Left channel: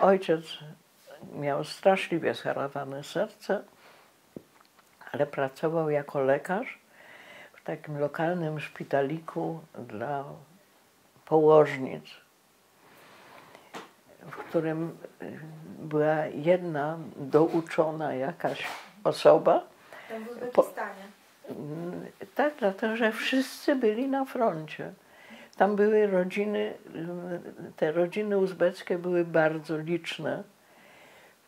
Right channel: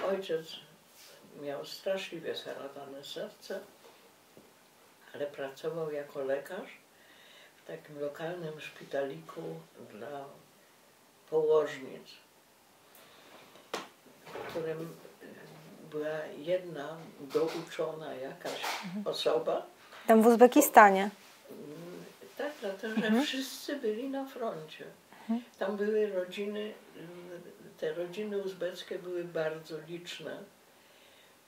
ojciec miał straszliwie zharatane serce, ale pracował jako lekarz w takim lokalnym szpitaliku dla położnic, w którym była jedna douczona jakaś osoba. Tam w Uzbekistanie. Tak, dlatego że wszyscy byli na froncie. Tam były rodziny, te rodziny uzbeckie były bardzo liczne.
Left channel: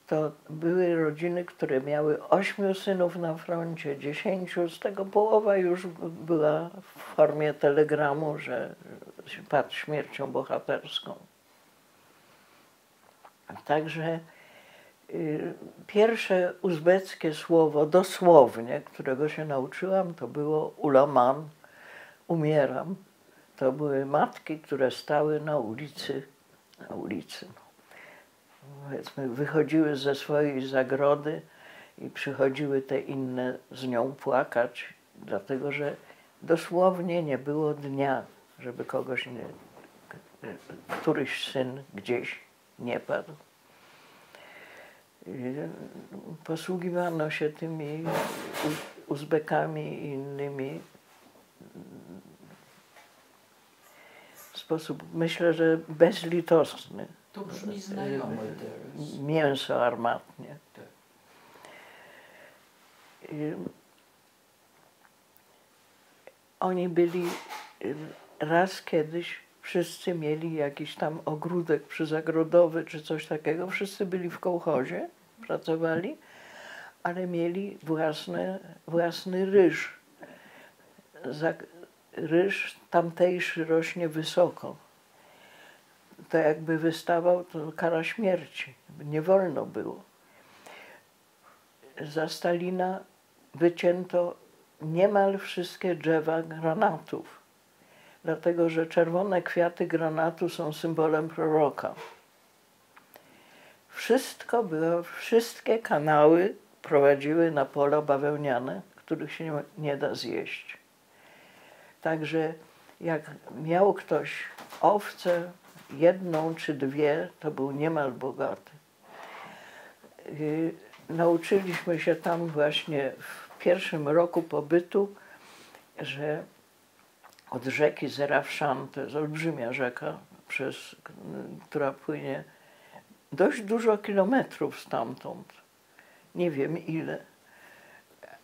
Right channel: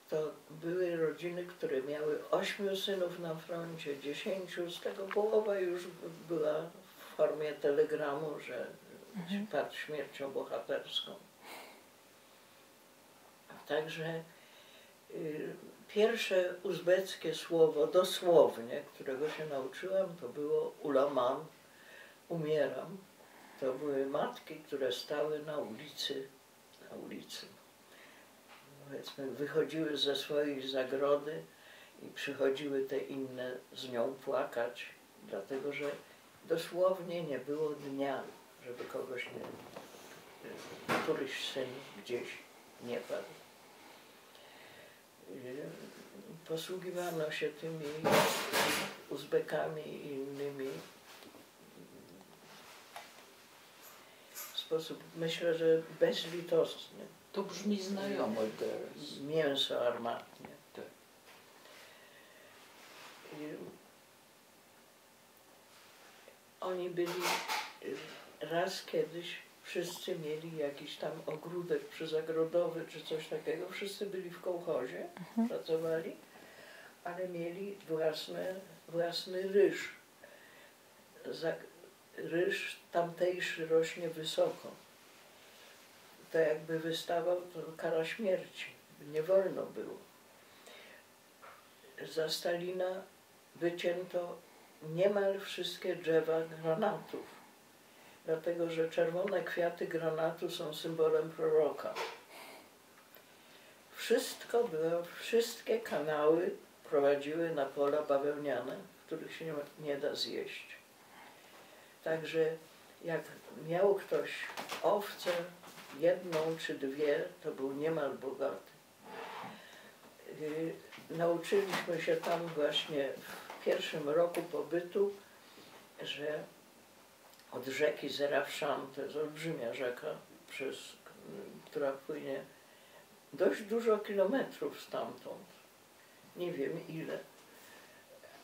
To były rodziny, które miały 8 synów na froncie, 10, z tego połowa już była w formie telegramu, że padł śmiercią bohaterską. Także pierwsze uzbeckie słowo, dosłownie, którego się nauczyłam, to było ulamam, umieram. To były matki, które stały na ulicy, powiedzmy, wychodziły ze swojej zagrody i przychodziły te inne z nią płakać, dlatego że dosłownie nie było dnia, żeby kogoś nie, któryś syn gdzieś nie padł. Posługiwano się tymi Uzbekami i innymi w sposób, myślę, że bezlitosny. To brzmi znajomo teraz. Mięso armatnie. Tak. Oni byli raz kiedyś, wszyscy mieli jakiś tam ogródek przyzagrodowy czy coś takiego. Wszyscy byli w kołchozie, pracowali, ale mieli własny ryż. Ryż tamtejszy rośnie wysoko. To jakby wystawał, to kara śmierci. Nie wolno było. Za Stalina wycięto niemal wszystkie drzewa granatów, dlatego że czerwone kwiaty granatu są symbolem proroka. Wszystkie kanały prowadziły na pola bawełniane, których się nie da zjeść. Także jak miał ktoś owcę, 1 czy 2, to był niemal bogaty. Nauczyliśmy się tam właśnie w pierwszym roku pobytu, że od rzeki Zerafszan, to jest olbrzymia rzeka, która płynie dość dużo kilometrów stamtąd, nie wiem ile,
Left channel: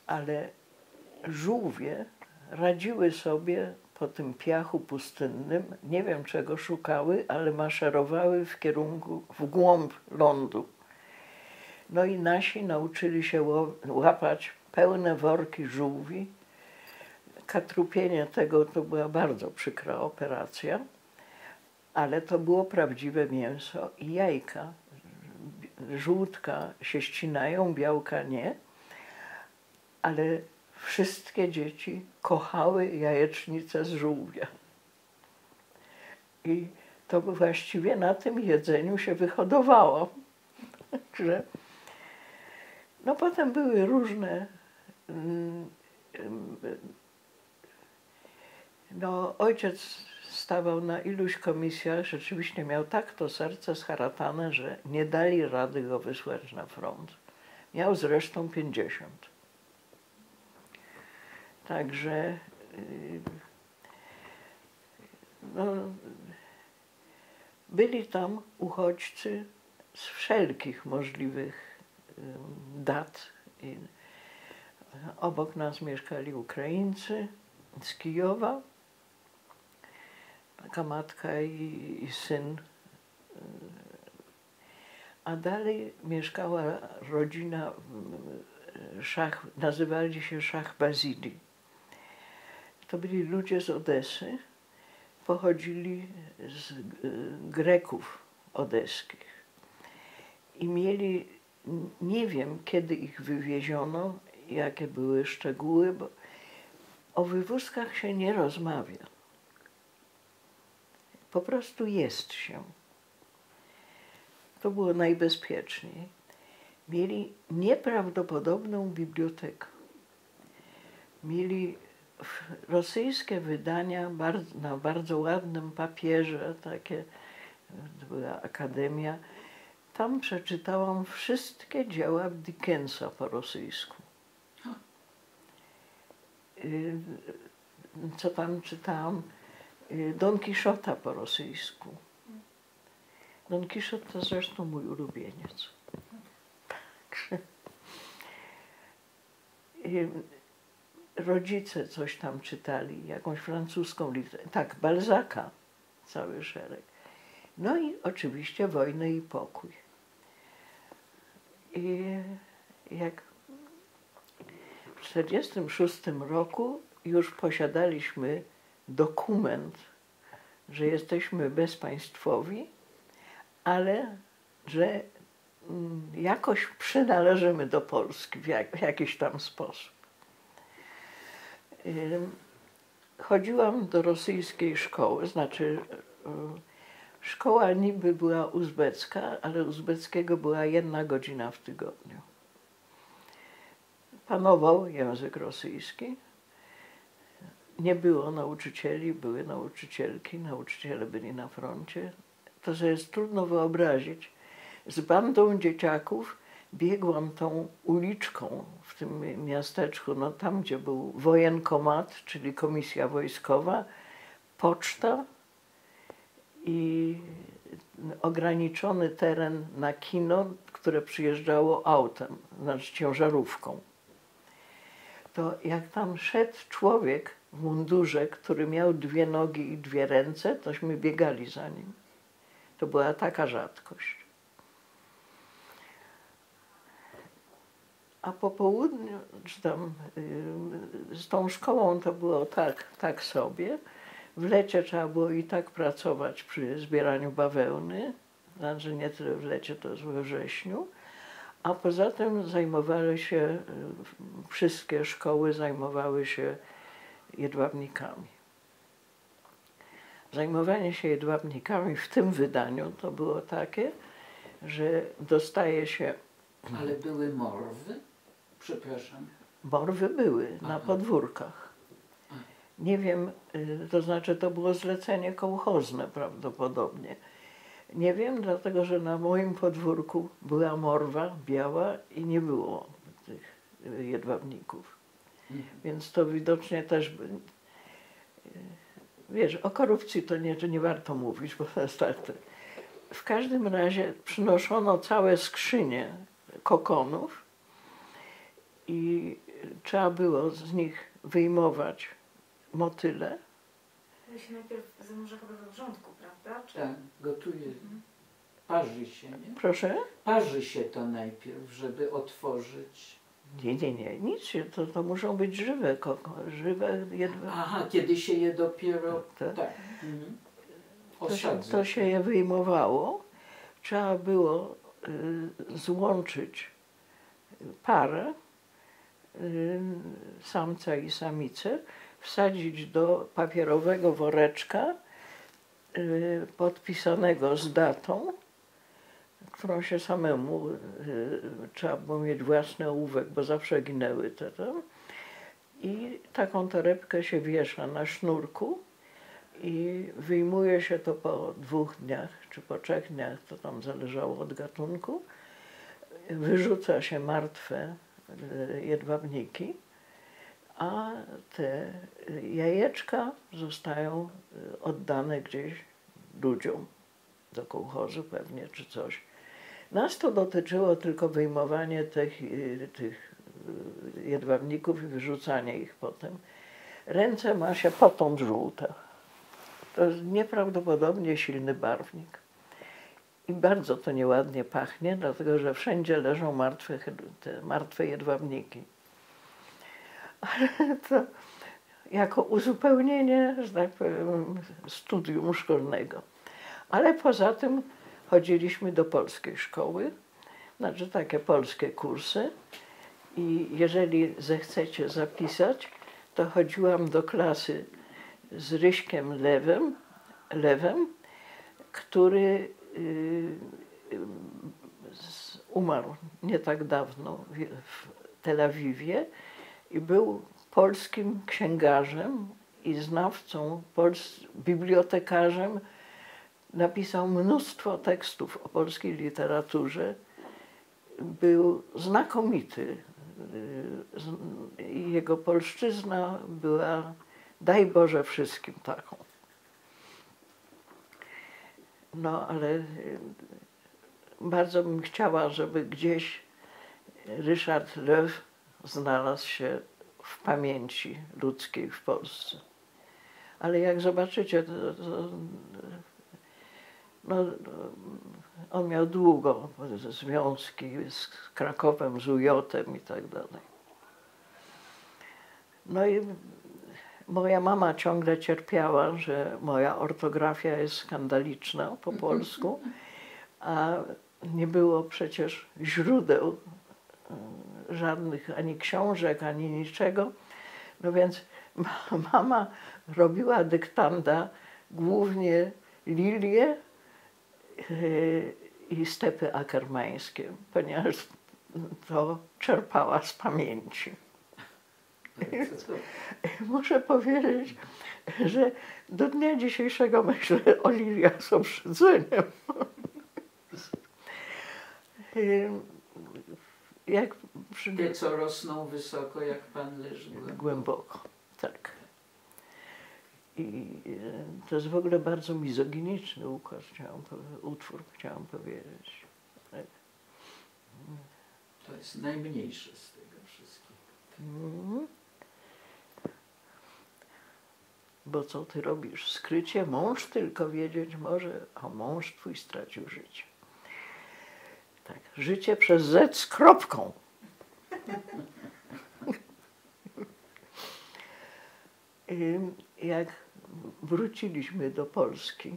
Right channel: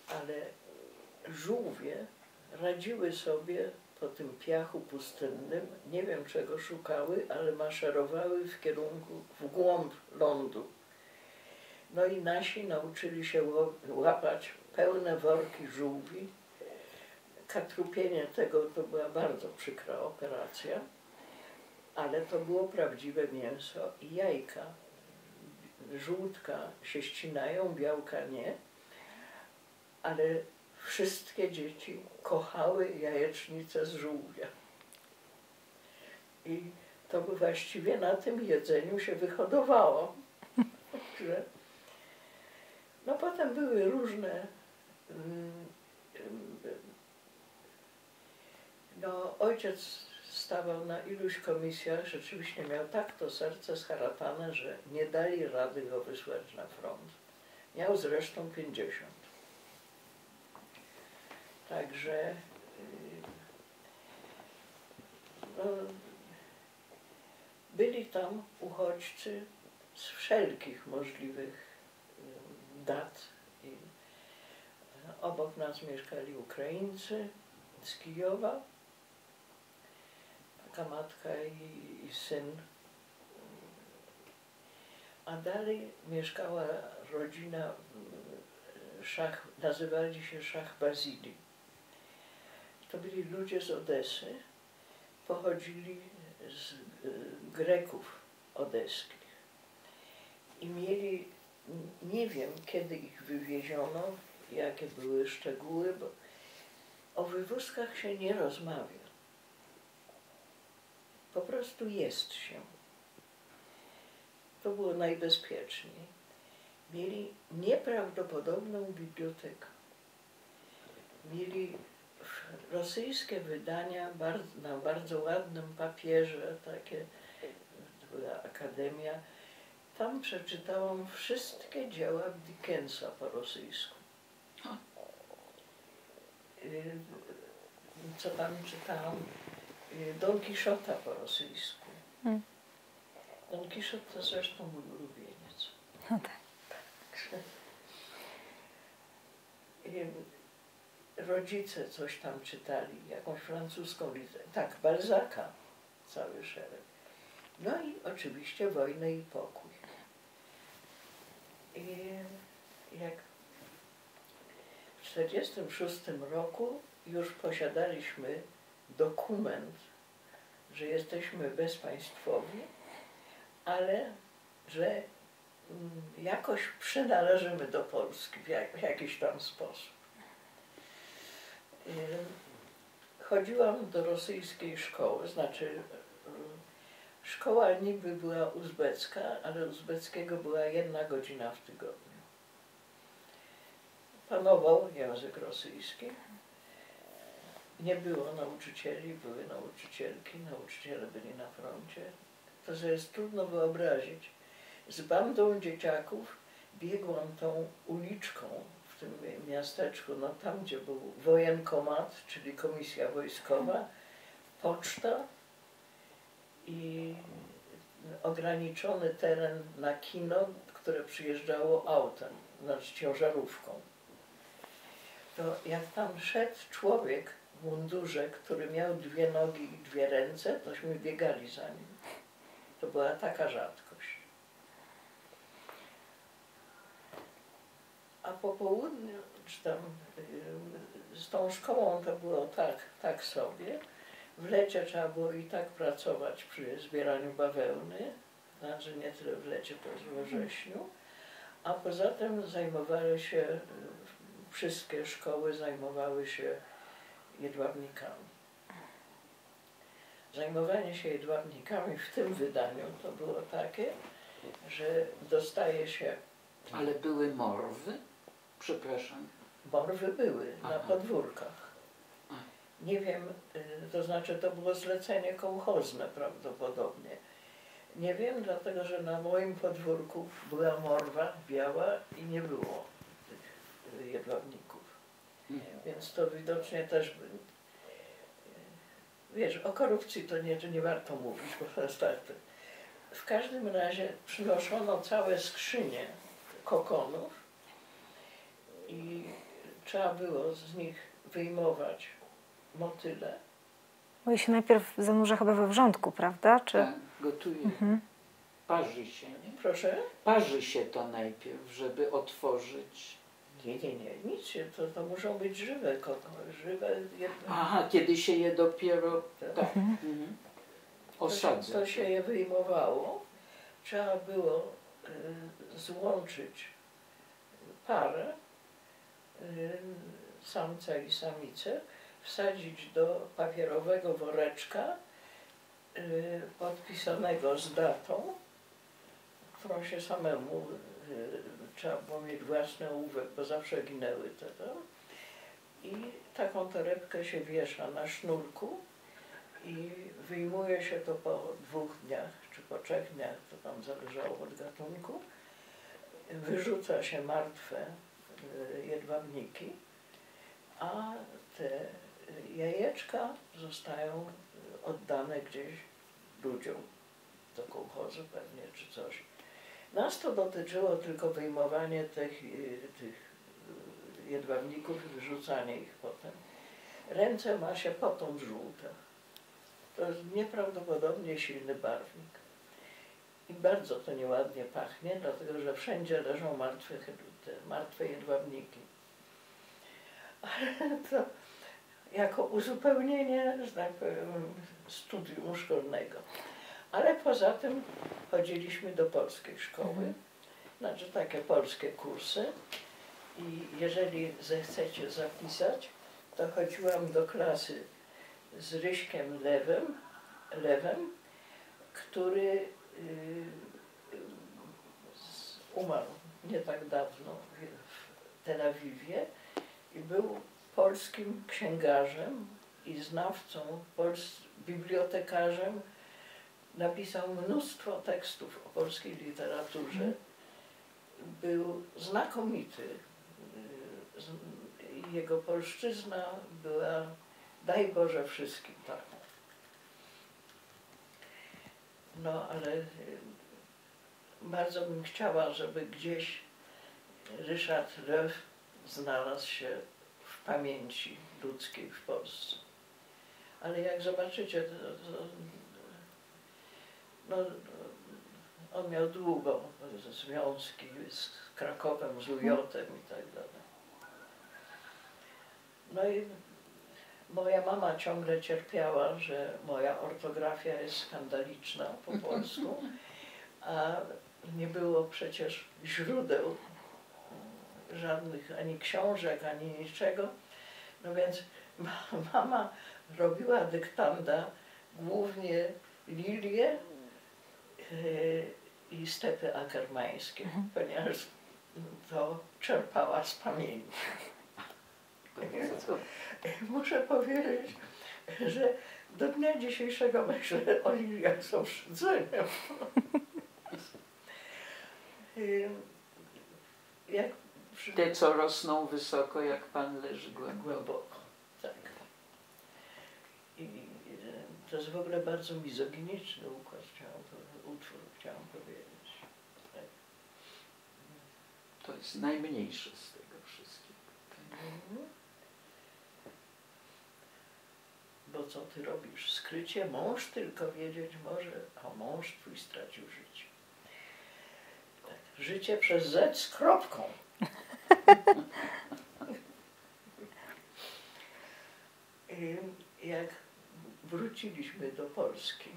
ale żółwie radziły sobie po tym piachu pustynnym, nie wiem czego szukały, ale maszerowały w głąb lądu. No i nasi nauczyli się łapać pełne worki żółwi. Katrupienie tego to była bardzo przykra operacja, ale to było prawdziwe mięso i jajka. Żółtka się ścinają, białka nie, ale wszystkie dzieci kochały jajecznicę z żółwia. I to właściwie na tym jedzeniu się wyhodowało. Także no potem były różne. No, ojciec stawał na iluś komisjach, rzeczywiście miał tak to serce zharatane, że nie dali rady go wysłać na front. Miał zresztą 50. Także no, byli tam uchodźcy z wszelkich możliwych dat. Obok nas mieszkali Ukraińcy z Kijowa, taka matka i syn. A dalej mieszkała rodzina nazywali się Szach Bazili. To byli ludzie z Odesy, pochodzili z Greków odeskich i mieli, nie wiem kiedy ich wywieziono, jakie były szczegóły, bo o wywózkach się nie rozmawia. Po prostu jest się. To było najbezpieczniej. Mieli nieprawdopodobną bibliotekę. Mieli rosyjskie wydania na bardzo ładnym papierze, takie była akademia. Tam przeczytałam wszystkie dzieła Dickensa po rosyjsku. Co tam czytałam? Don Quixota po rosyjsku. Don Quixote to zresztą mój ulubieniec. No tak. Rodzice coś tam czytali, jakąś francuską literaturę. Tak, Balzaca, cały szereg. No i oczywiście Wojnę i Pokój. I jak w 1946 roku już posiadaliśmy dokument, że jesteśmy bezpaństwowi, ale że jakoś przynależymy do Polski w jakiś tam sposób. Chodziłam do rosyjskiej szkoły, znaczy szkoła niby była uzbecka, ale uzbeckiego była 1 godzina w tygodniu. Panował język rosyjski. Nie było nauczycieli, były nauczycielki, nauczyciele byli na froncie. To sobie jest trudno wyobrazić. Z bandą dzieciaków biegłam tą uliczką w tym miasteczku, no tam, gdzie był wojenkomat, czyli komisja wojskowa, poczta i ograniczony teren na kino, które przyjeżdżało autem, znaczy ciężarówką. To jak tam szedł człowiek w mundurze, który miał 2 nogi i 2 ręce, tośmy biegali za nim. To była taka rzadkość. A po południu, czy tam z tą szkołą to było tak sobie. W lecie trzeba było i tak pracować przy zbieraniu bawełny, znaczy nie tyle w lecie, to jest we wrześniu. A poza tym zajmowały się, wszystkie szkoły zajmowały się jedwabnikami. Zajmowanie się jedwabnikami w tym wydaniu to było takie, że dostaje się... Ale były morwy? Przepraszam. Morwy były na podwórkach. Nie wiem, to znaczy to było zlecenie kołchozne prawdopodobnie. Nie wiem, dlatego że na moim podwórku była morwa biała i nie było tych jedwabników. Więc to widocznie też... Wiesz, o korupcji to nie warto mówić, bo to jest tak. W każdym razie przynoszono całe skrzynie kokonów i trzeba było z nich wyjmować motyle. Bo się najpierw zanurza chyba we wrzątku, prawda? Czy... Tak, gotuje. Parzy się, nie? Proszę? Parzy się to najpierw, żeby otworzyć. Nie, nic się, to muszą być żywe żywe jedwabniki. Aha, kiedy się je dopiero... Tak. To się je wyjmowało. Trzeba było złączyć parę, samca i samicę, wsadzić do papierowego woreczka podpisanego z datą, którą się samemu trzeba było mieć własny ołówek, bo zawsze ginęły te tam. I taką torebkę się wiesza na sznurku i wyjmuje się to po 2 dniach, czy po 3 dniach, to tam zależało od gatunku. Wyrzuca się martwe jedwabniki, a te jajeczka zostają oddane gdzieś ludziom, do kołchozu pewnie, czy coś. Nas to dotyczyło tylko wyjmowanie tych jedwabników i wyrzucanie ich potem. Ręce ma się potąd żółte. To jest nieprawdopodobnie silny barwnik. I bardzo to nieładnie pachnie, dlatego że wszędzie leżą martwe jedwabniki. Ale to jako uzupełnienie, że tak powiem, studium szkolnego. Ale poza tym chodziliśmy do polskiej szkoły, znaczy takie polskie kursy. I jeżeli zechcecie zapisać, to chodziłam do klasy z Ryśkiem Lewem, który umarł nie tak dawno w Tel Awiwie i był polskim księgarzem i znawcą, bibliotekarzem napisał mnóstwo tekstów o polskiej literaturze. Był znakomity. Jego polszczyzna była, daj Boże, wszystkim taką. No, ale bardzo bym chciała, żeby gdzieś Ryszard Löw znalazł się w pamięci ludzkiej w Polsce. Ale jak zobaczycie, no, on miał długo związki z Krakowem, z UJ-em i tak dalej. No i moja mama ciągle cierpiała, że moja ortografia jest skandaliczna po polsku, a nie było przecież źródeł żadnych, ani książek, ani niczego. No więc mama robiła dyktanda głównie lilie i stepy akermańskie, ponieważ to czerpała z pamięci. Muszę powiedzieć, że do dnia dzisiejszego myślę o liliach z obrzydzeniem. Jak Te, co rosną wysoko, jak pan leży głęboko, tak. I to jest w ogóle bardzo mizoginiczny utwór, chciałam powiedzieć. Tak. To jest najmniejsze z tego wszystkiego. Bo co ty robisz? Skrycie mąż tylko wiedzieć może, a mąż twój stracił życie. Tak, życie przez Z z kropką. Jak wróciliśmy do Polski,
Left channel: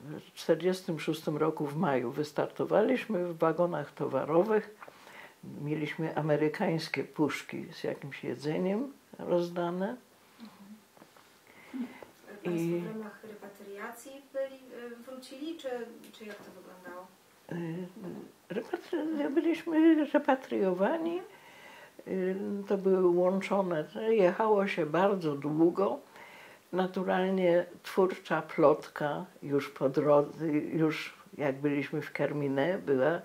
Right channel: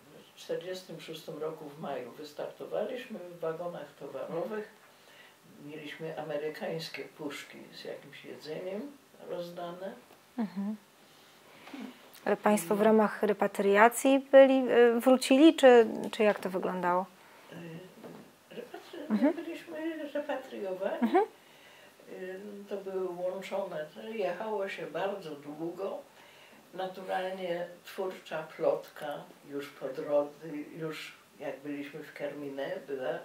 w 1946 roku w maju wystartowaliśmy w wagonach towarowych. Mieliśmy amerykańskie puszki z jakimś jedzeniem rozdane. Ale państwo w ramach repatriacji wrócili, czy jak to wyglądało? Byliśmy repatriowani. To były łączone, jechało się bardzo długo. Naturalnie twórcza plotka już po drodze, już jak byliśmy w Kermine, była,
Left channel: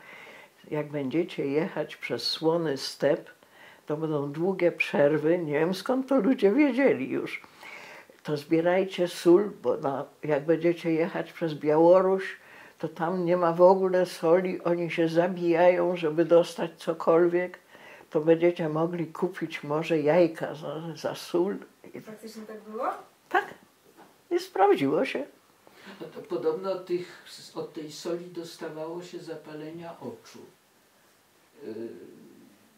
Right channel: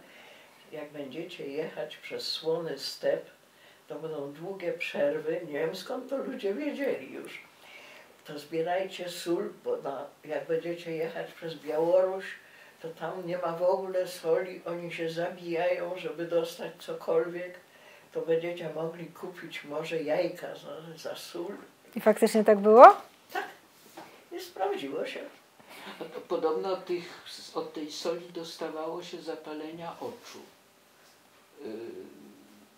jak będziecie jechać przez słony step, to będą długie przerwy. Nie wiem, skąd to ludzie wiedzieli już. To zbierajcie sól, bo jak będziecie jechać przez Białoruś, to tam nie ma w ogóle soli, oni się zabijają, żeby dostać cokolwiek. To będziecie mogli kupić może jajka za sól. I faktycznie tak było? Tak. I sprawdziło się. No to podobno od tej soli dostawało się zapalenia oczu.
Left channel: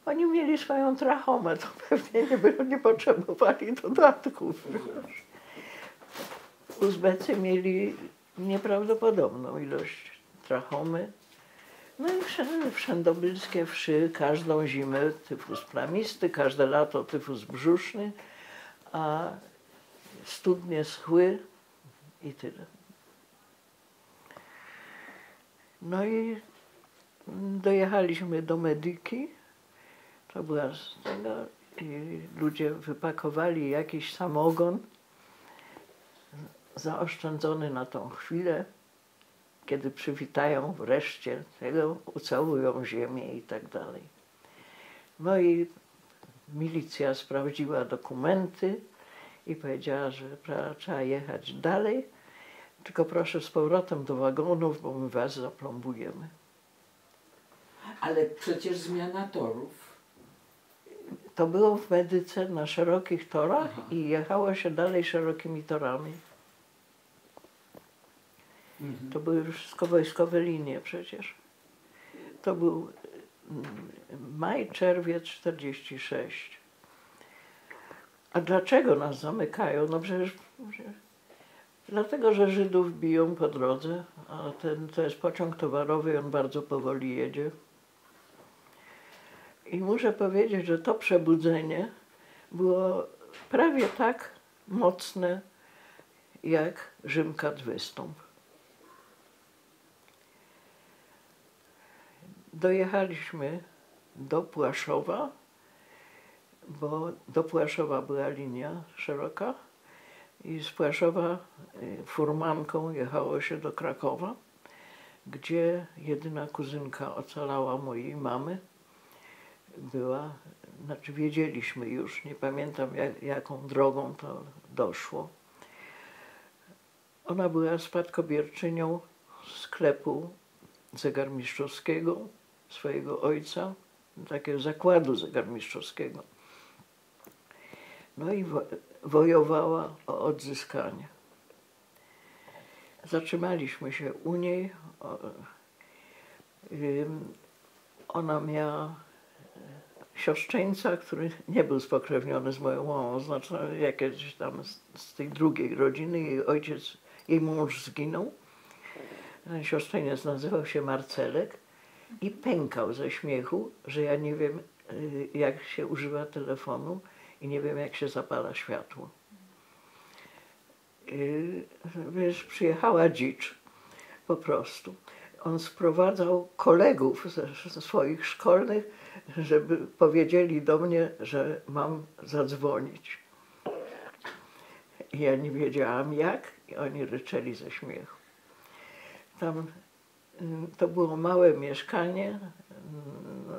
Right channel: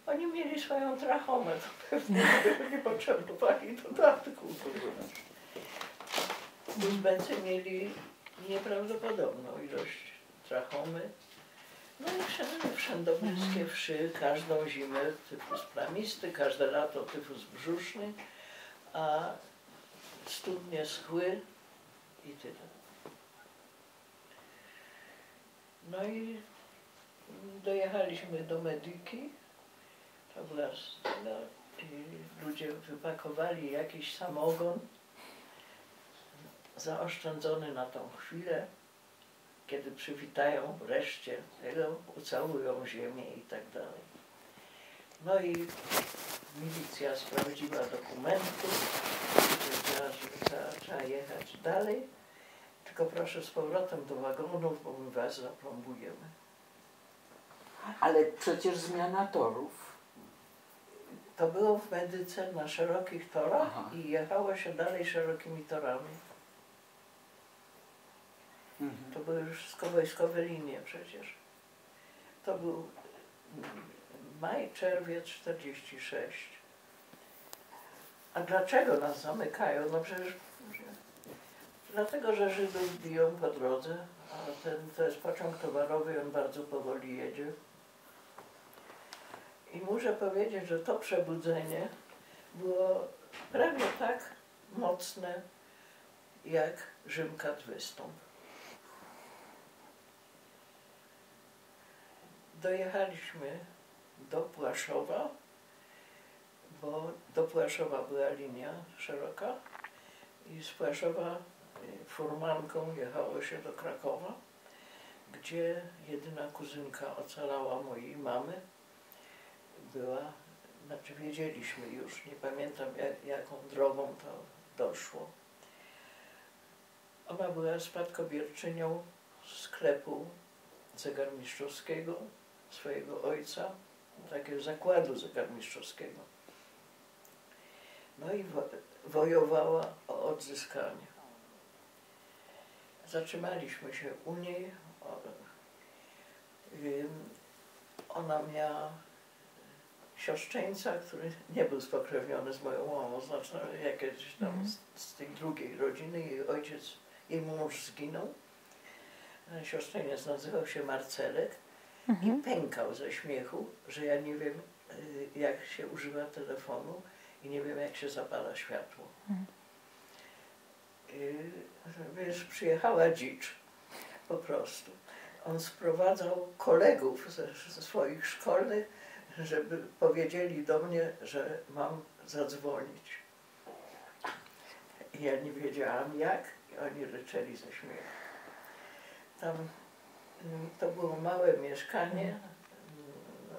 Oni mieli swoją trachomę, to pewnie nie potrzebowali dodatku. Uzbecy mieli nieprawdopodobną ilość trachomy. No i wszędobylskie wszy, każdą zimę tyfus plamisty, każde lato tyfus brzuszny, a studnie schły i tyle. No i dojechaliśmy do Medyki. To była i ludzie wypakowali jakiś samogon zaoszczędzony na tą chwilę, kiedy przywitają wreszcie tego, ucałują ziemię i tak dalej. No i milicja sprawdziła dokumenty i powiedziała, że trzeba jechać dalej, tylko proszę z powrotem do wagonów, bo my was zaplombujemy. Ale przecież zmiana torów. To było w Medyce na szerokich torach. Aha. I jechało się dalej szerokimi torami. To były już wszystko wojskowe linie przecież. To był maj, czerwiec 1946. A dlaczego nas zamykają? No przecież dlatego, że Żydów biją po drodze, a to jest pociąg towarowy i on bardzo powoli jedzie. I muszę powiedzieć, że to przebudzenie było prawie tak mocne jak Rzymkat wystąp. Dojechaliśmy do Płaszowa, bo do Płaszowa była linia szeroka I z Płaszowa furmanką jechało się do Krakowa, gdzie jedyna kuzynka ocalała mojej mamy była, znaczy wiedzieliśmy już, nie pamiętam jaką drogą to doszło. Ona była spadkobierczynią sklepu zegarmistrzowskiego swojego ojca, takiego zakładu zegarmistrzowskiego. No i wojowała o odzyskanie. Zatrzymaliśmy się u niej. Ona miała siostrzeńca, który nie był spokrewniony z moją mamą, znaczy jakieś tam z tej drugiej rodziny. Jej mąż zginął. Ten siostrzeniec nazywał się Marcelek i pękał ze śmiechu, że ja nie wiem, jak się używa telefonu i nie wiem, jak się zapala światło. Wiesz, przyjechała dzicz po prostu. On sprowadzał kolegów ze swoich szkolnych, żeby powiedzieli do mnie, że mam zadzwonić. I ja nie wiedziałam jak i oni ryczeli ze śmiechu. Tam to było małe mieszkanie. No,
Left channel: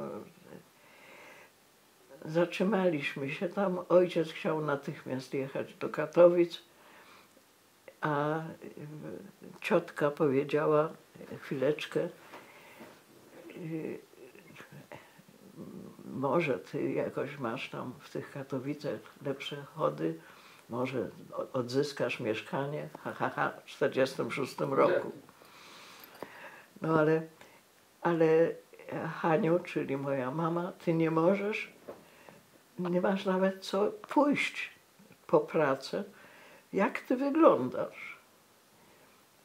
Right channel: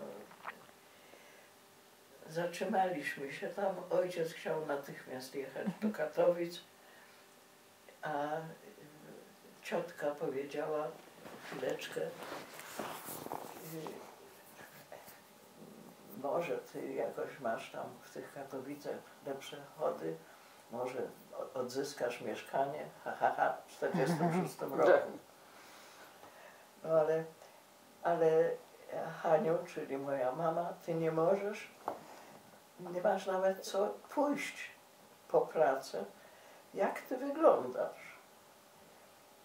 zatrzymaliśmy się tam. Ojciec chciał natychmiast jechać do Katowic, a ciotka powiedziała, chwileczkę, może ty jakoś masz tam w tych Katowicach lepsze chody, może odzyskasz mieszkanie, w 46 roku. No ale Haniu, czyli moja mama, ty nie możesz, nie masz nawet co pójść po pracę. Jak ty wyglądasz?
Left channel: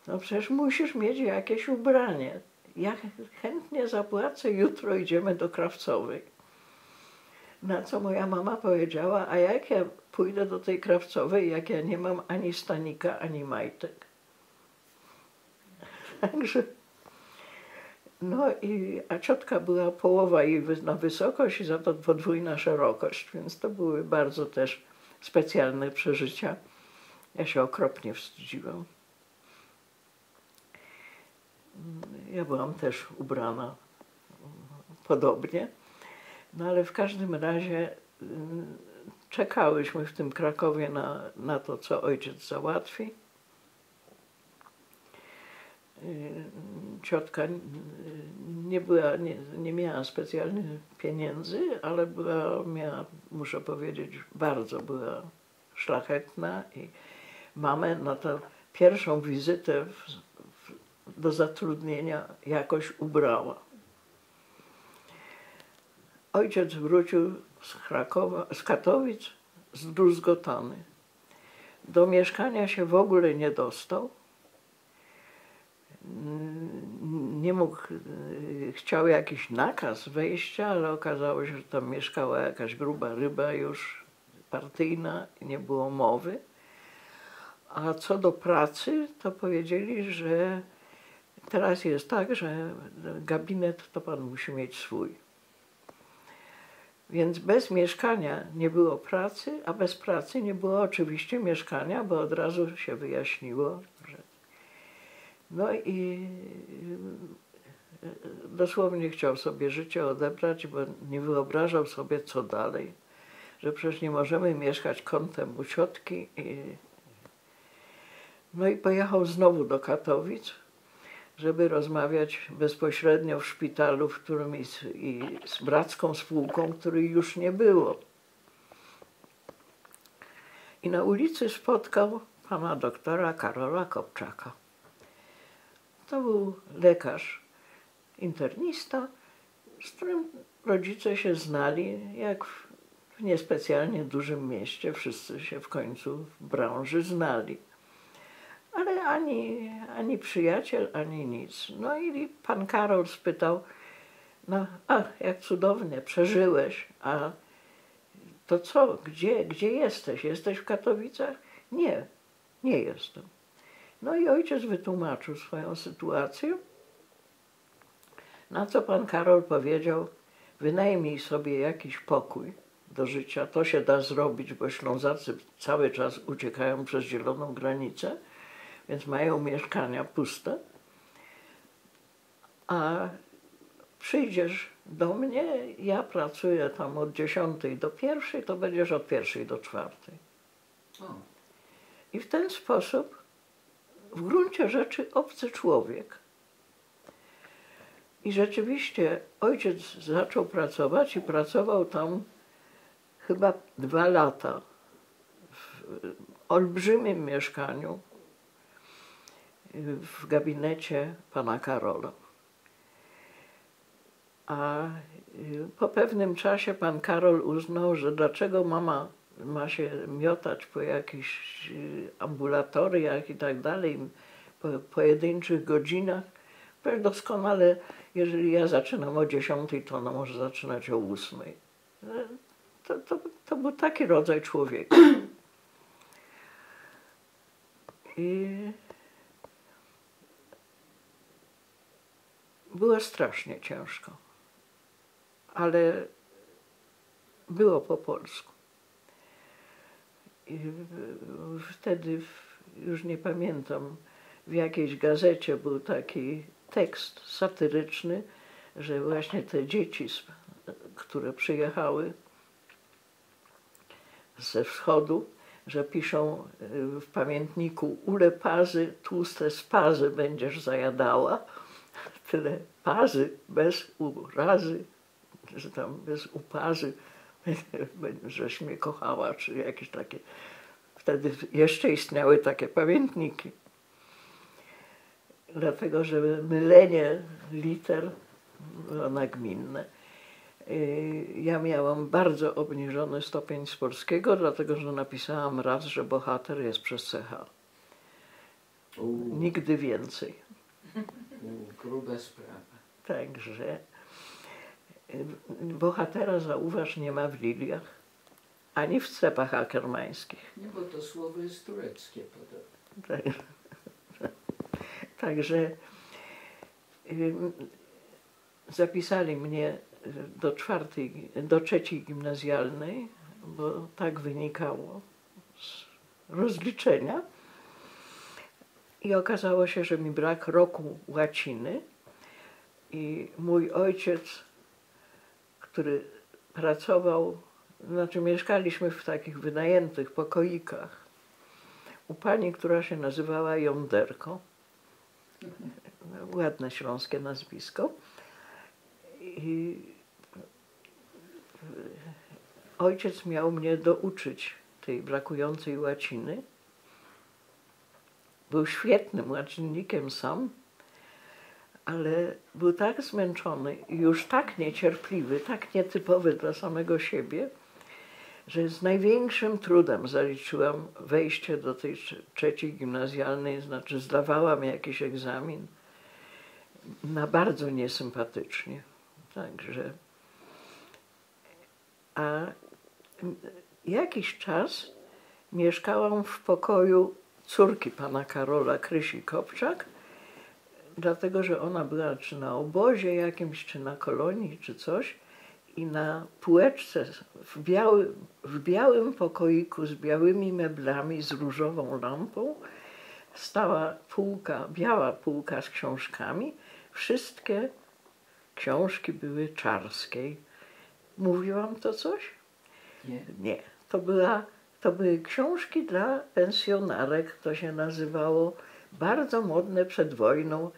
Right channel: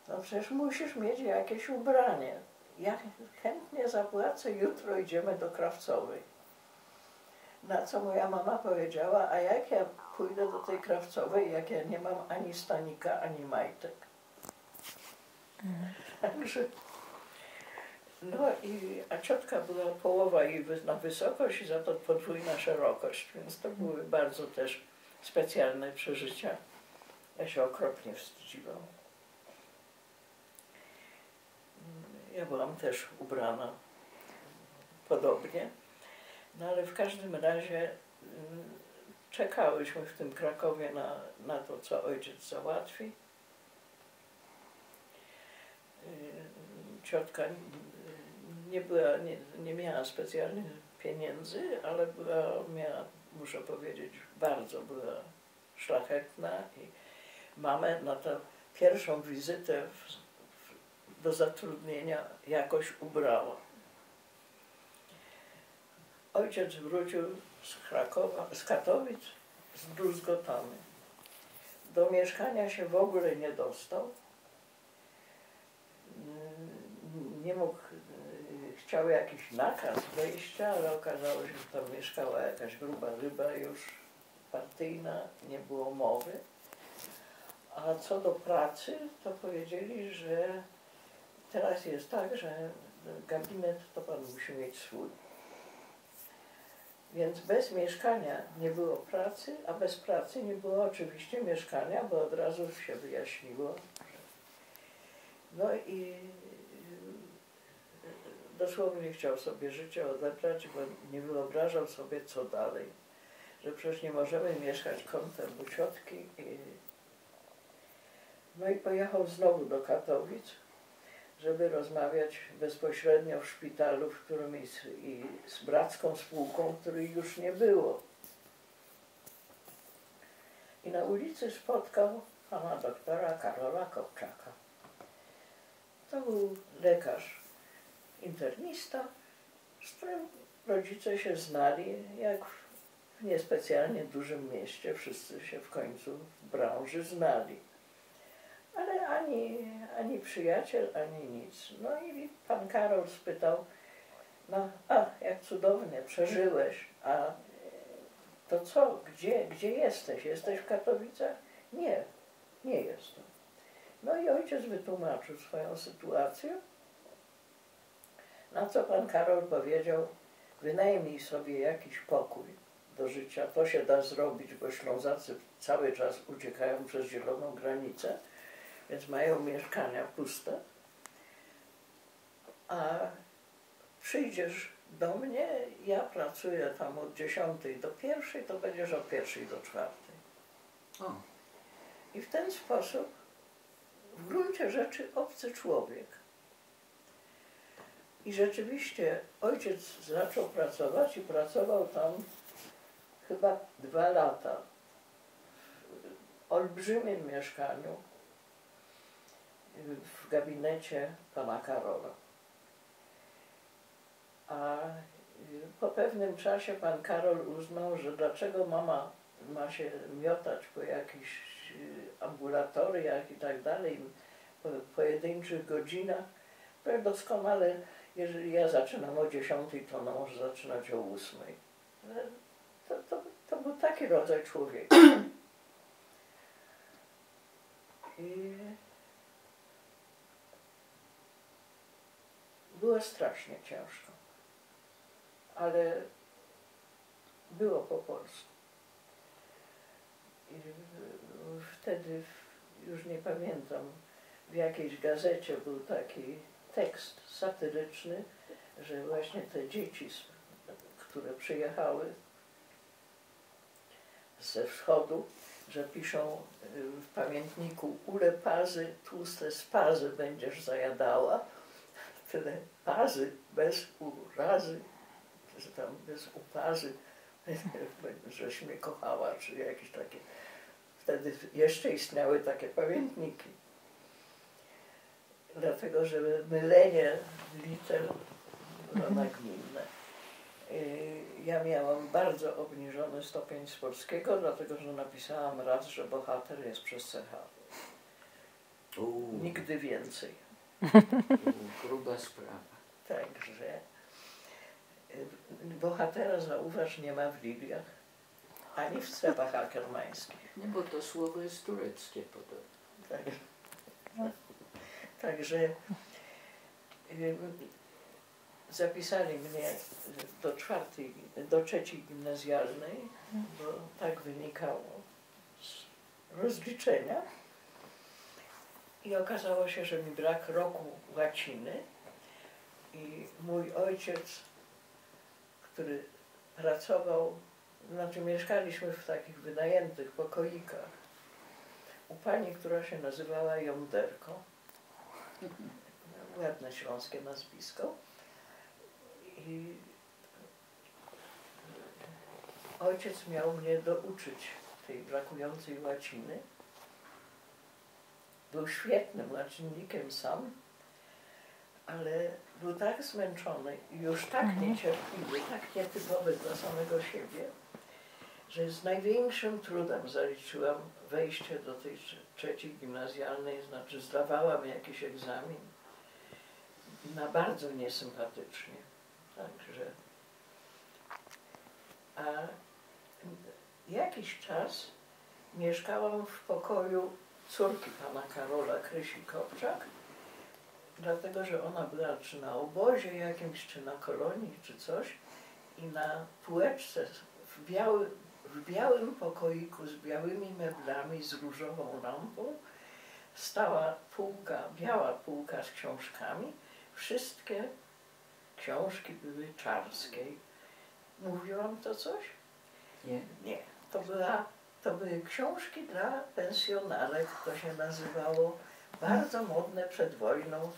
No przecież musisz mieć jakieś ubranie. Ja chętnie zapłacę, jutro idziemy do Krawcowej. Na co moja mama powiedziała, a jak ja pójdę do tej Krawcowej, jak ja nie mam ani stanika, ani majtek. Także, no a ciotka była połowa jej na wysokość i za to podwójna szerokość, więc to były bardzo też specjalne przeżycia. Ja się okropnie wstydziłam. Ja byłam też ubrana podobnie, no ale w każdym razie czekałyśmy w tym Krakowie na to, co ojciec załatwi. Ciotka nie miała specjalnych pieniędzy, ale miała, muszę powiedzieć, bardzo była szlachetna i mamę na tę pierwszą wizytę do zatrudnienia jakoś ubrała. Ojciec wrócił z Katowic zdruzgotany. Do mieszkania się w ogóle nie dostał. Nie mógł, chciał jakiś nakaz wejścia, ale okazało się, że tam mieszkała jakaś gruba ryba już partyjna i nie było mowy. A co do pracy, to powiedzieli, że teraz jest tak, że gabinet to pan musi mieć swój. Więc bez mieszkania nie było pracy, a bez pracy nie było oczywiście mieszkania, bo od razu się wyjaśniło, że... No i dosłownie chciał sobie życie odebrać, bo nie wyobrażał sobie, co dalej. Że przecież nie możemy mieszkać kątem u ciotki. No i pojechał znowu do Katowic, żeby rozmawiać bezpośrednio w szpitalu, w którym i z bracką spółką, której już nie było. I na ulicy spotkał pana doktora Karola Kopczaka. To był lekarz, internista, z którym rodzice się znali, jak w niespecjalnie dużym mieście. Wszyscy się w końcu w branży znali. Ale ani przyjaciel, ani nic. No i pan Karol spytał, no jak cudownie, przeżyłeś, a to co, gdzie jesteś? Jesteś w Katowicach? Nie, nie jestem. No i ojciec wytłumaczył swoją sytuację, na co pan Karol powiedział, wynajmij sobie jakiś pokój do życia. To się da zrobić, bo Ślązacy cały czas uciekają przez zieloną granicę, więc mają mieszkania puste. A przyjdziesz do mnie, ja pracuję tam od 10 do 1, to będziesz od 1 do 4. O, I w ten sposób w gruncie rzeczy obcy człowiek. I rzeczywiście ojciec zaczął pracować i pracował tam chyba 2 lata w olbrzymim mieszkaniu w gabinecie pana Karola. A po pewnym czasie pan Karol uznał, że dlaczego mama ma się miotać po jakichś ambulatoriach i tak dalej, po pojedynczych godzinach. Przecież doskonale, jeżeli ja zaczynam o 10, to ona może zaczynać o 8. To był taki rodzaj człowieka. I było strasznie ciężko, ale było po polsku. I wtedy, już nie pamiętam, w jakiejś gazecie był taki tekst satyryczny, że właśnie te dzieci, które przyjechały ze wschodu, że piszą w pamiętniku: ule pazy, tłuste spazy będziesz zajadała. Tyle pazy, bez urazy, że tam bez upazy, żeś mnie kochała, czy jakieś takie. Wtedy jeszcze istniały takie pamiętniki. Dlatego, że mylenie liter było nagminne. Ja miałam bardzo obniżony stopień z polskiego, dlatego że napisałam raz, że bohater jest przez CH. Nigdy więcej. Gruba sprawa. Także bohatera, zauważ, nie ma w Liliach, ani w cepach akermańskich. Nie, bo to słowo jest tureckie podobno. Także zapisali mnie do 3 gimnazjalnej, bo tak wynikało z rozliczenia. I okazało się, że mi brak roku łaciny i mój ojciec, który pracował, znaczy mieszkaliśmy w takich wynajętych pokoikach u pani, która się nazywała Jąderko. Ładne śląskie nazwisko. I ojciec miał mnie douczyć tej brakującej łaciny. Był świetnym łacinnikiem sam, ale był tak zmęczony i już tak niecierpliwy, tak nietypowy dla samego siebie, że z największym trudem zaliczyłam wejście do tej 3 gimnazjalnej, znaczy zdawałam jakiś egzamin na bardzo niesympatycznie. Także. A jakiś czas mieszkałam w pokoju córki pana Karola, Krysi Kopczak, dlatego że ona była czy na obozie jakimś, czy na kolonii, czy coś, i na półeczce w białym pokoiku z białymi meblami, z różową lampą stała półka, biała półka z książkami. Wszystkie książki były Czarskiej. Mówiłam to coś? Nie. Nie. To były książki dla pensjonarek, to się nazywało, bardzo modne przed wojną.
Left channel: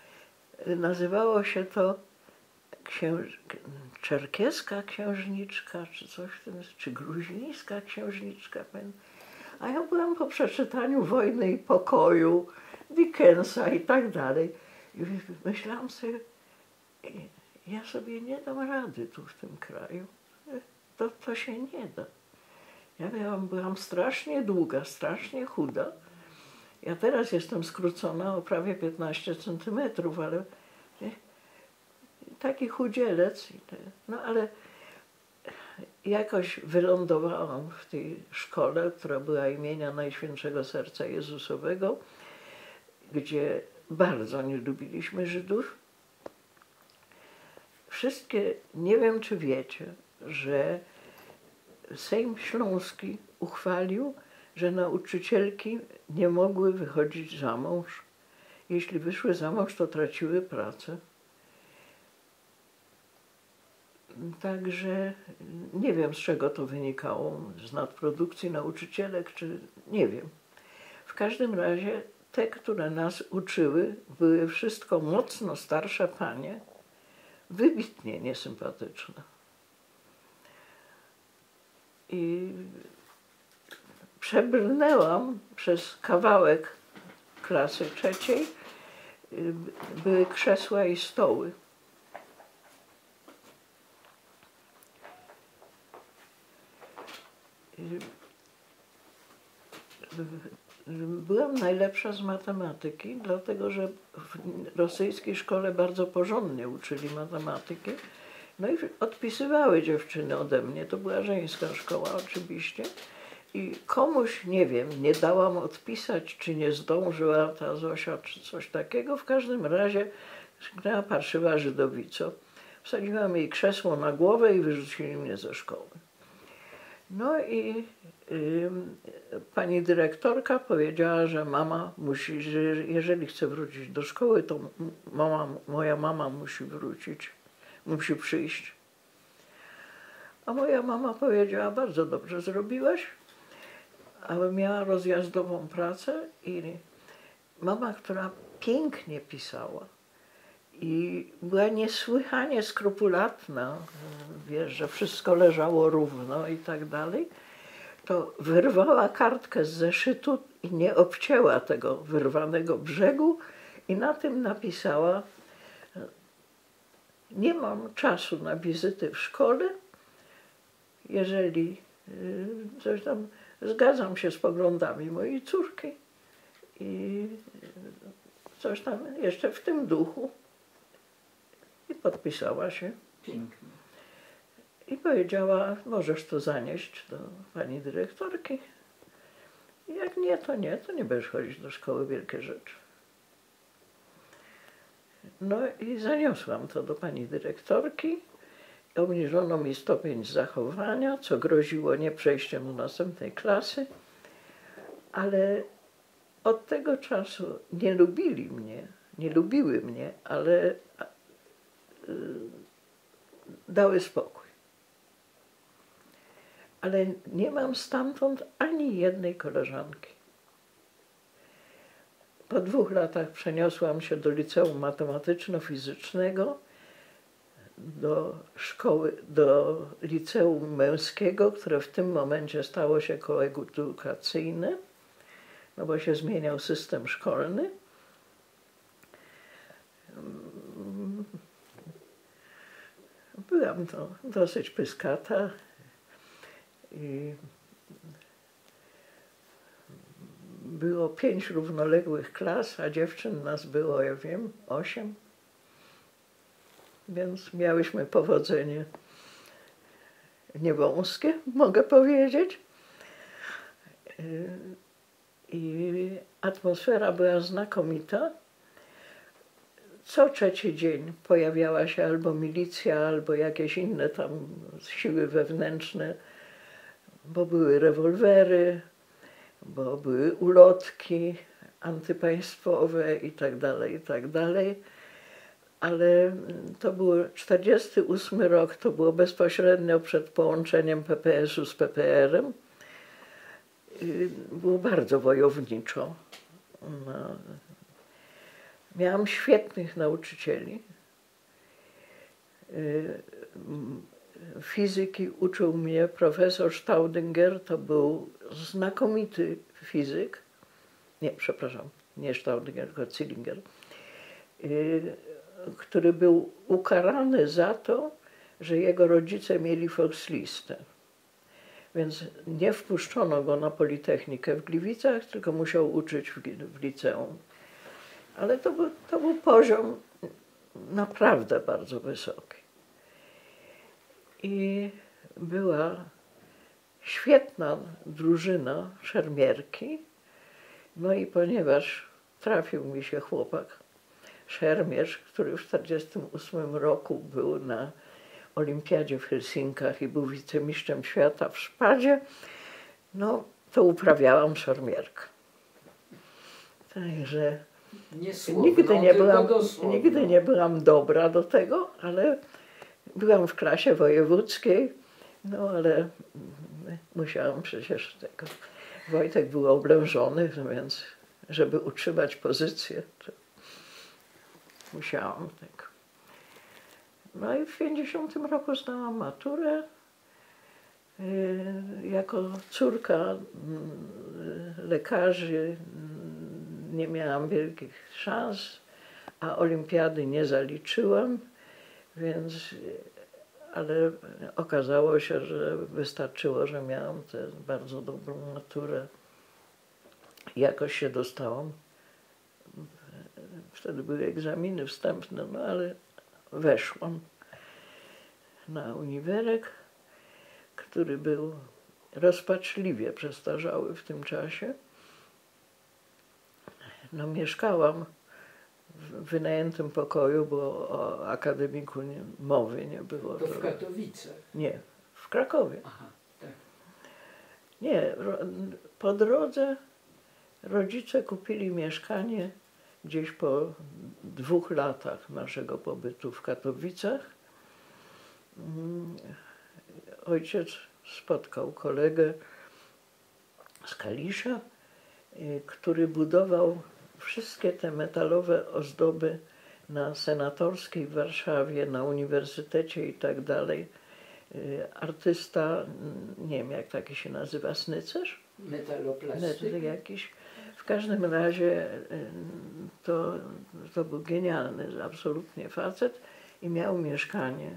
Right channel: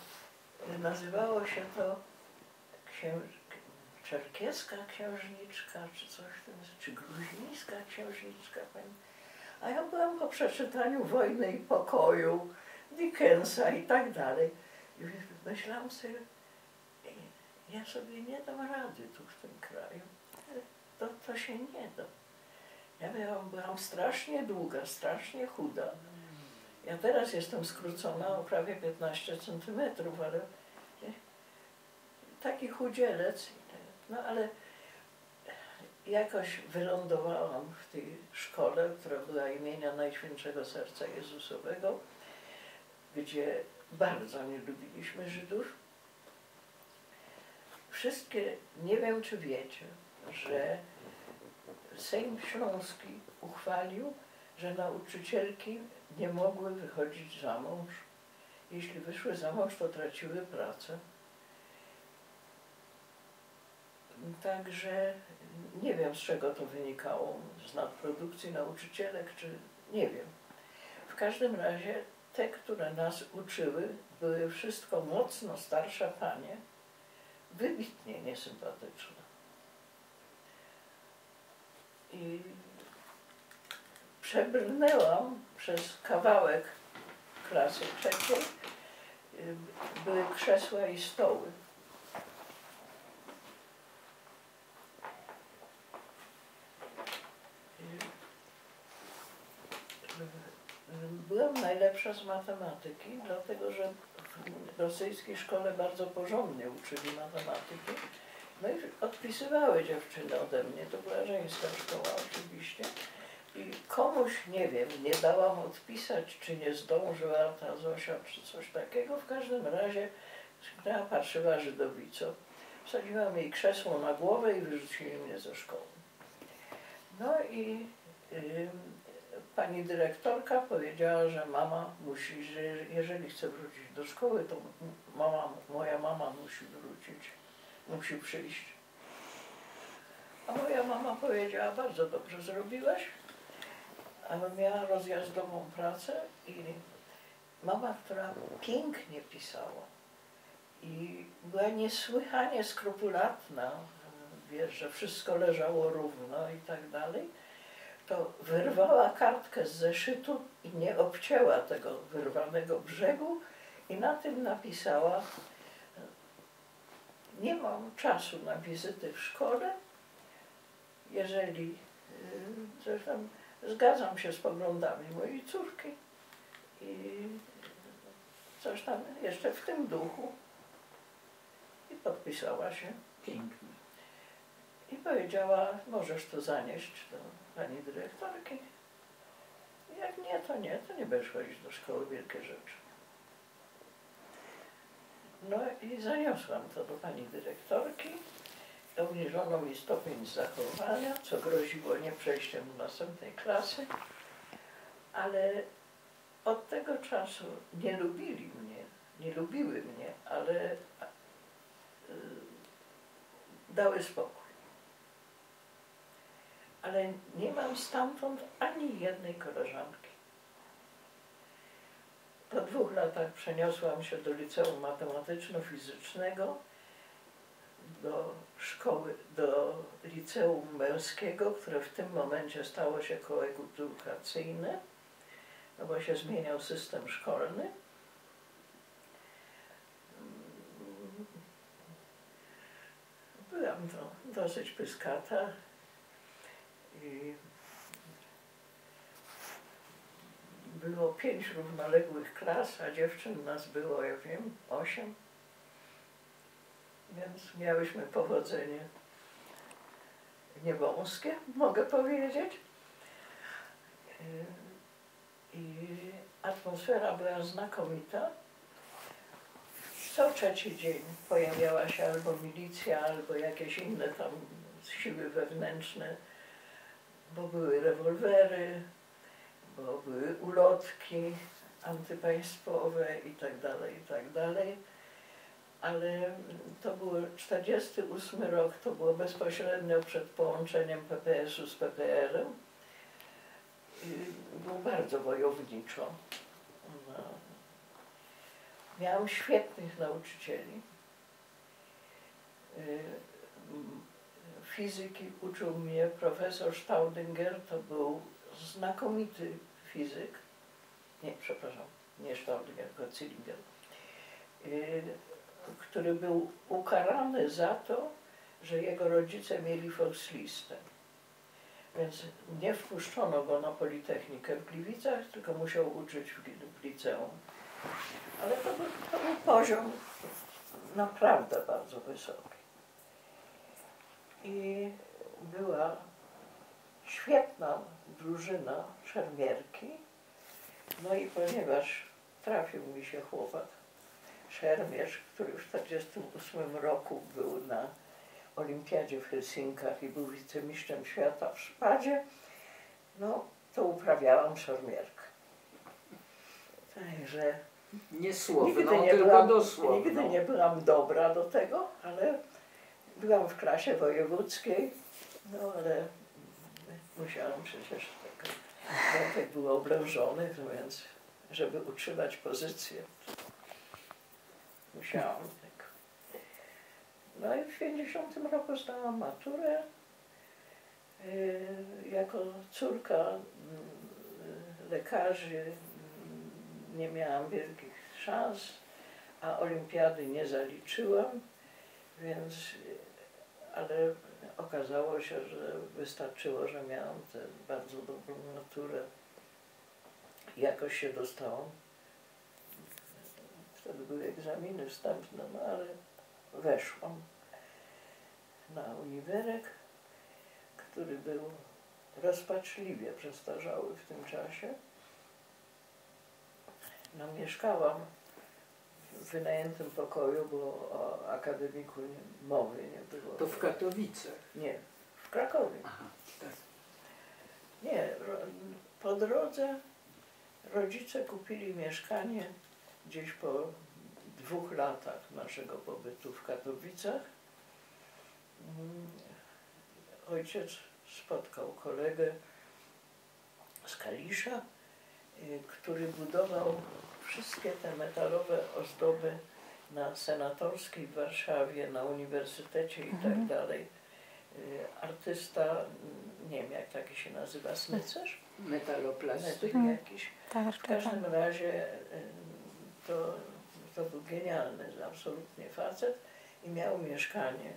Nazywało się to czerkieska księżniczka, czy coś w tym, czy gruzińska księżniczka. A ja byłam po przeczytaniu Wojny i Pokoju, Dickensa i tak dalej. I myślałam sobie, ja sobie nie dam rady tu w tym kraju. To się nie da. Ja byłam strasznie długa, strasznie chuda. Ja teraz jestem skrócona o prawie 15 centymetrów, ale taki chudzielec. No ale jakoś wylądowałam w tej szkole, która była imienia Najświętszego Serca Jezusowego, gdzie bardzo nie lubiliśmy Żydów. Wszystkie, nie wiem czy wiecie, że Sejm Śląski uchwalił, że nauczycielki nie mogły wychodzić za mąż. Jeśli wyszły za mąż, to traciły pracę. Także nie wiem, z czego to wynikało, z nadprodukcji nauczycielek, czy nie wiem. W każdym razie te, które nas uczyły, były wszystko mocno starsze panie, wybitnie niesympatyczne. I przebrnęłam przez kawałek klasy trzeciej, były krzesła i stoły. Byłam najlepsza z matematyki, dlatego że w rosyjskiej szkole bardzo porządnie uczyli matematyki. No i odpisywały dziewczyny ode mnie, to była żeńska szkoła oczywiście. I komuś, nie wiem, nie dałam odpisać, czy nie zdążyła ta Zosia, czy coś takiego. W każdym razie miała parszywa żydowico. Wsadziłam jej krzesło na głowę i wyrzucili mnie ze szkoły. No i pani dyrektorka powiedziała, że mama musi, że jeżeli chce wrócić do szkoły, to moja mama musi wrócić, musi przyjść. A moja mama powiedziała, bardzo dobrze zrobiłaś, ale miała rozjazdową pracę i mama, która pięknie pisała i była niesłychanie skrupulatna, wiesz, że wszystko leżało równo i tak dalej, to wyrwała kartkę z zeszytu i nie obcięła tego wyrwanego brzegu i na tym napisała: nie mam czasu na wizyty w szkole, jeżeli coś tam, zgadzam się z poglądami mojej córki i coś tam jeszcze w tym duchu. I podpisała się. Pięknie. I powiedziała, możesz to zanieść do pani dyrektorki. I jak nie, to nie będziesz chodzić do szkoły, wielkie rzeczy. No i zaniosłam to do pani dyrektorki. Obniżono mi stopień zachowania, co groziło nie przejściem do następnej klasy. Ale od tego czasu nie lubili mnie, nie lubiły mnie, ale dały spokój. Ale nie mam stamtąd ani jednej koleżanki. Po 2 latach przeniosłam się do liceum matematyczno-fizycznego, do szkoły, do liceum męskiego, które w tym momencie stało się koedukacyjne, no bo się zmieniał system szkolny. Byłam to dosyć pyskata i było 5 równoległych klas, a dziewczyn nas było, ja wiem, 8. Więc miałyśmy powodzenie niewąskie, mogę powiedzieć. I atmosfera była znakomita. Co 3. dzień pojawiała się albo milicja, albo jakieś inne tam siły wewnętrzne, bo były rewolwery, bo były ulotki antypaństwowe i tak dalej, i tak dalej. Ale to był 48 rok, to było bezpośrednio przed połączeniem PPS-u z PPR-em. Było bardzo wojowniczo. No. Miałam świetnych nauczycieli. Fizyki uczył mnie profesor Staudinger, to był znakomity fizyk. Nie, przepraszam, nie Staudinger, tylko Zillinger, który był ukarany za to, że jego rodzice mieli Volkslistę. Więc nie wpuszczono go na Politechnikę w Gliwicach, tylko musiał uczyć w liceum. Ale to był poziom naprawdę bardzo wysoki. I była świetna drużyna szermierki. No i ponieważ trafił mi się chłopak, szermierz, który w 1948 roku był na olimpiadzie w Helsinkach i był wicemistrzem świata w szpadzie, no to uprawiałam szermierkę. Także Niesłowną, nigdy nie byłam dobra do tego, ale byłam w klasie wojewódzkiej, no ale musiałam przecież tego. Wojtek był oblężony, więc żeby utrzymać pozycję, to musiałam tego. No i w 50 roku zdałam maturę. Jako córka lekarzy nie miałam wielkich szans, a olimpiady nie zaliczyłam, więc, ale okazało się, że wystarczyło, że miałam tę bardzo dobrą maturę. Jakoś się dostałam. Wtedy były egzaminy wstępne, no ale weszłam na uniwerek, który był rozpaczliwie przestarzały w tym czasie. No, mieszkałam w wynajętym pokoju, bo o akademiku mowy nie było. To w Katowicach? Nie, w Krakowie. Aha, tak. Nie, po drodze rodzice kupili mieszkanie gdzieś po 2 latach naszego pobytu w Katowicach. Ojciec spotkał kolegę z Kalisza, który budował wszystkie te metalowe ozdoby na Senatorskiej w Warszawie, na uniwersytecie i tak dalej. Artysta, nie wiem jak taki się nazywa, Snycerz? Metaloplasty. Jakiś. W każdym razie to był genialny absolutnie facet i miał mieszkanie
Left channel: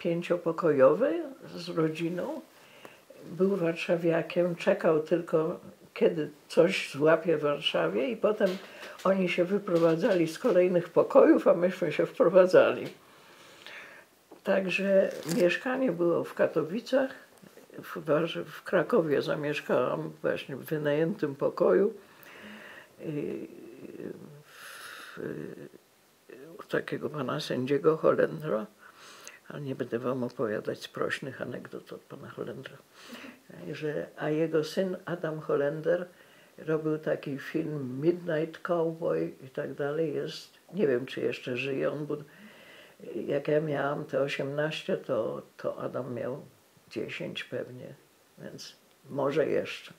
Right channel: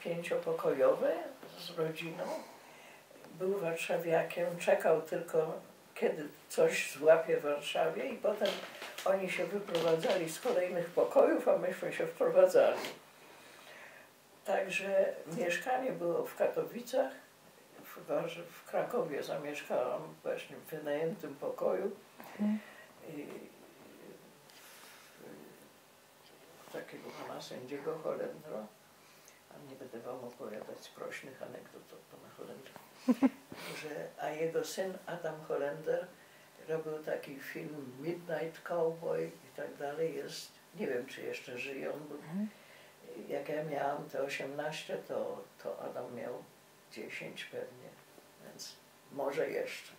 5-pokojowe z rodziną. Był warszawiakiem, czekał tylko kiedy coś złapie w Warszawie i potem oni się wyprowadzali z kolejnych pokojów, a myśmy się wprowadzali. Także mieszkanie było w Katowicach, w Krakowie zamieszkałam właśnie w wynajętym pokoju u takiego pana sędziego Holendra, ale nie będę wam opowiadać sprośnych anegdot od pana Holendra. A jego syn Adam Holender robił taki film Midnight Cowboy i tak dalej. Jest, nie wiem czy jeszcze żyje on, bo jak ja miałam te 18, to Adam miał 10 pewnie, więc może jeszcze.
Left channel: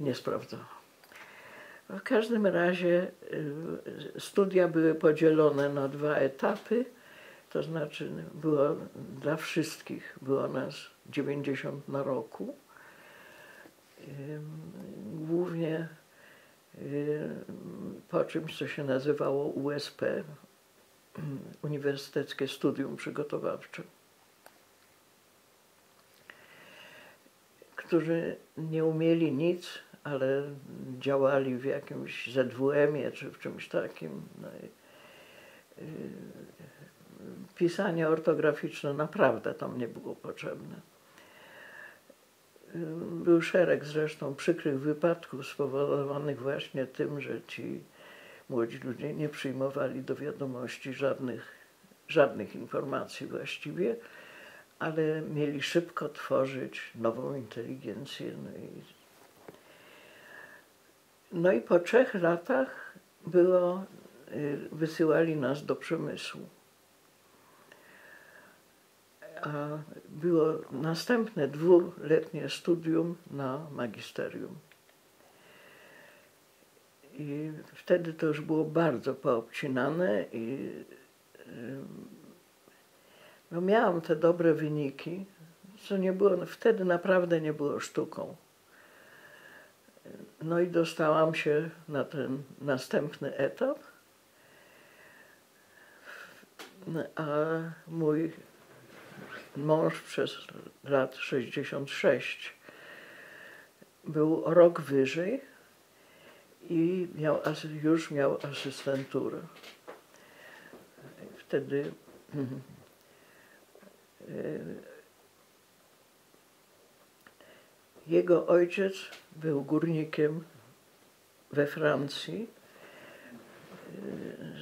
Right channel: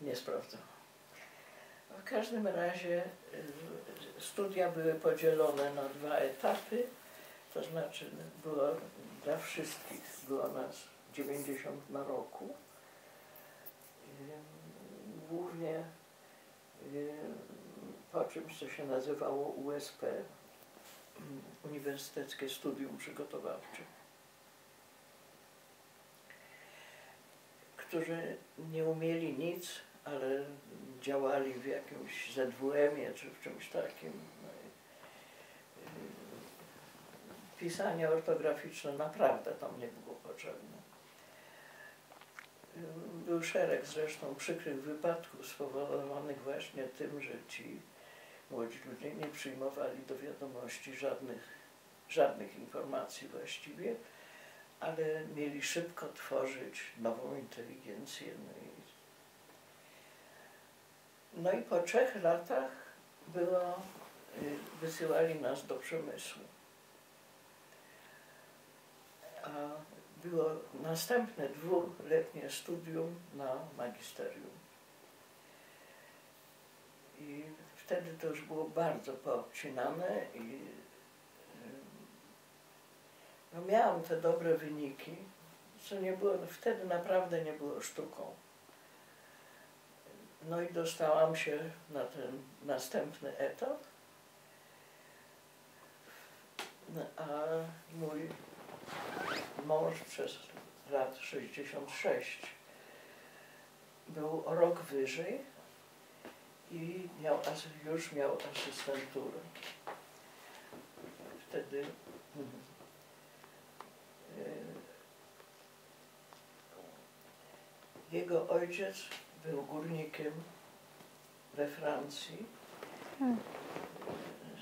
Nie sprawdzałam. W każdym razie studia były podzielone na 2 etapy, to znaczy było dla wszystkich, było nas 90 na roku. Głównie po czymś, co się nazywało USP, Uniwersyteckie Studium Przygotowawcze, którzy nie umieli nic, ale działali w jakimś ZWM-ie czy w czymś takim. No pisanie ortograficzne naprawdę tam nie było potrzebne. Był szereg zresztą przykrych wypadków spowodowanych właśnie tym, że ci młodzi ludzie nie przyjmowali do wiadomości żadnych informacji właściwie, ale mieli szybko tworzyć nową inteligencję. No i po 3 latach wysyłali nas do przemysłu. A było następne 2-letnie studium na magisterium. I wtedy to już było bardzo poobcinane i no miałam te dobre wyniki, co nie było, wtedy naprawdę nie było sztuką. No i dostałam się na ten następny etap, a mój mąż przez lat 66 był o rok wyżej i już miał asystenturę. Wtedy jego ojciec był górnikiem we Francji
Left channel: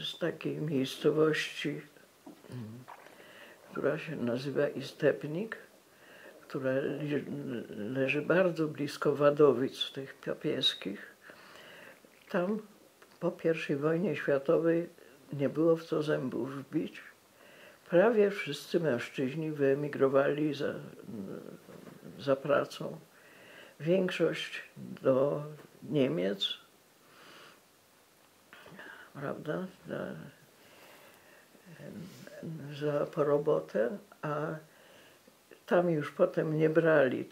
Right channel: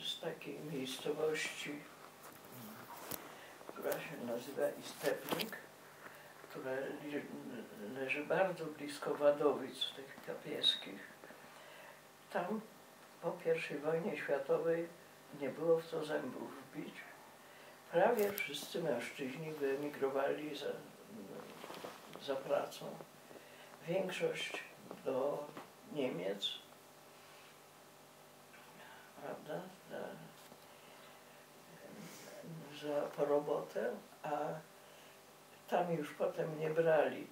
z takiej miejscowości która się nazywa Istebnik, która leży bardzo blisko Wadowic, tych papieskich. Tam po I wojnie światowej nie było w co zębów wbić. Prawie wszyscy mężczyźni wyemigrowali za pracą. Większość do Niemiec, prawda, po robotę, a tam już potem nie brali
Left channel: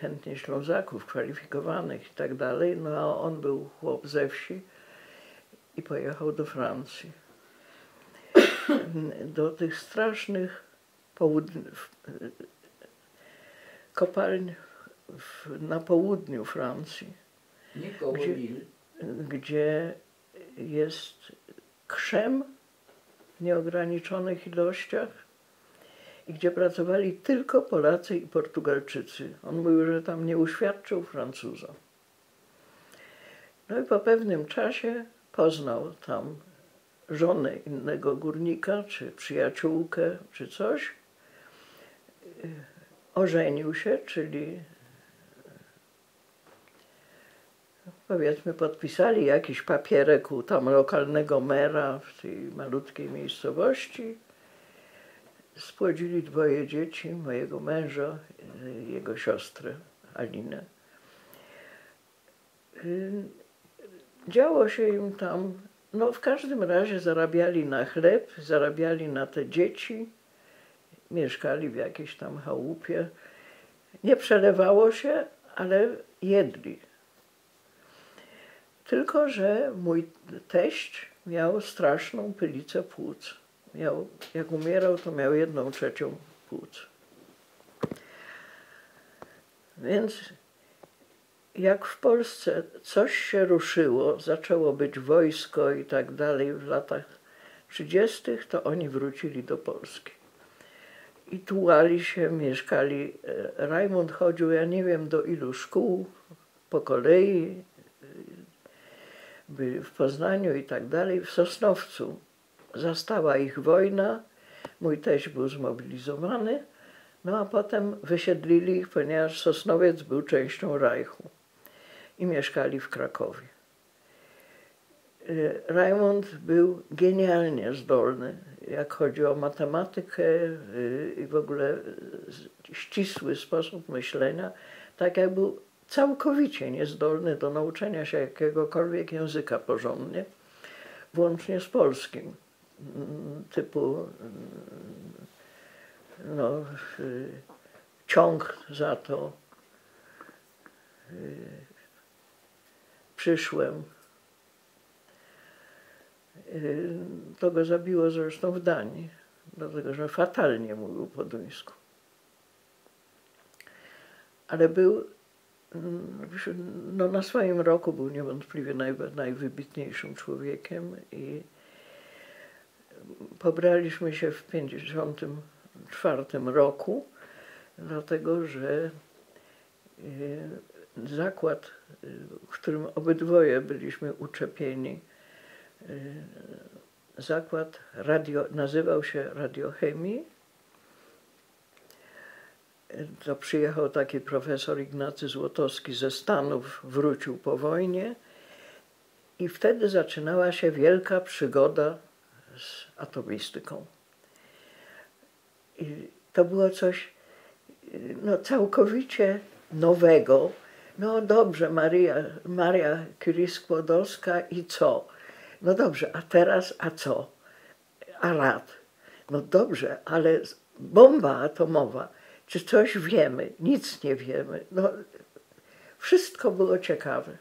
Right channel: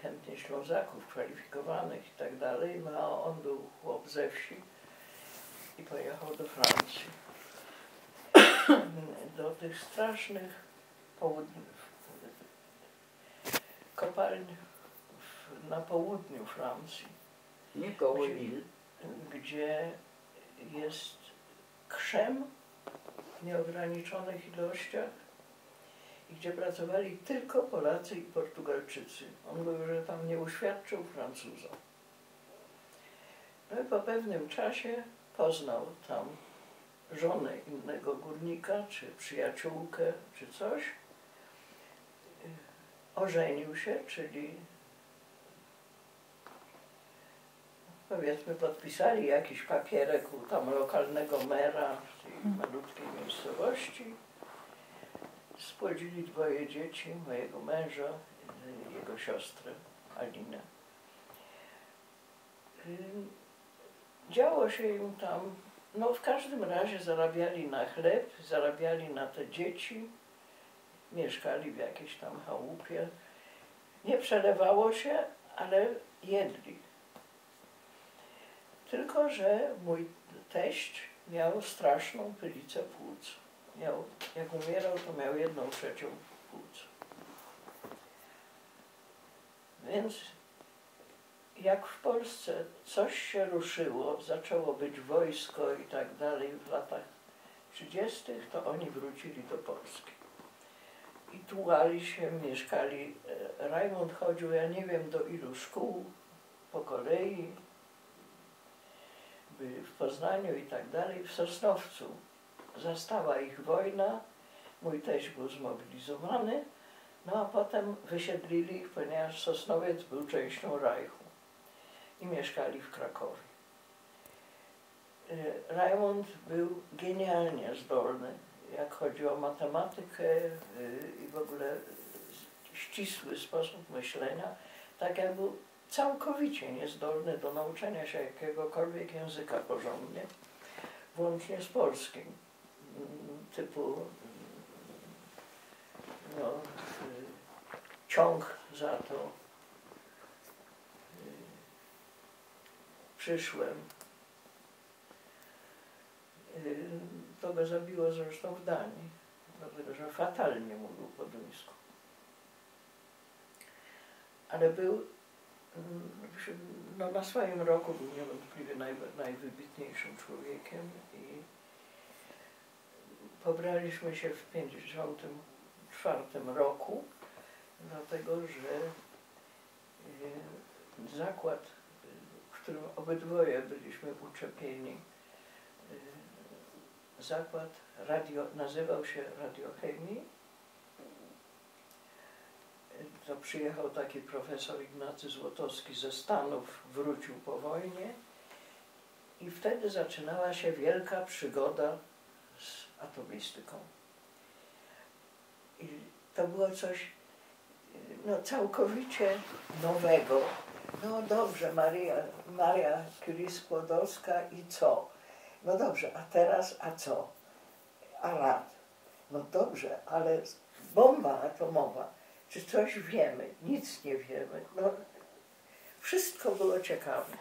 chętnie Ślązaków kwalifikowanych i tak dalej, no a on był chłop ze wsi i pojechał do Francji. Do tych strasznych kopalń na południu Francji, Nie koło Lille. gdzie jest krzem w nieograniczonych ilościach i gdzie pracowali tylko Polacy i Portugalczycy. On mówił, że tam nie uświadczył Francuza. No i po pewnym czasie poznał tam żonę innego górnika, czy przyjaciółkę, czy coś. Ożenił się, czyli powiedzmy podpisali jakiś papierek u tam lokalnego mera w tej malutkiej miejscowości. Spłodzili 2 dzieci, mojego męża i jego siostrę Alinę. Działo się im tam, no w każdym razie zarabiali na chleb, zarabiali na te dzieci, mieszkali w jakiejś tam chałupie. Nie przelewało się, ale jedli. Tylko że mój teść miał straszną pylicę płuc. Jak umierał, to miał 1/3 płuc. Więc jak w Polsce coś się ruszyło, zaczęło być wojsko i tak dalej w latach 30., to oni wrócili do Polski. I tułali się, mieszkali. Rajmund chodził, ja nie wiem do ilu szkół, po kolei, byli w Poznaniu i tak dalej, w Sosnowcu. Zastała ich wojna, mój teść był zmobilizowany, no a potem wysiedlili ich, ponieważ Sosnowiec był częścią Reichu i mieszkali w Krakowie. Rajmund był genialnie zdolny, jak chodzi o matematykę i w ogóle ścisły sposób myślenia, tak jak był całkowicie niezdolny do nauczenia się jakiegokolwiek języka porządnie, włącznie z polskim, typu no, ciąg za to, przyszłem. To go zabiło zresztą w Danii, dlatego że fatalnie mówił po duńsku. Ale był, no na swoim roku był niewątpliwie najwybitniejszym człowiekiem i pobraliśmy się w 1954 roku, dlatego że zakład, w którym obydwoje byliśmy uczepieni, zakład nazywał się Radiochemii. To przyjechał taki profesor Ignacy Złotowski ze Stanów, wrócił po wojnie i wtedy zaczynała się wielka przygoda z atomistyką. I to było coś no, całkowicie nowego. No dobrze, Maria Curie-Skłodowska i co? No dobrze, a teraz a co? A rad? No dobrze, ale bomba atomowa, czy coś wiemy? Nic nie wiemy. No, wszystko było ciekawe.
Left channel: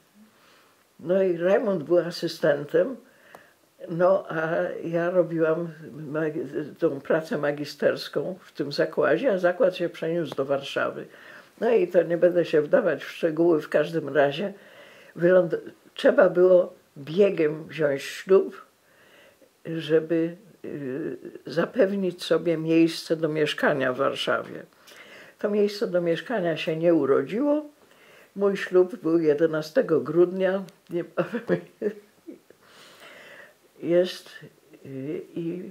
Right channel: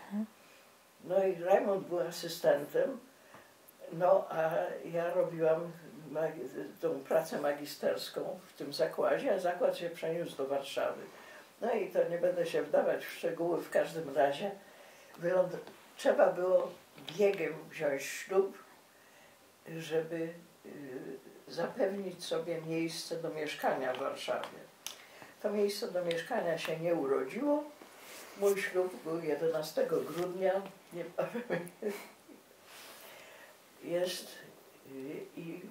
No i Rajmund był asystentem, no a ja robiłam tą pracę magisterską w tym zakładzie, a zakład się przeniósł do Warszawy. No i to nie będę się wdawać w szczegóły, w każdym razie trzeba było biegiem wziąć ślub, żeby zapewnić sobie miejsce do mieszkania w Warszawie. To miejsce do mieszkania się nie urodziło. Mój ślub był 11 grudnia. Jest i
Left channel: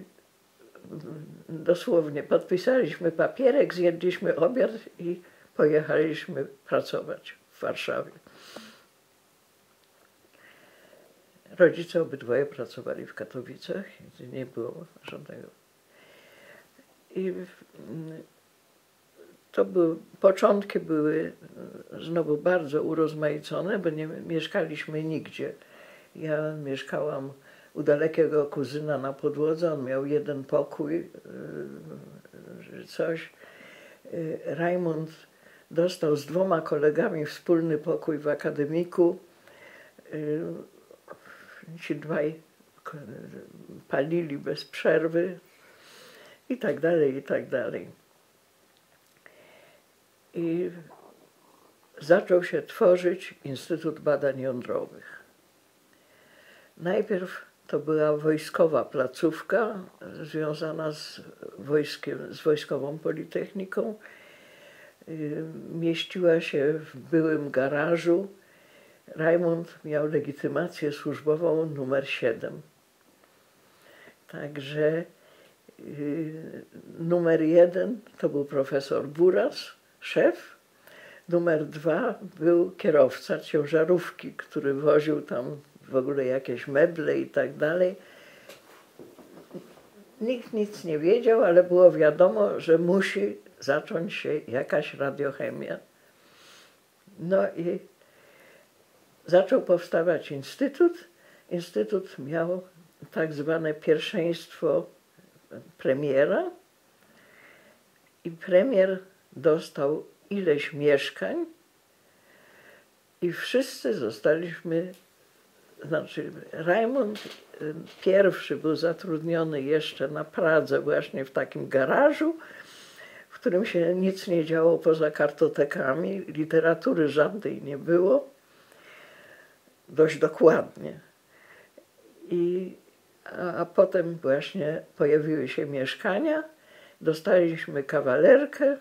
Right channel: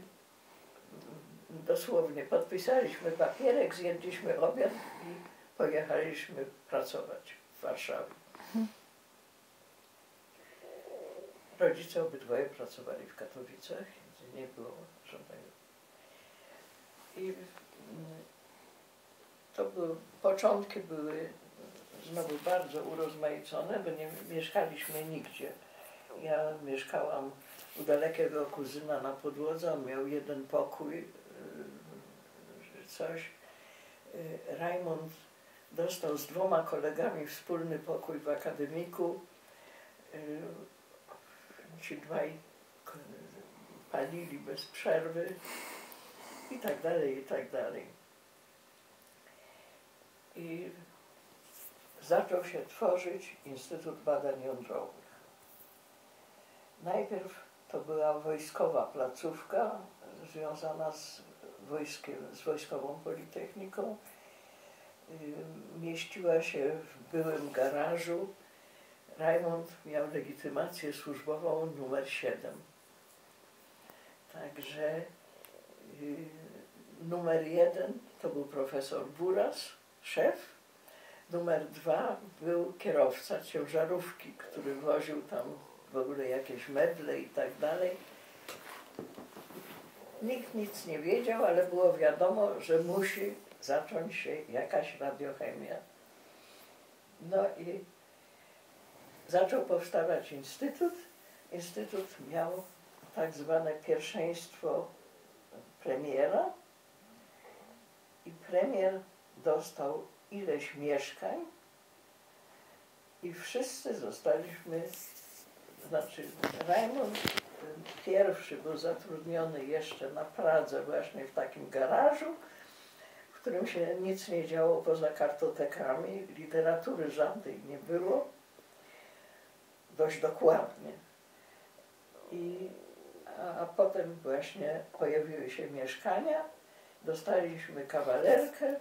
dosłownie podpisaliśmy papierek, zjedliśmy obiad i pojechaliśmy pracować w Warszawie. Rodzice obydwoje pracowali w Katowicach, więc nie było żadnego. I początki były znowu bardzo urozmaicone, bo nie mieszkaliśmy nigdzie. Ja mieszkałam u dalekiego kuzyna na Podłodze, on miał jeden pokój, coś. Rajmund dostał z 2 kolegami wspólny pokój w akademiku. Ci dwaj palili bez przerwy i tak dalej, i tak dalej. I zaczął się tworzyć Instytut Badań Jądrowych. Najpierw to była wojskowa placówka związana z wojskiem, z Wojskową Politechniką. Mieściła się w byłym garażu. Rajmund miał legitymację służbową numer 7. Także numer 1 to był profesor Buras, szef. Numer 2 był kierowca ciężarówki, który woził tam w ogóle jakieś meble i tak dalej. Nikt nic nie wiedział, ale było wiadomo, że musi zacząć się jakaś radiochemia. No i zaczął powstawać instytut. Instytut miał tak zwane pierwszeństwo premiera i premier dostał ileś mieszkań i wszyscy zostaliśmy, znaczy Rajmund pierwszy był zatrudniony jeszcze na Pradze właśnie w takim garażu, w którym się nic nie działo poza kartotekami, literatury żadnej nie było, dość dokładnie. A potem właśnie pojawiły się mieszkania, dostaliśmy kawalerkę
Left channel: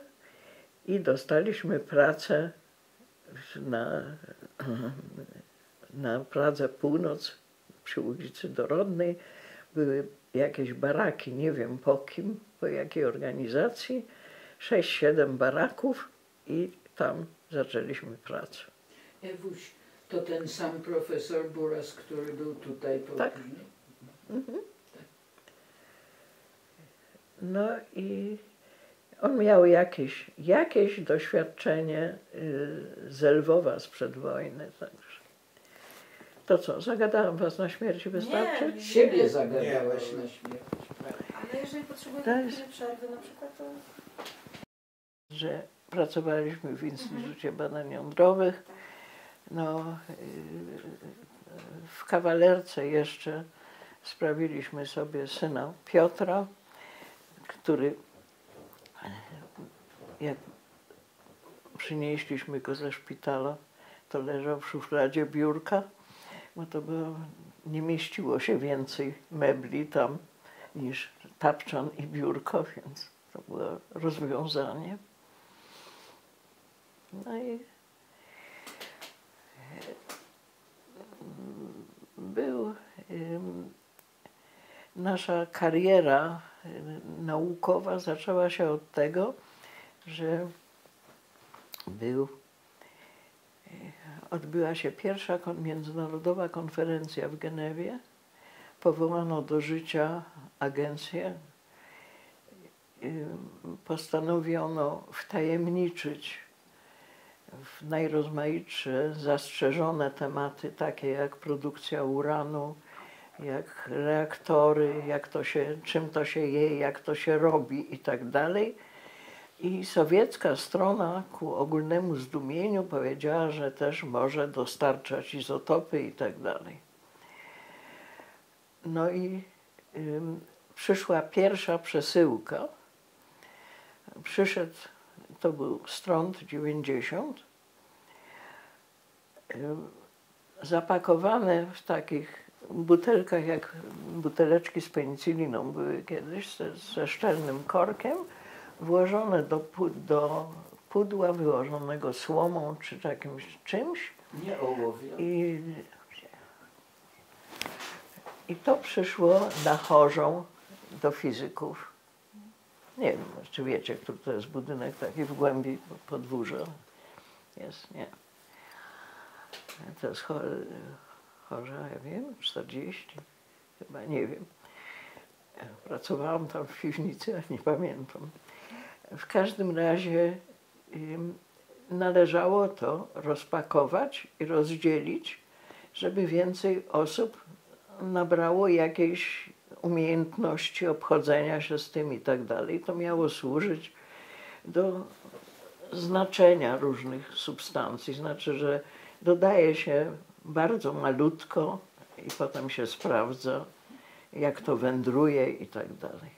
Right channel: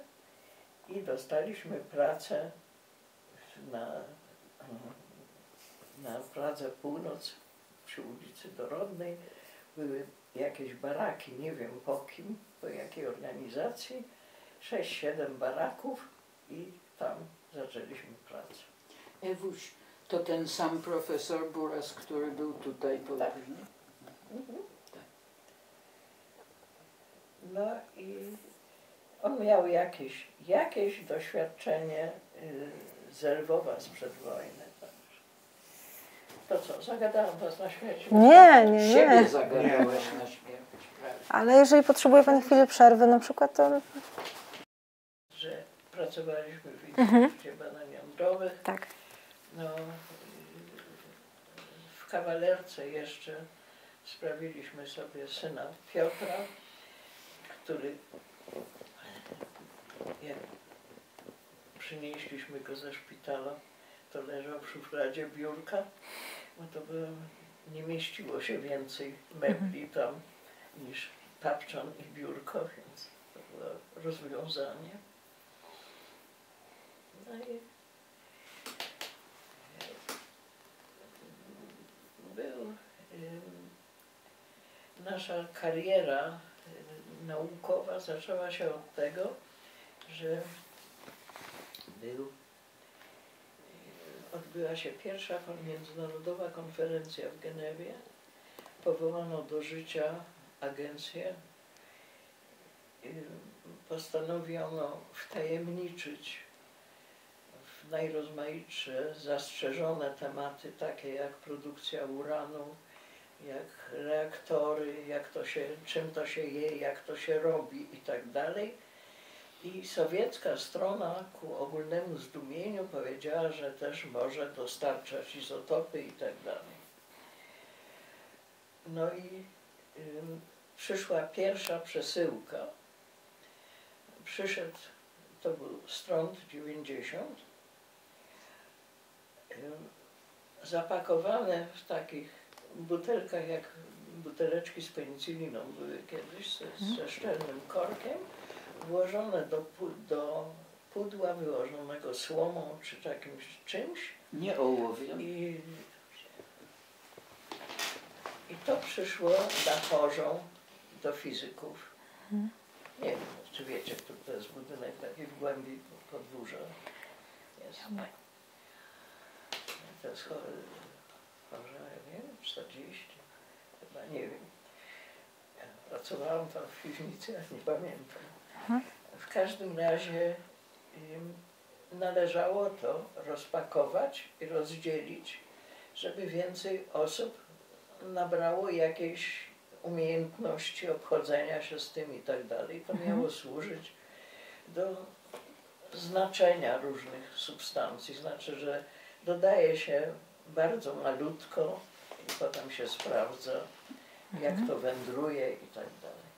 i dostaliśmy pracę na Pradze Północ przy ulicy Dorodnej. Były jakieś baraki, nie wiem po kim, po jakiej organizacji, 6-7 baraków i tam zaczęliśmy pracę. Ewuś, to ten sam profesor Buras, który był tutaj po Tak. Mhm. No i on miał jakieś doświadczenie z Lwowa sprzed wojny. Także. To co, zagadałam was na śmierć? Nie. Siebie zagadałaś na śmierć. Ale jeżeli potrzebuje Pan chwili przerwy na przykład, to... Że pracowaliśmy w Instytucie Badań Jądrowych. Tak. No, w kawalerce jeszcze sprawiliśmy sobie syna Piotra, który, jak przynieśliśmy go ze szpitala, to leżał w szufladzie biurka, bo to było, nie mieściło się więcej mebli tam niż tapczan i biurko, więc to było rozwiązanie. No i nasza kariera naukowa zaczęła się od tego, że odbyła się pierwsza międzynarodowa konferencja w Genewie. Powołano do życia agencję. Postanowiono wtajemniczyć w najrozmaitsze zastrzeżone tematy, takie jak produkcja uranu, jak reaktory, czym to się je, jak to się robi i tak dalej. I sowiecka strona ku ogólnemu zdumieniu powiedziała, że też może dostarczać izotopy i tak dalej. No i przyszła pierwsza przesyłka. Przyszedł, to był Strąd 90, zapakowane w takich butelkach, jak buteleczki z penicyliną były kiedyś, ze szczelnym korkiem, włożone do pudła wyłożonego słomą czy jakimś czymś. Nie ołowiem. I to przyszło na Chorzą do fizyków. Nie wiem, czy wiecie, który to jest budynek taki w głębi podwórza. Jest, nie. To jest chorza, ja wiem, 40, chyba, nie wiem. Pracowałam tam w piwnicy, a nie pamiętam. W każdym razie należało to rozpakować i rozdzielić, żeby więcej osób nabrało jakiejś umiejętności obchodzenia się z tym i tak dalej. To miało służyć do znaczenia różnych substancji. Znaczy, że dodaje się bardzo malutko i potem się sprawdza, jak to wędruje i tak dalej.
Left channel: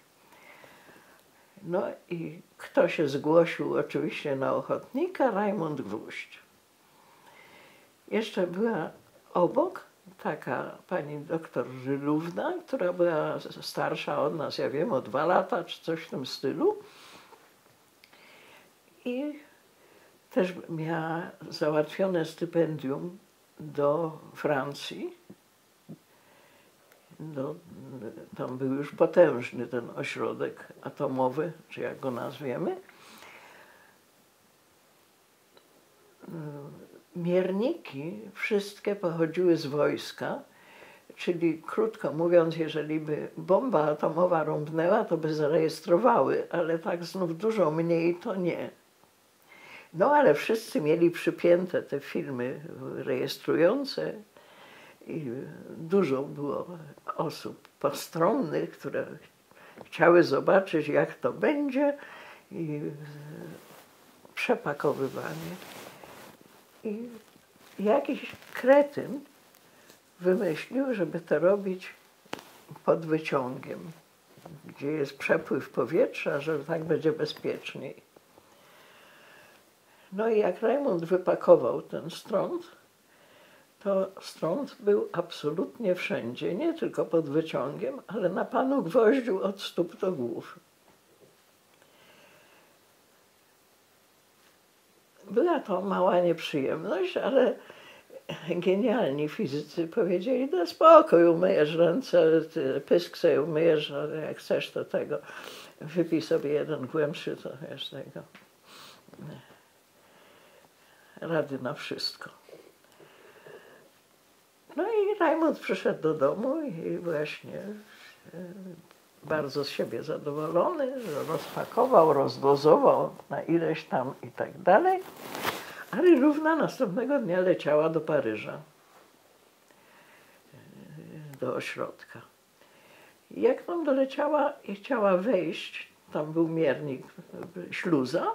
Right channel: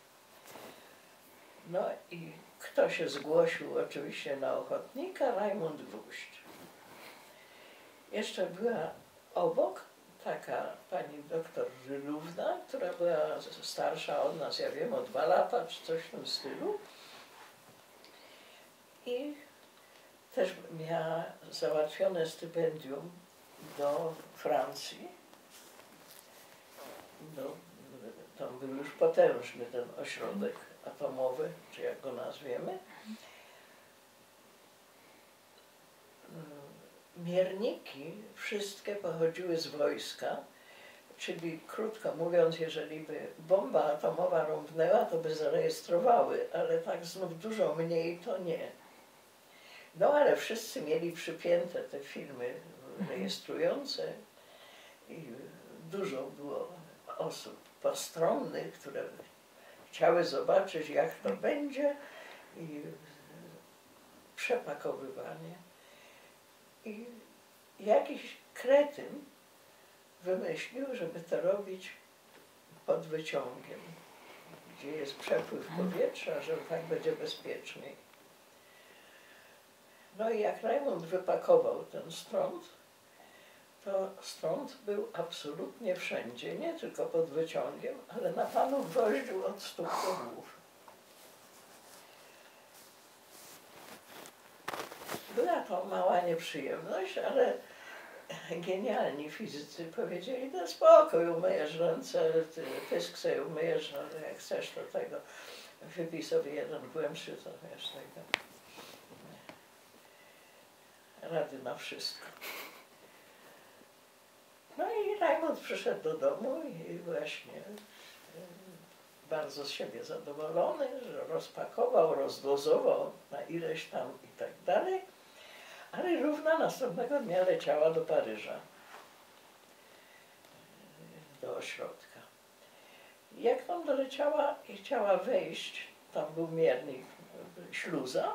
No i kto się zgłosił oczywiście na ochotnika? Rajmund Gwóźdź. Jeszcze była obok taka pani doktor Żylówna, która była starsza od nas, ja wiem, o 2 lata, czy coś w tym stylu. I też miała załatwione stypendium do Francji. Tam był już potężny ten ośrodek atomowy, czy jak go nazwiemy. Mierniki wszystkie pochodziły z wojska, czyli krótko mówiąc, jeżeli by bomba atomowa rąbnęła, to by zarejestrowały, ale tak znów dużo mniej to nie. No ale wszyscy mieli przypięte te filmy rejestrujące i dużo było osób postronnych, które chciały zobaczyć, jak to będzie, i przepakowywanie. I jakiś kretyn wymyślił, żeby to robić pod wyciągiem, gdzie jest przepływ powietrza, że tak będzie bezpieczniej. No i jak Rajmund wypakował ten strąd, to strąd był absolutnie wszędzie, nie tylko pod wyciągiem, ale na panu Gwoździu od stóp do głów. Była to mała nieprzyjemność, ale genialni fizycy powiedzieli, no spokój, umyjesz ręce, pysk sobie umyjesz, ale jak chcesz to tego, wypij sobie jeden głębszy, to wiesz tego, rady na wszystko. No i Rajmund przyszedł do domu i właśnie bardzo z siebie zadowolony, że rozpakował, rozdozował na ileś tam i tak dalej, ale Równa następnego dnia leciała do Paryża, do ośrodka. Jak tam doleciała i chciała wejść, tam był miernik, śluza,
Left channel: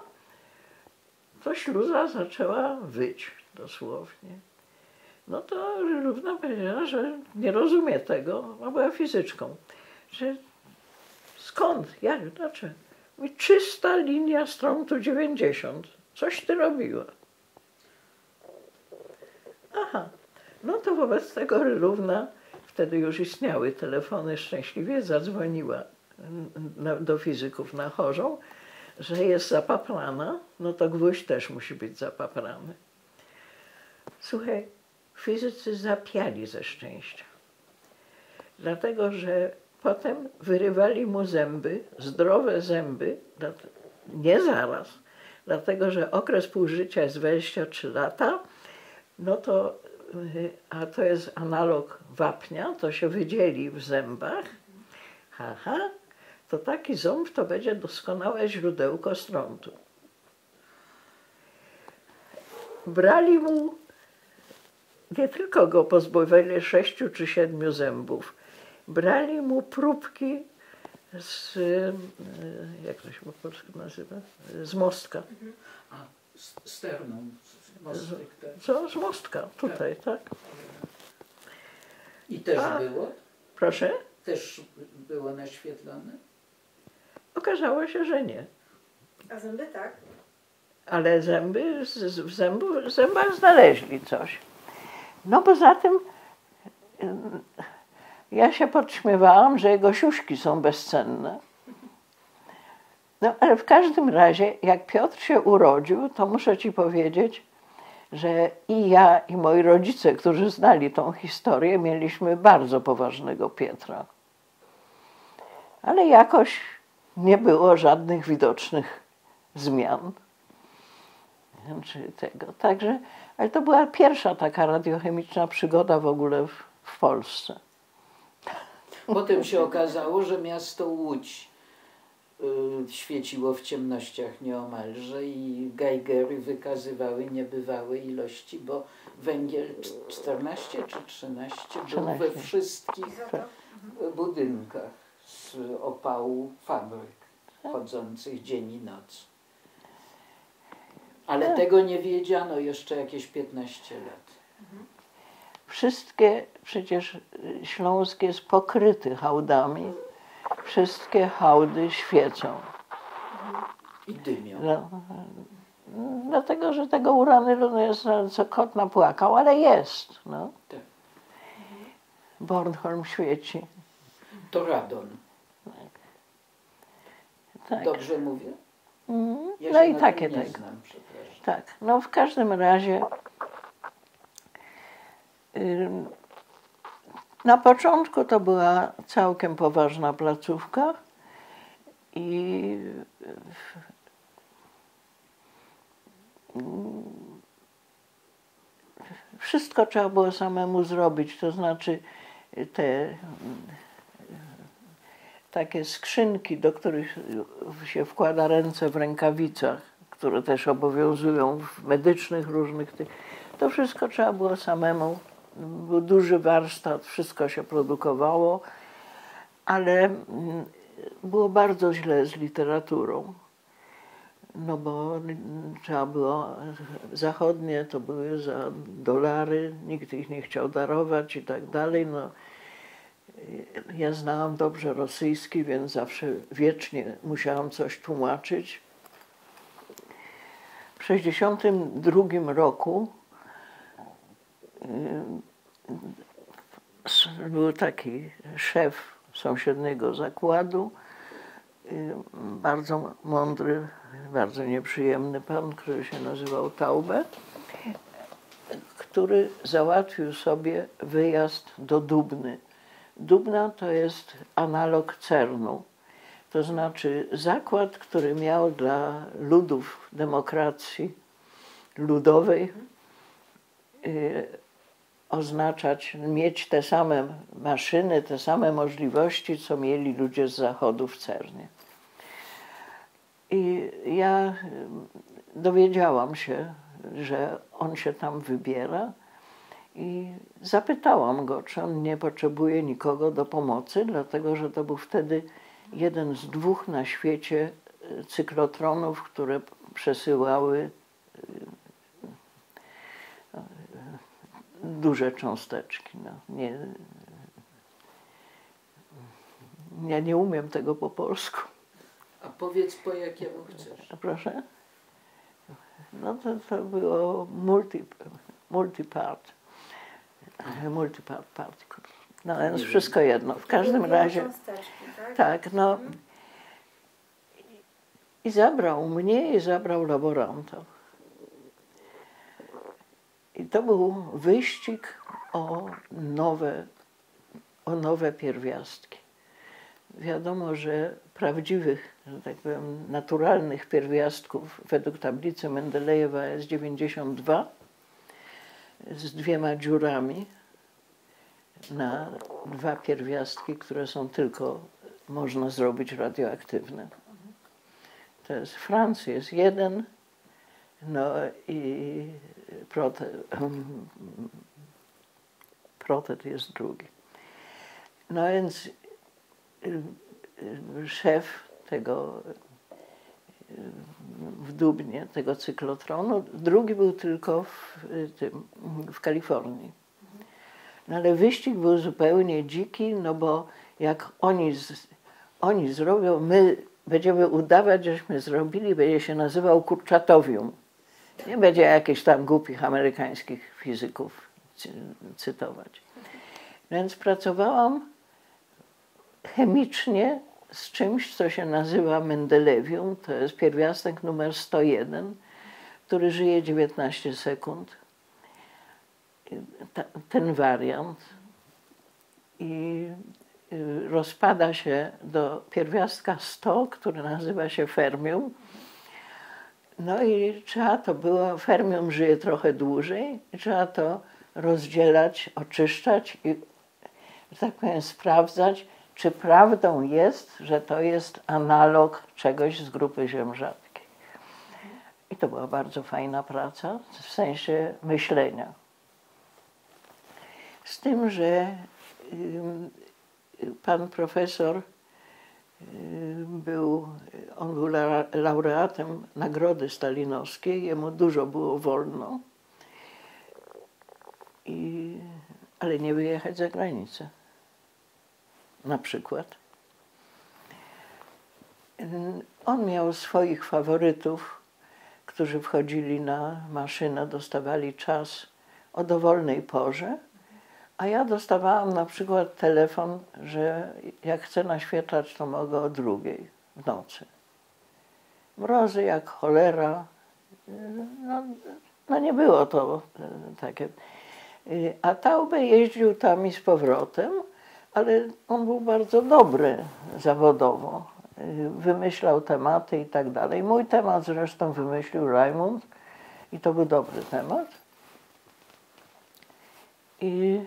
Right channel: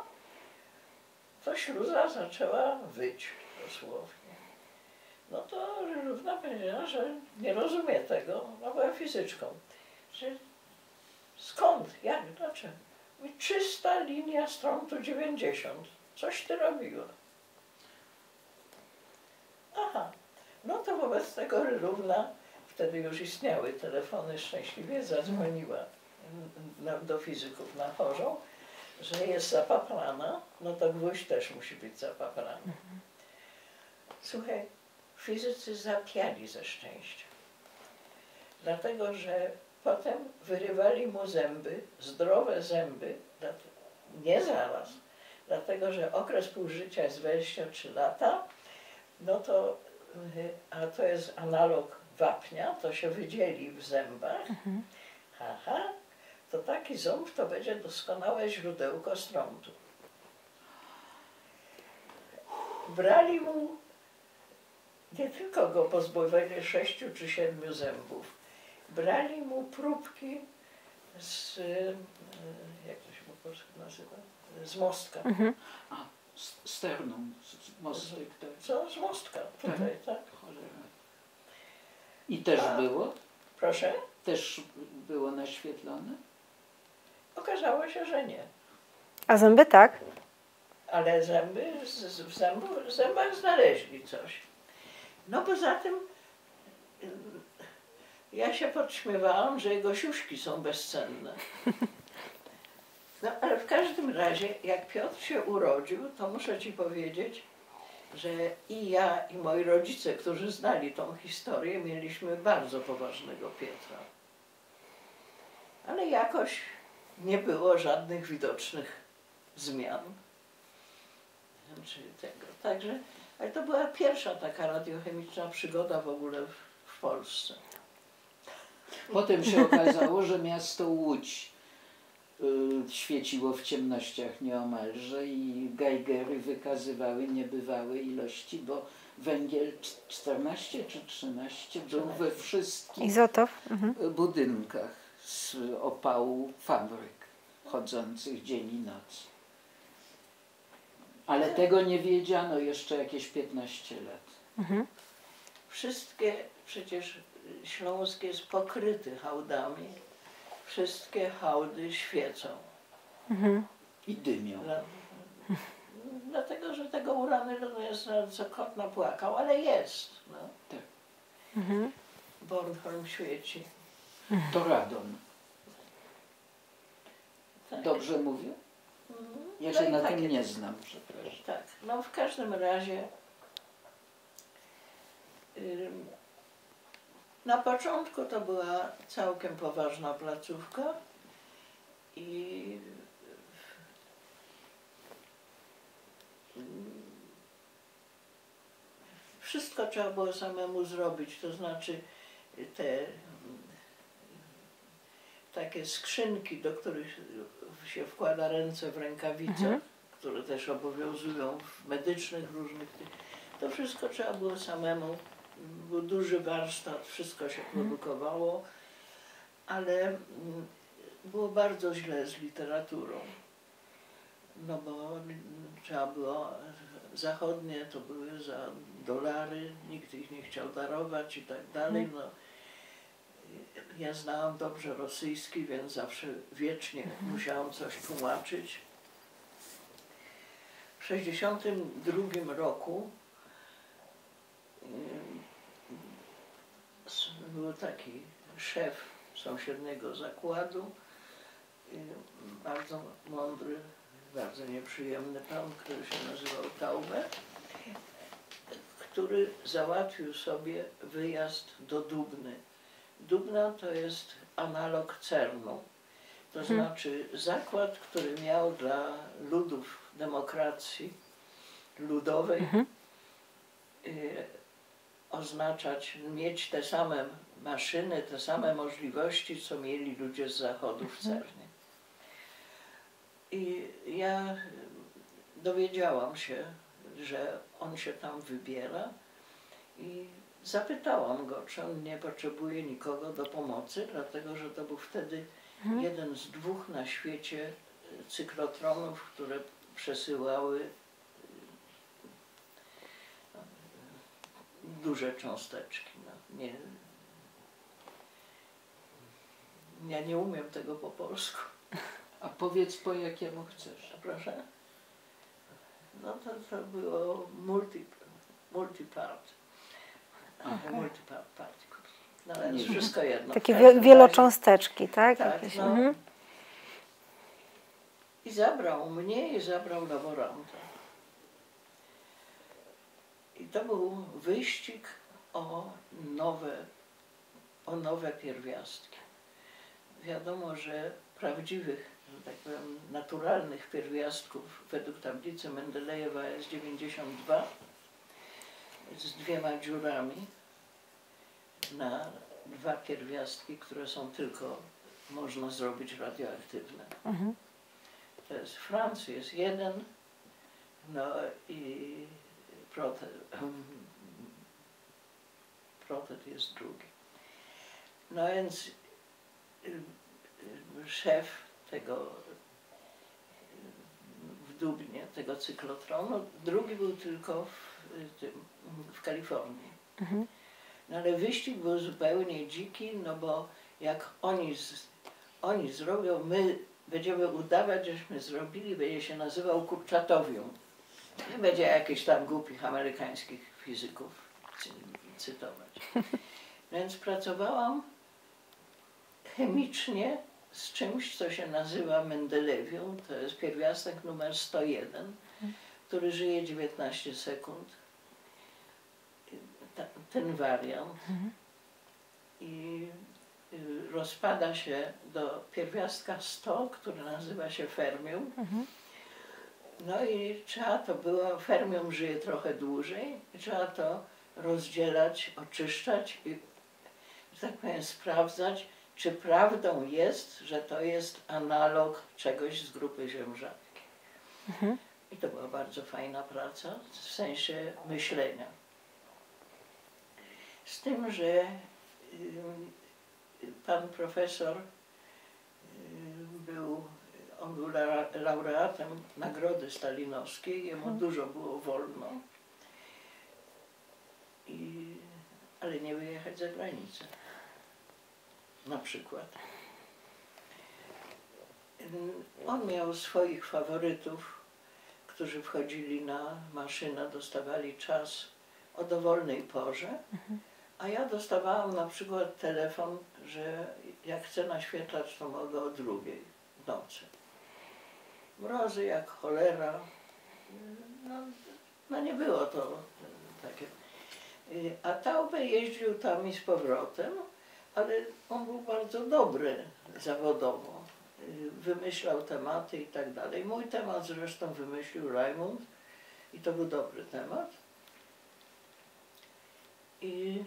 to śluza zaczęła wyć dosłownie. No to Równa powiedziała, że nie rozumie tego, a była fizyczką, że skąd, jak, dlaczego? Mówi, czysta linia strątu 90, coś ty robiła. Aha, no to wobec tego Równa, wtedy już istniały telefony, szczęśliwie zadzwoniła do fizyków na Chorzą, że jest zapaprana, no to Gwóźdź też musi być zapaprany. Słuchaj, fizycy zapiali ze szczęścia, dlatego że potem wyrywali mu zęby, zdrowe zęby, nie zaraz, dlatego że okres półżycia jest 23 lata, no to, a to jest analog wapnia, to się wydzieli w zębach. Aha, to taki ząb to będzie doskonałe źródełko strątu. Brali mu, nie tylko go pozbawili 6 czy 7 zębów, brali mu próbki z, jak to się po polsku nazywa, z mostka. A, sternum, mostek, tak. Co? Z mostka, tutaj, tak. I też było? Proszę? Też było naświetlone? Okazało się, że nie. A zęby tak? Ale zęby, w zębach znaleźli coś. No poza tym ja się podśmiewałam, że jego siuśki są bezcenne. No ale w każdym razie, jak Piotr się urodził, to muszę ci powiedzieć, że i ja, i moi rodzice, którzy znali tą historię, mieliśmy bardzo poważnego Pietra. Ale jakoś nie było żadnych widocznych zmian. Czy tego. Także, ale to była pierwsza taka radiochemiczna przygoda w ogóle w Polsce. Potem się okazało, że miasto Łódź świeciło w ciemnościach nieomalże i geigery wykazywały niebywałe ilości, bo węgiel 14 czy 13 był we wszystkich Izotop. budynkach z opału fabryk chodzących dzień i noc. Ale tego nie wiedziano jeszcze jakieś 15 lat. Wszystkie przecież Śląsk jest pokryty hałdami. Wszystkie hałdy świecą. I dymią. No, dlatego, że tego uranu jest, co kot napłakał, ale jest. No. Tak. Bornholm świeci. To radon. Tak. Dobrze mówię? Ja No się i na takie tym nie tego. znam, przepraszam. Tak, no w każdym razie na początku to była całkiem poważna placówka i wszystko trzeba było samemu zrobić, to znaczy te takie skrzynki, do których się wkłada ręce w rękawicach, które też obowiązują w medycznych różnych tych, to wszystko trzeba było samemu. Był duży warsztat, wszystko się produkowało, ale było bardzo źle z literaturą. No bo trzeba było, zachodnie to były za dolary, nikt ich nie chciał darować i tak dalej. No, ja znałam dobrze rosyjski, więc zawsze wiecznie musiałam coś tłumaczyć. W 1962 roku był taki szef sąsiedniego zakładu, bardzo mądry, bardzo nieprzyjemny pan, który się nazywał Taube, który załatwił sobie wyjazd do Dubny. Dubna to jest analog CERN-u, to znaczy zakład, który miał dla ludów demokracji ludowej oznaczać, mieć te same maszyny, te same możliwości, co mieli ludzie z Zachodu w CERN-ie. I ja dowiedziałam się, że on się tam wybiera i zapytałam go, czy on nie potrzebuje nikogo do pomocy, dlatego że to był wtedy jeden z 2 na świecie cyklotronów, które przesyłały duże cząsteczki. No, ja nie umiem tego po polsku. A powiedz, po jakiemu chcesz. Proszę? No to było multipart particle. No więc wszystko jedno. Takie wielocząsteczki, tak? Tak, no. I zabrał mnie i zabrał laboranta. I to był wyścig o nowe pierwiastki. Wiadomo, że prawdziwych, że tak powiem, naturalnych pierwiastków według tablicy Mendelejewa jest 92 z 2 dziurami na 2 pierwiastki, które są tylko można zrobić radioaktywne. To jest Franc jest 1, no i protet jest 2. No więc szef tego w Dubnie, tego cyklotronu, drugi był tylko w Kalifornii. No ale wyścig był zupełnie dziki, no bo jak oni zrobią, my będziemy udawać, żeśmy zrobili, będzie się nazywał kurczatowium. Nie będzie jakichś tam głupich amerykańskich fizyków cytować. Więc pracowałam chemicznie z czymś, co się nazywa Mendelewium. To jest pierwiastek numer 101, który żyje 19 sekund. Ten wariant. I rozpada się do pierwiastka 100, który nazywa się fermium. No i trzeba to było, fermium żyje trochę dłużej, i trzeba to rozdzielać, oczyszczać i, że tak powiem, sprawdzać, czy prawdą jest, że to jest analog czegoś z grupy ziem rzadkich. I to była bardzo fajna praca, w sensie myślenia. Z tym, że pan profesor on był laureatem Nagrody Stalinowskiej, jemu dużo było wolno, ale nie wyjechać za granicę. Na przykład. On miał swoich faworytów, którzy wchodzili na maszynę, dostawali czas o dowolnej porze, a ja dostawałam na przykład telefon, że jak chcę naświetlać, to mogę o 2:00 w nocy. Mrozy jak cholera. No nie było to takie. A Taube jeździł tam i z powrotem, ale on był bardzo dobry zawodowo. Wymyślał tematy i tak dalej. Mój temat zresztą wymyślił Raimund i to był dobry temat. I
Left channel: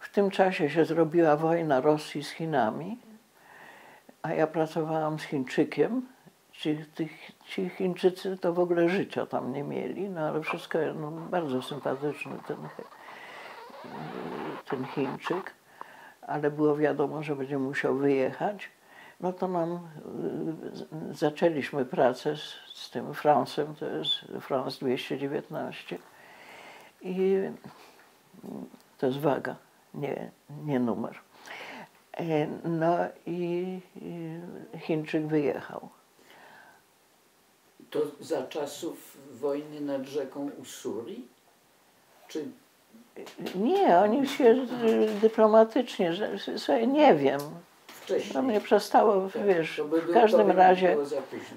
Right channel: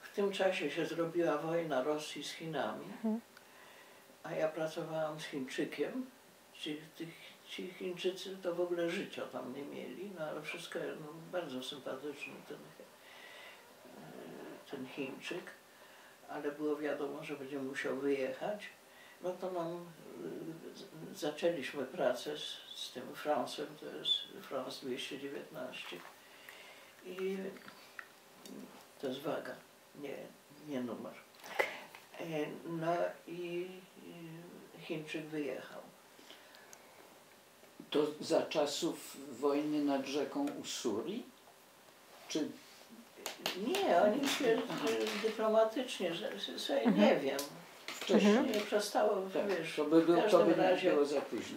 w tym czasie się zrobiła wojna Rosji z Chinami, a ja pracowałam z Chińczykiem. Ci Chińczycy to w ogóle życia tam nie mieli, no ale wszystko, no, bardzo sympatyczny ten Chińczyk, ale było wiadomo, że będzie musiał wyjechać. No to zaczęliśmy pracę z tym Francem, to jest France 219 i to jest waga, nie numer. No i Chińczyk wyjechał. To za czasów wojny nad rzeką Ussuri? Czy... Nie, oni się dyplomatycznie, sobie nie wiem. Wcześniej. To mnie przestało, wiesz, To by w każdym razie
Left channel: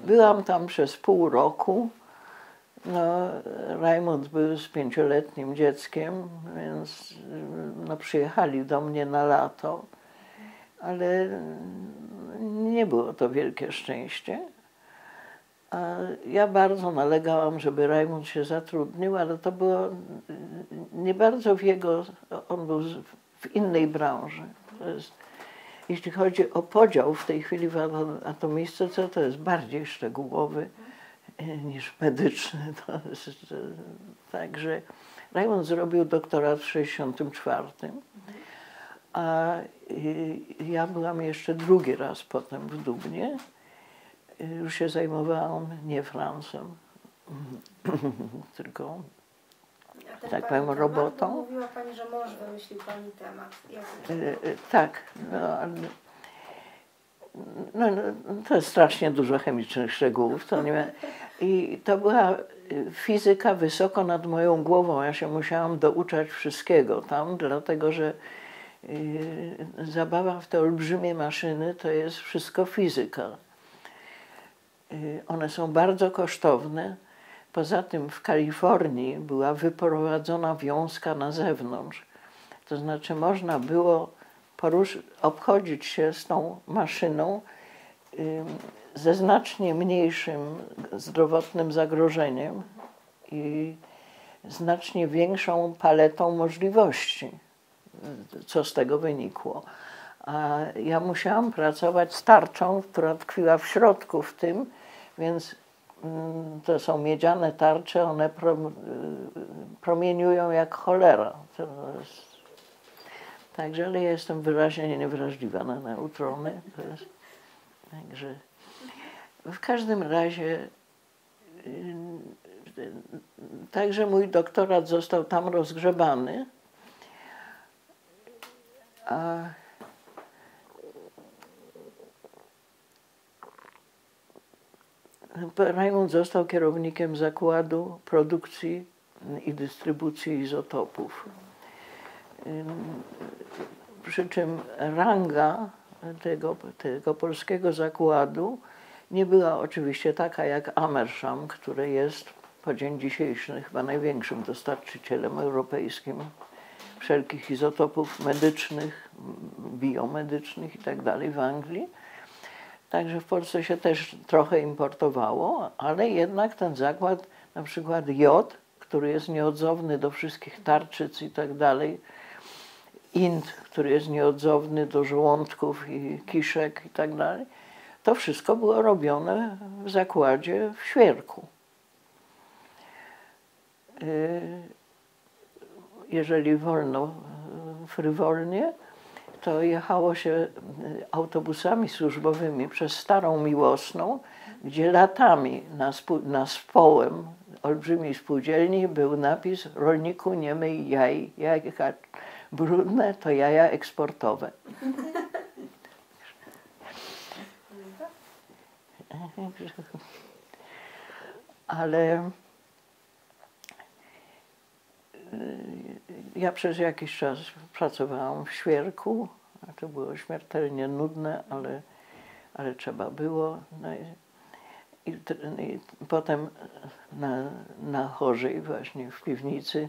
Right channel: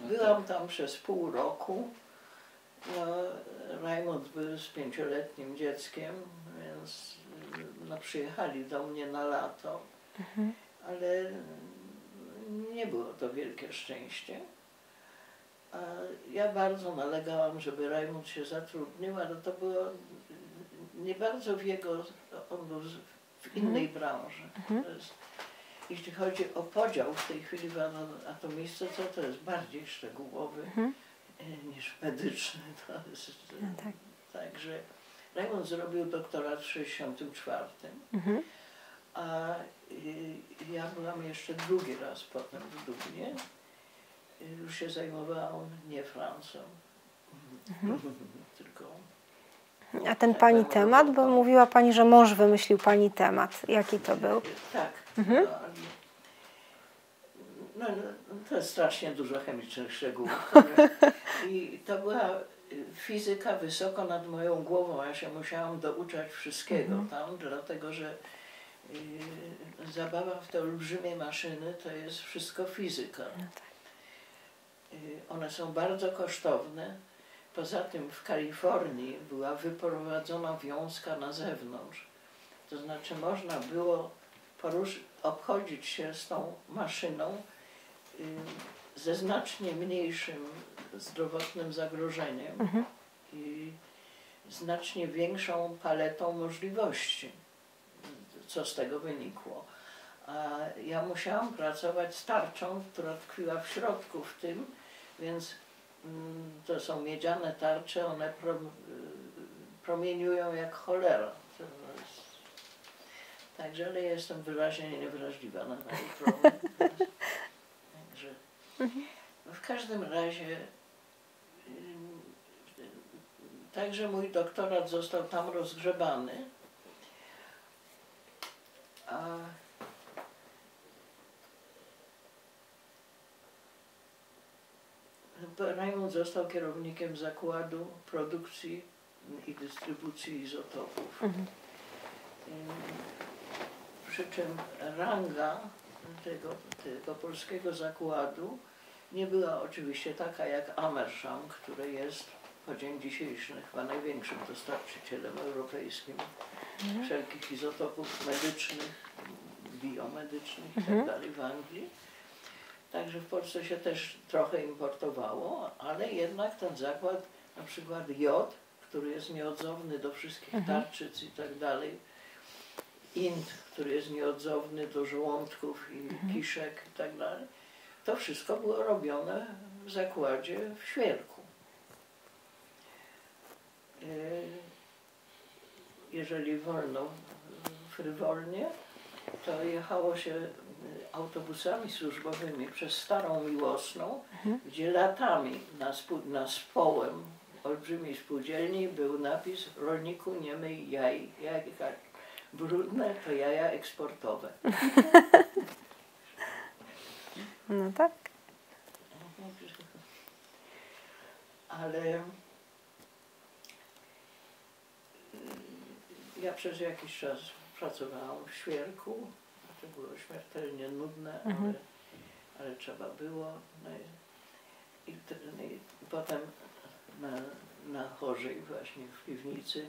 byłam tam przez pół roku. No, Raimund był z 5-letnim dzieckiem, więc no, przyjechali do mnie na lato, ale nie było to wielkie szczęście. A ja bardzo nalegałam, żeby Raimund się zatrudnił, ale to było nie bardzo w jego, on był w innej branży. Jeśli chodzi o podział w tej chwili w atomistyce, to jest bardziej szczegółowy niż medyczny. Także Raimund zrobił doktorat w 1964, a ja byłam jeszcze drugi raz potem w Dubnie. Już się zajmowałam nie Francem, tylko... A ten tak pani powiem, temat, robotą. bo mówiła pani, że mąż wymyślił pani temat. Jaki to był? Tak. No, to jest strasznie dużo chemicznych szczegółów. To nie... I to była fizyka wysoko nad moją głową. Ja się musiałam douczać wszystkiego tam, dlatego że zabawa w te olbrzymie maszyny to jest wszystko fizyka. One są bardzo kosztowne. Poza tym w Kalifornii była wyprowadzona wiązka na zewnątrz. To znaczy można było obchodzić się z tą maszyną ze znacznie mniejszym zdrowotnym zagrożeniem i znacznie większą paletą możliwości, co z tego wynikło. A ja musiałam pracować z tarczą, która tkwiła w środku w tym, więc to są miedziane tarcze, one promieniują jak cholera. Także, ale ja jestem wyraźnie niewrażliwa na neutrony. Także w każdym razie także mój doktorat został tam rozgrzebany, a Raimund został kierownikiem zakładu produkcji i dystrybucji izotopów. Przy czym ranga tego polskiego zakładu nie była oczywiście taka jak Amersham, który jest po dzień dzisiejszy chyba największym dostarczycielem europejskim wszelkich izotopów medycznych, biomedycznych i tak dalej w Anglii. Także w Polsce się też trochę importowało, ale jednak ten zakład, na przykład jod, który jest nieodzowny do wszystkich tarczyc i tak dalej, int, który jest nieodzowny do żołądków i kiszek i tak dalej, to wszystko było robione w zakładzie w Świerku. Jeżeli wolno, frywolnie, to jechało się autobusami służbowymi przez Starą Miłosną, gdzie latami na społem olbrzymiej spółdzielni był napis: rolniku nie myj jaj, jajka brudne to jaja eksportowe. No tak. Ale ja przez jakiś czas pracowałam w Świerku, a to było śmiertelnie nudne, ale trzeba było. No i potem na Chorzej właśnie w piwnicy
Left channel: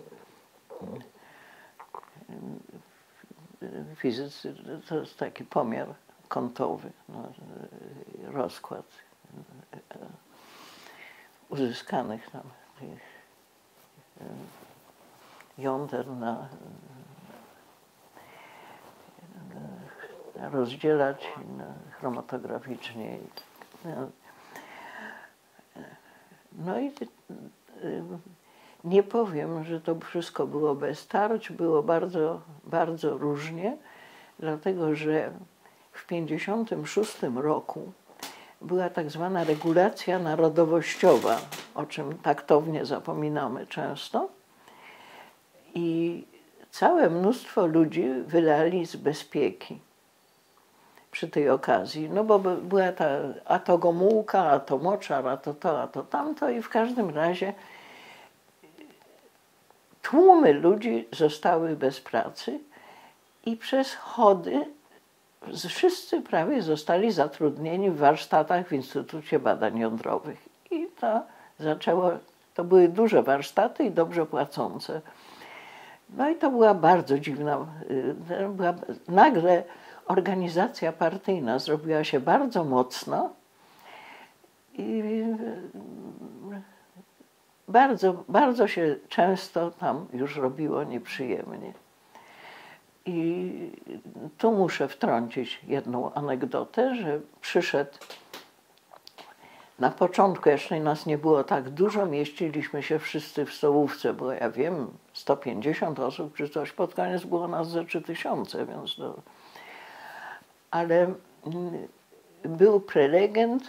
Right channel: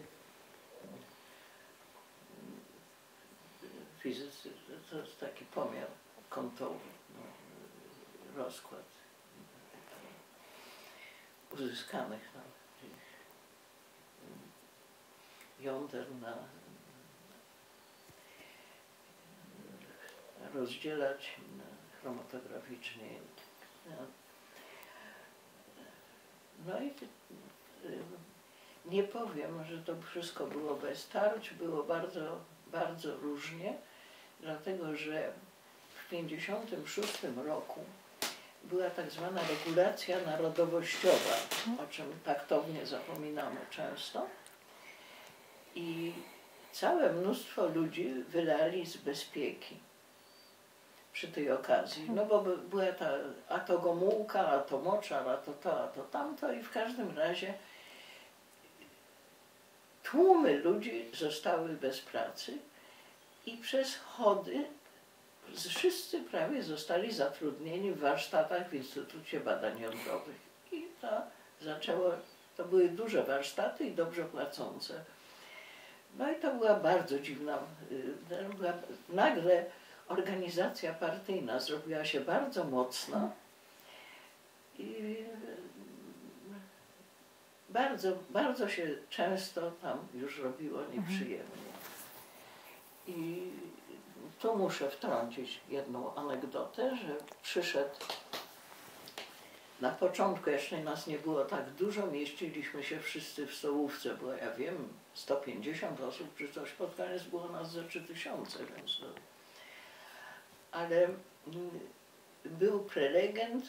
fizycy to jest taki pomiar kątowy, no, rozkład uzyskanych tam jąder rozdzielać chromatograficznie. No i nie powiem, że to wszystko było bez tarć, było bardzo, bardzo różnie, dlatego że w 1956 roku była tak zwana regulacja narodowościowa, o czym taktownie zapominamy często. I całe mnóstwo ludzi wylali z bezpieki przy tej okazji. No bo była a to Gomułka, a to Moczar, a to tamto i w każdym razie tłumy ludzi zostały bez pracy i przez chody wszyscy prawie zostali zatrudnieni w warsztatach w Instytucie Badań Jądrowych. I to były duże warsztaty i dobrze płacące. No i to była bardzo dziwna, nagle organizacja partyjna zrobiła się bardzo mocna i bardzo, bardzo się często tam już robiło nieprzyjemnie. I tu muszę wtrącić jedną anegdotę, że przyszedł na początku, jeszcze nas nie było tak dużo, mieściliśmy się wszyscy w stołówce, bo ja wiem, 150 osób czy coś, pod koniec było nas ze 3000, więc to... Ale był prelegent,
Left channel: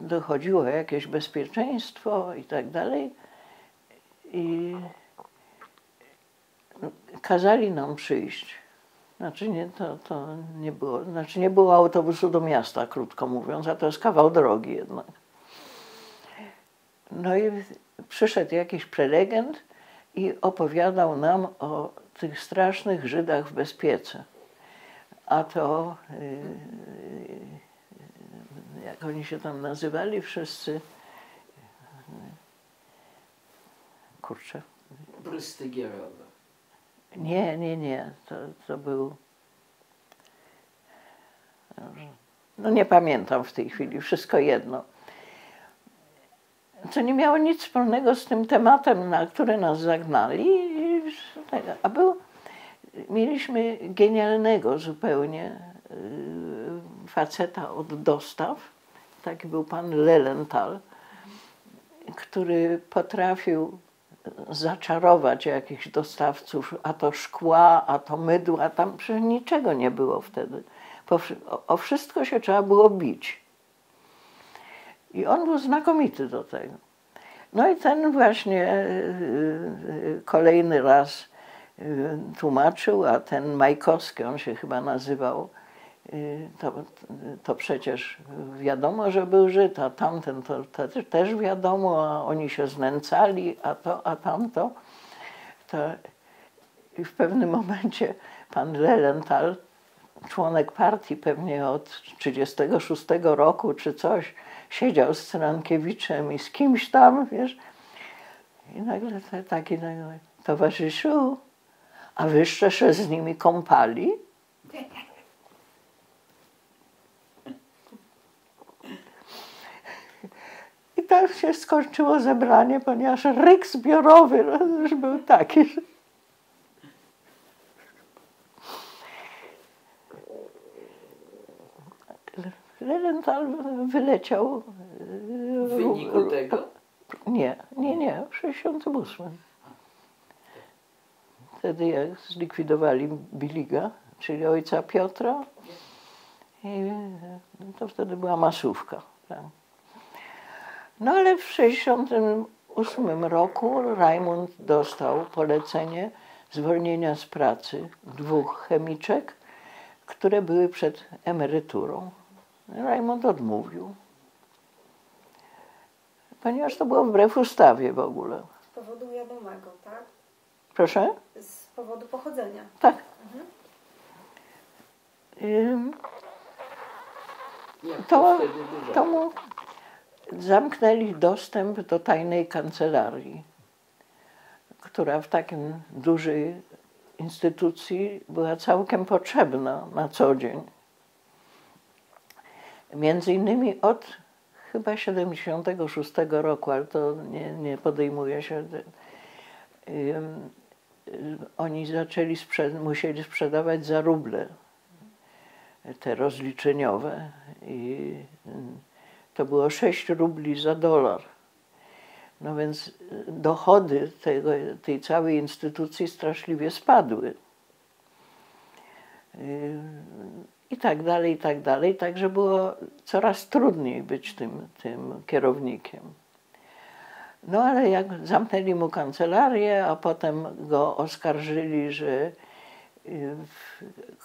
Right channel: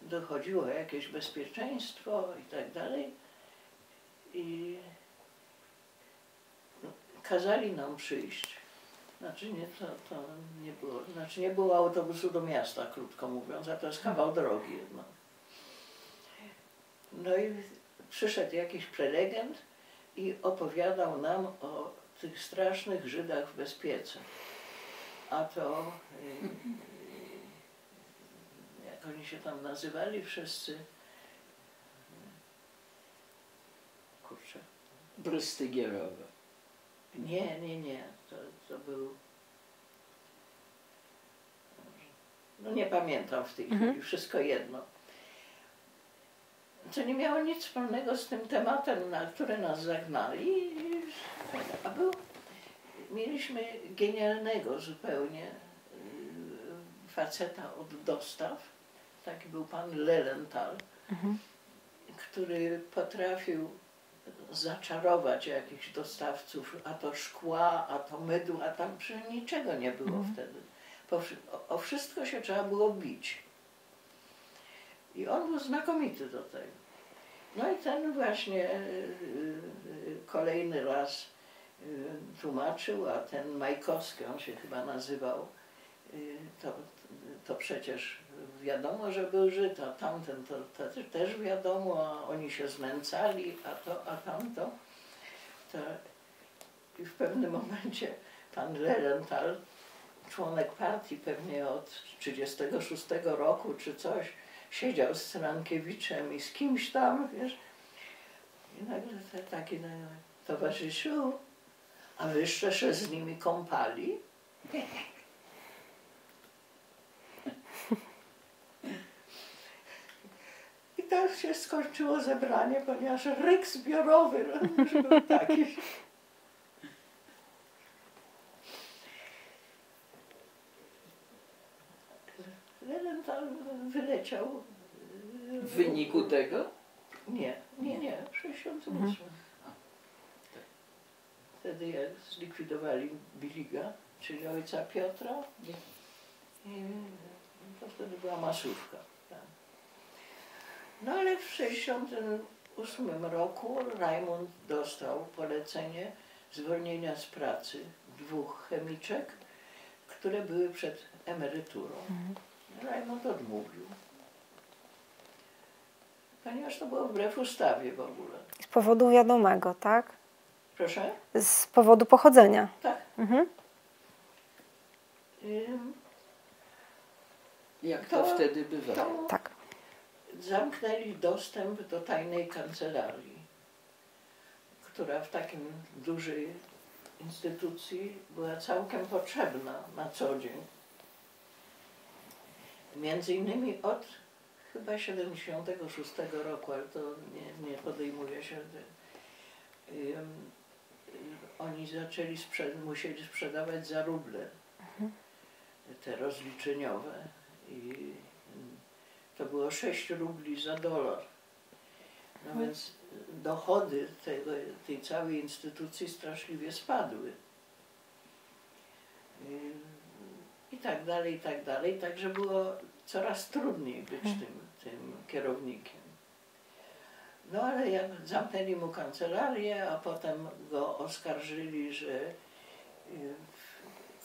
dochodziło o jakieś bezpieczeństwo i tak dalej i kazali nam przyjść. Znaczy to nie było, znaczy nie było autobusu do miasta, krótko mówiąc, a to jest kawał drogi jednak. No i przyszedł jakiś prelegent i opowiadał nam o tych strasznych Żydach w Bezpiece. A to, jak oni się tam nazywali wszyscy, kurczę. Brystygierowe. Nie, to był, no nie pamiętam w tej chwili, wszystko jedno. Co nie miało nic wspólnego z tym tematem, na który nas zagnali. Mieliśmy genialnego zupełnie faceta od dostaw, taki był pan Lelenthal, który potrafił zaczarować jakichś dostawców, a to szkła, a to mydła, tam przecież niczego nie było wtedy. O wszystko się trzeba było bić. I on był znakomity do tego. No i ten właśnie kolejny raz tłumaczył, a ten Majkowski, on się chyba nazywał, to przecież wiadomo, że był Żyd, a tamten to też wiadomo, a oni się znęcali, a to, a tamto. I w pewnym momencie pan Lelenthal, członek partii pewnie od 1936 roku czy coś, siedział z Cyrankiewiczem i z kimś tam, wiesz, i nagle taki towarzyszu, A wyście się z nimi kąpali? I tak się skończyło zebranie, ponieważ ryk zbiorowy już był taki. Lewenthal wyleciał. W wyniku tego? Nie, w 68. Wtedy jak zlikwidowali Biliga, czyli ojca Piotra, i to wtedy była masówka. Tak. No ale w 68 roku Rajmund dostał polecenie zwolnienia z pracy 2 chemiczek, które były przed emeryturą. Rajmund odmówił. Ponieważ to było wbrew ustawie w ogóle. Z powodu wiadomego, tak? Proszę? Z powodu pochodzenia. Tak. Jak to wtedy bywało? Tak. Zamknęli dostęp do tajnej kancelarii, która w takim dużej instytucji była całkiem potrzebna na co dzień. Między innymi od chyba 76 roku, ale to nie podejmuje się. Oni zaczęli musieli sprzedawać za ruble te rozliczeniowe i to było 6 rubli za $1. No więc dochody tej całej instytucji straszliwie spadły. I tak dalej, także było coraz trudniej być tym kierownikiem. No ale jak zamknęli mu kancelarię, a potem go oskarżyli, że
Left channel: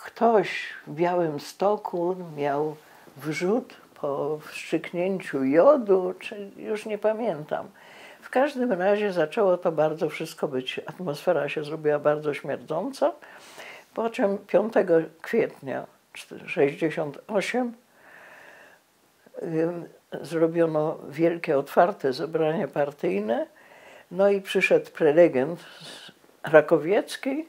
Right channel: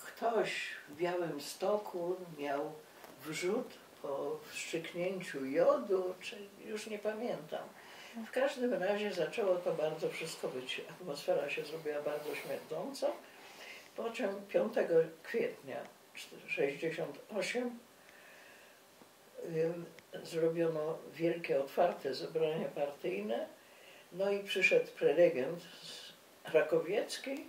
ktoś w Białymstoku miał wrzód po wstrzyknięciu jodu, czy już nie pamiętam. W każdym razie zaczęło to bardzo wszystko być, atmosfera się zrobiła bardzo śmierdząca, po czym 5 kwietnia 1968 zrobiono wielkie, otwarte zebranie partyjne, no i przyszedł prelegent z Rakowieckiej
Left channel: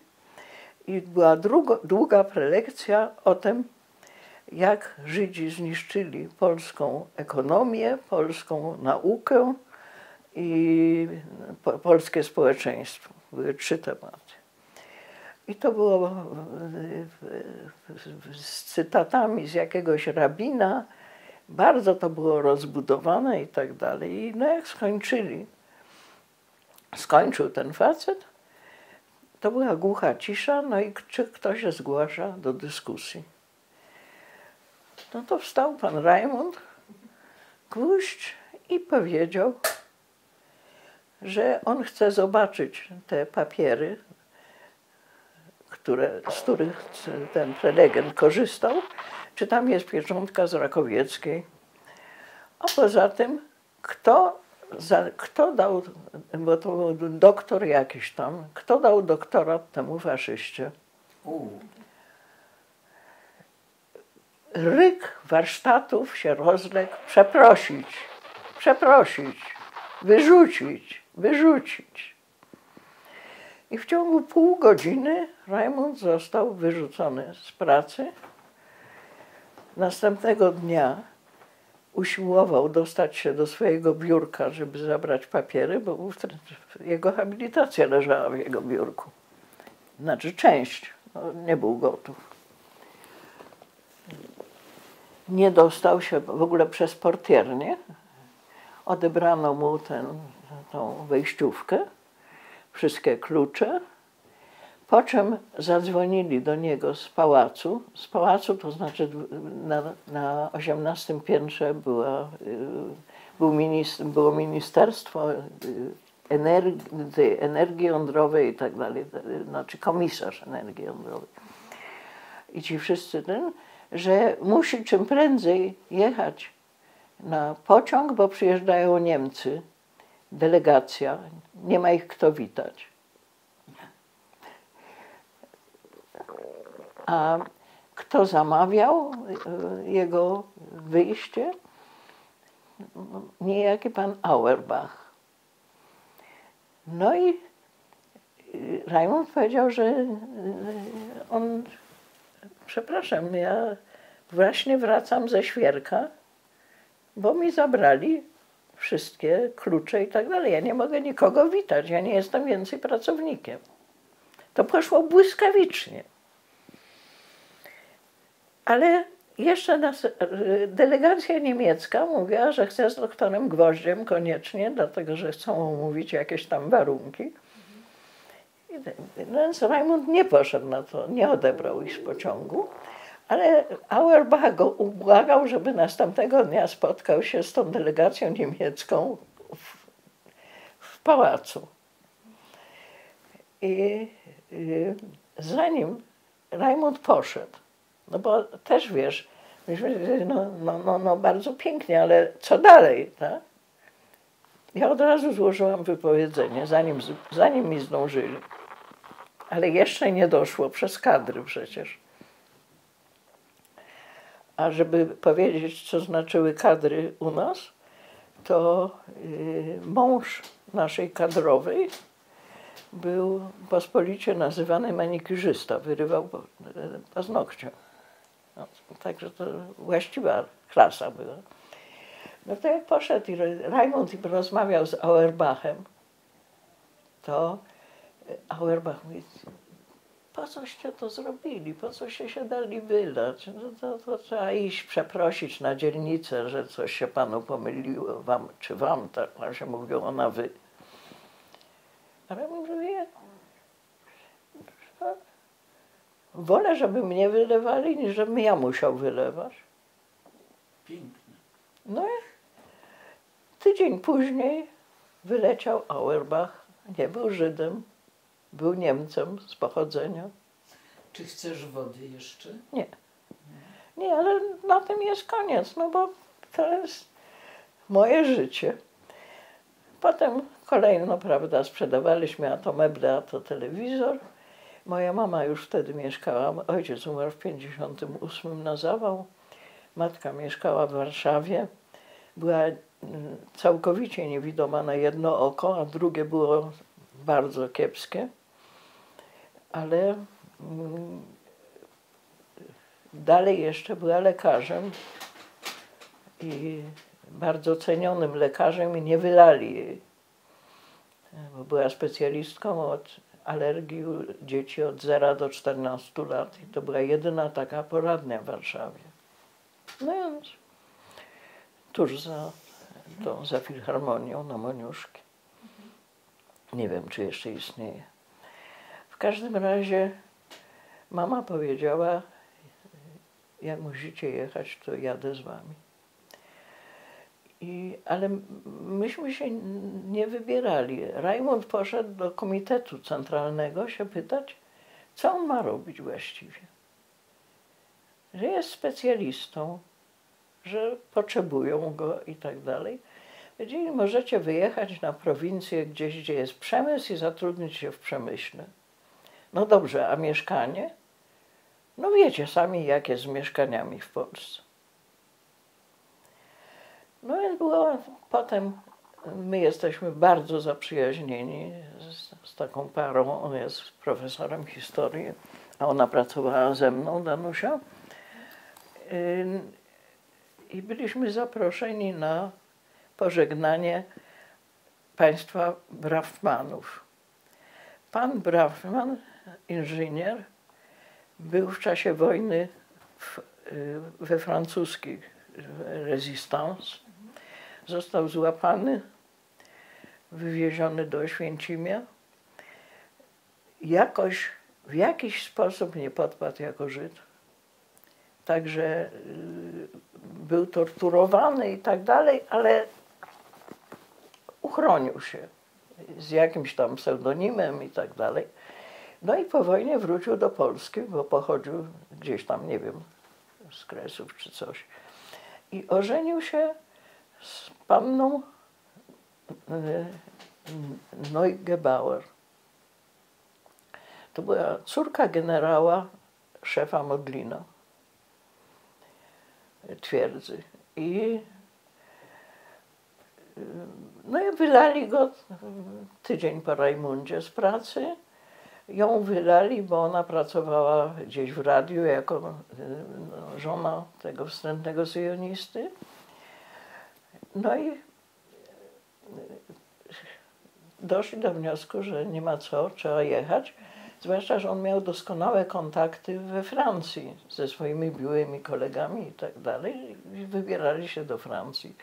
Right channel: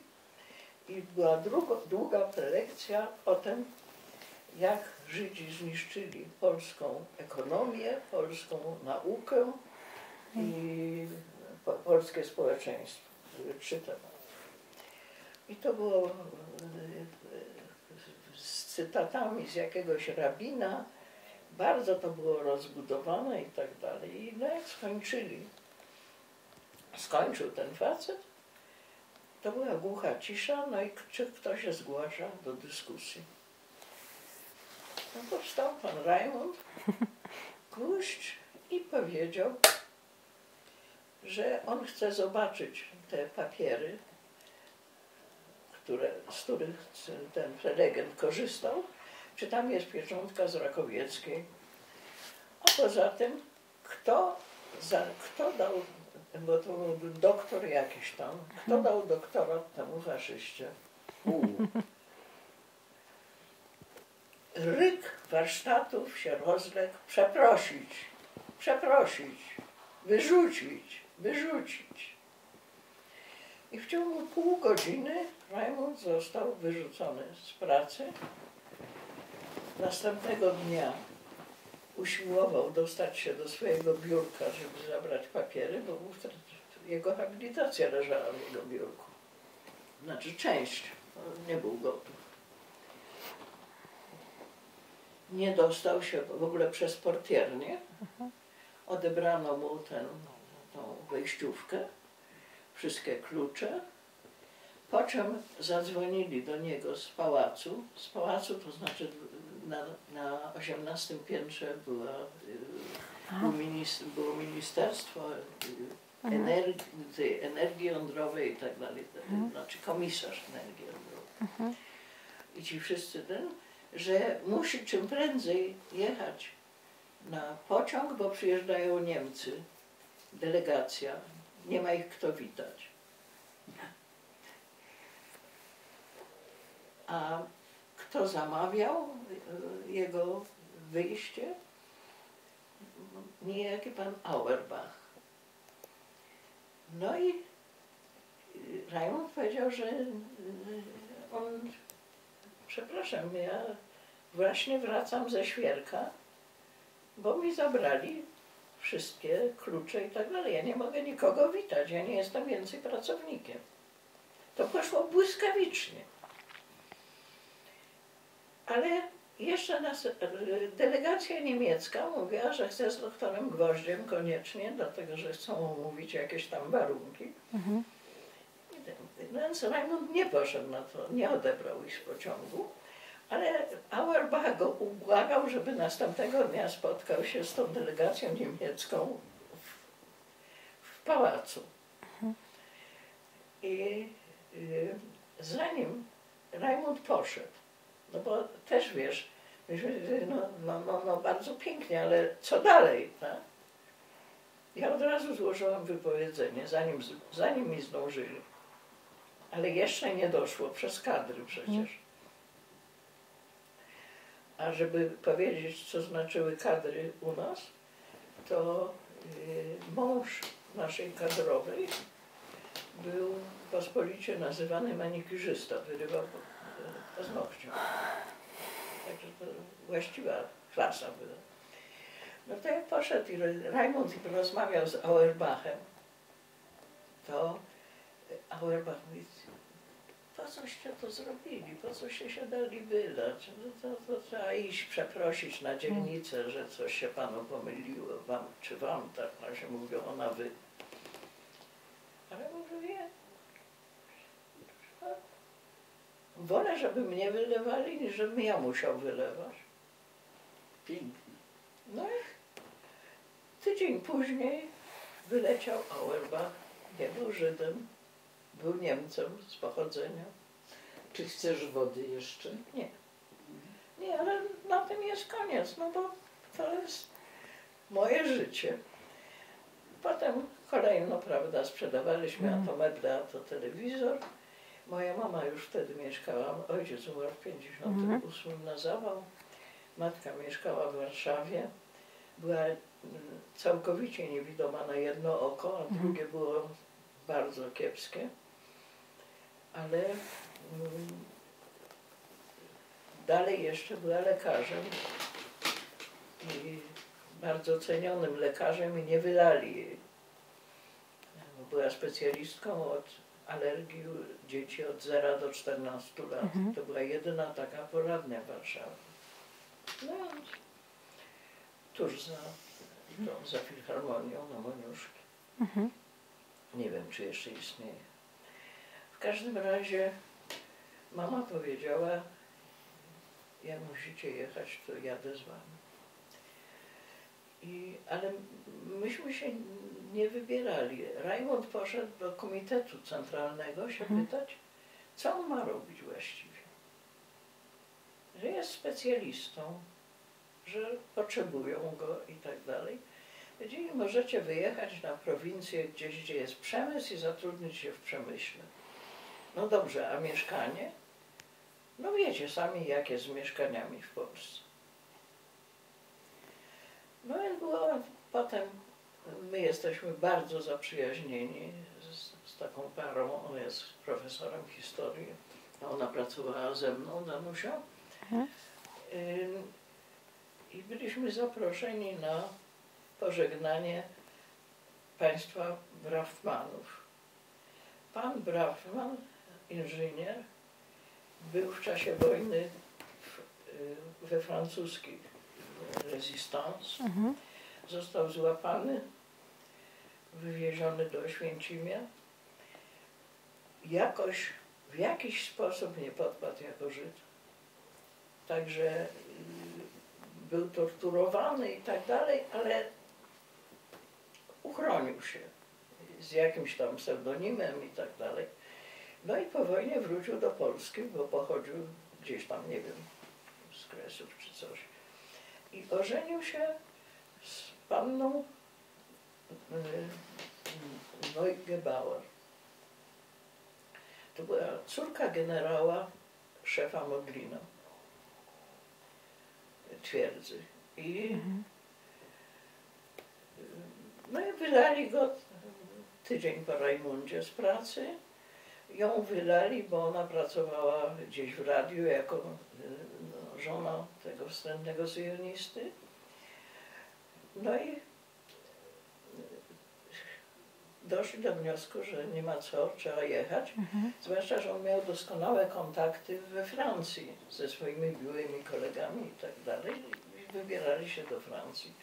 i była długa prelekcja o tym, jak Żydzi zniszczyli polską ekonomię, polską naukę i polskie społeczeństwo. Były 3 tematy. I to było z cytatami z jakiegoś rabina, bardzo to było rozbudowane i tak dalej. I no jak skończył ten facet, to była głucha cisza, no i czy ktoś się zgłasza do dyskusji. No to wstał pan Rajmund, Gwóźdź i powiedział, że on chce zobaczyć te papiery, z których ten prelegent korzystał, czy tam jest pieczątka z Rakowieckiej. A poza tym, kto dał, bo to był doktor jakiś tam, kto dał doktorat temu faszyście? Ryk warsztatów się rozległ, przeprosić, wyrzucić. I w ciągu pół godziny Rajmund został wyrzucony z pracy. Następnego dnia usiłował dostać się do swojego biurka, żeby zabrać papiery, bo jego habilitacja leżała w jego biurku. Znaczy część, nie był gotów. Nie dostał się w ogóle przez portiernię. Odebrano mu tą wejściówkę, wszystkie klucze, po czym zadzwonili do niego z pałacu. Z pałacu to znaczy na 18 piętrze było ministerstwo energii jądrowej i tak dalej, znaczy komisarz energii jądrowej. I ci wszyscy że musi czym prędzej jechać na pociąg, bo przyjeżdżają Niemcy, delegacja, nie ma ich kto witać. A kto zamawiał jego wyjście? Niejaki pan Auerbach. No i Rajmund powiedział, że on, przepraszam, ja właśnie wracam ze świerka, bo mi zabrali wszystkie klucze i tak dalej. Ja nie mogę nikogo witać, ja nie jestem więcej pracownikiem. To poszło błyskawicznie. Ale jeszcze delegacja niemiecka mówiła, że chce z doktorem Gwoździem koniecznie, dlatego że chcą omówić jakieś tam warunki. Więc Rajmund nie poszedł na to, nie odebrał ich z pociągu, ale Auerbach go ubłagał, żeby następnego dnia spotkał się z tą delegacją niemiecką w pałacu. I zanim Rajmund poszedł, no bo też wiesz, no bardzo pięknie, ale co dalej, tak? Ja od razu złożyłam wypowiedzenie, zanim mi zdążyli. Ale jeszcze nie doszło, przez kadry przecież. A żeby powiedzieć, co znaczyły kadry u nas, to mąż naszej kadrowej był pospolicie nazywany manikurzysta, wyrywał paznokcia. No, także to właściwa klasa była. No to jak poszedł i Rajmund rozmawiał z Auerbachem, to Auerbach mówi, po coście to zrobili, po coście się dali wydać, no to trzeba iść przeprosić na dzielnicę, że coś się panu pomyliło, wam, czy wam, tak nam się mówiło na wy. Ale mówię, wolę, żeby mnie wylewali, niż żebym ja musiał wylewać. Pięknie. No i tydzień później wyleciał Auerbach, nie był Żydem, był Niemcem z pochodzenia. Czy chcesz wody jeszcze? Nie. Nie, ale na tym jest koniec, no bo to jest moje życie. Potem kolejno, prawda, sprzedawaliśmy, a to meble, a to telewizor. Moja mama już wtedy mieszkała, ojciec umarł w 1958 na zawał. Matka mieszkała w Warszawie. Była całkowicie niewidoma na jedno oko, a drugie było bardzo kiepskie. Ale dalej jeszcze była lekarzem i bardzo cenionym lekarzem i nie wylali jej, bo była specjalistką od alergii dzieci od 0 do 14 lat. I to była jedyna taka poradnia w Warszawie. No i on tuż za Filharmonią na Moniuszki. Nie wiem, czy jeszcze istnieje. W każdym razie mama powiedziała, jak musicie jechać, to jadę z wami. Ale myśmy się nie wybierali. Rajmund poszedł do Komitetu Centralnego się pytać, co on ma robić właściwie. Że jest specjalistą, że potrzebują go i tak dalej. Powiedzieli, możecie wyjechać na prowincję gdzieś, gdzie jest przemysł i zatrudnić się w przemyśle. No dobrze, a mieszkanie? No wiecie sami, jak jest z mieszkaniami w Polsce. No więc było potem, my jesteśmy bardzo zaprzyjaźnieni z taką parą, on jest profesorem historii, a ona pracowała ze mną, Danusia. I byliśmy zaproszeni na pożegnanie państwa Braffmanów. Pan Braffman, inżynier, był w czasie wojny we francuskich Resistance. Został złapany, wywieziony do Oświęcimia. Jakoś, w jakiś sposób nie podpadł jako Żyd. Także był torturowany i tak dalej, ale uchronił się z jakimś tam pseudonimem i tak dalej. No i po wojnie wrócił do Polski, bo pochodził gdzieś tam, nie wiem, z Kresów czy coś. I ożenił się z panną Neugebauer. To była córka generała, szefa Modlina, twierdzy. No i wylali go tydzień po Rajmundzie z pracy. ją wylali, bo ona pracowała gdzieś w radiu jako żona tego wstrętnego syjonisty. No i doszli do wniosku, że nie ma co, trzeba jechać. Zwłaszcza, że on miał doskonałe kontakty we Francji ze swoimi byłymi kolegami i tak dalej. I wybierali się do Francji.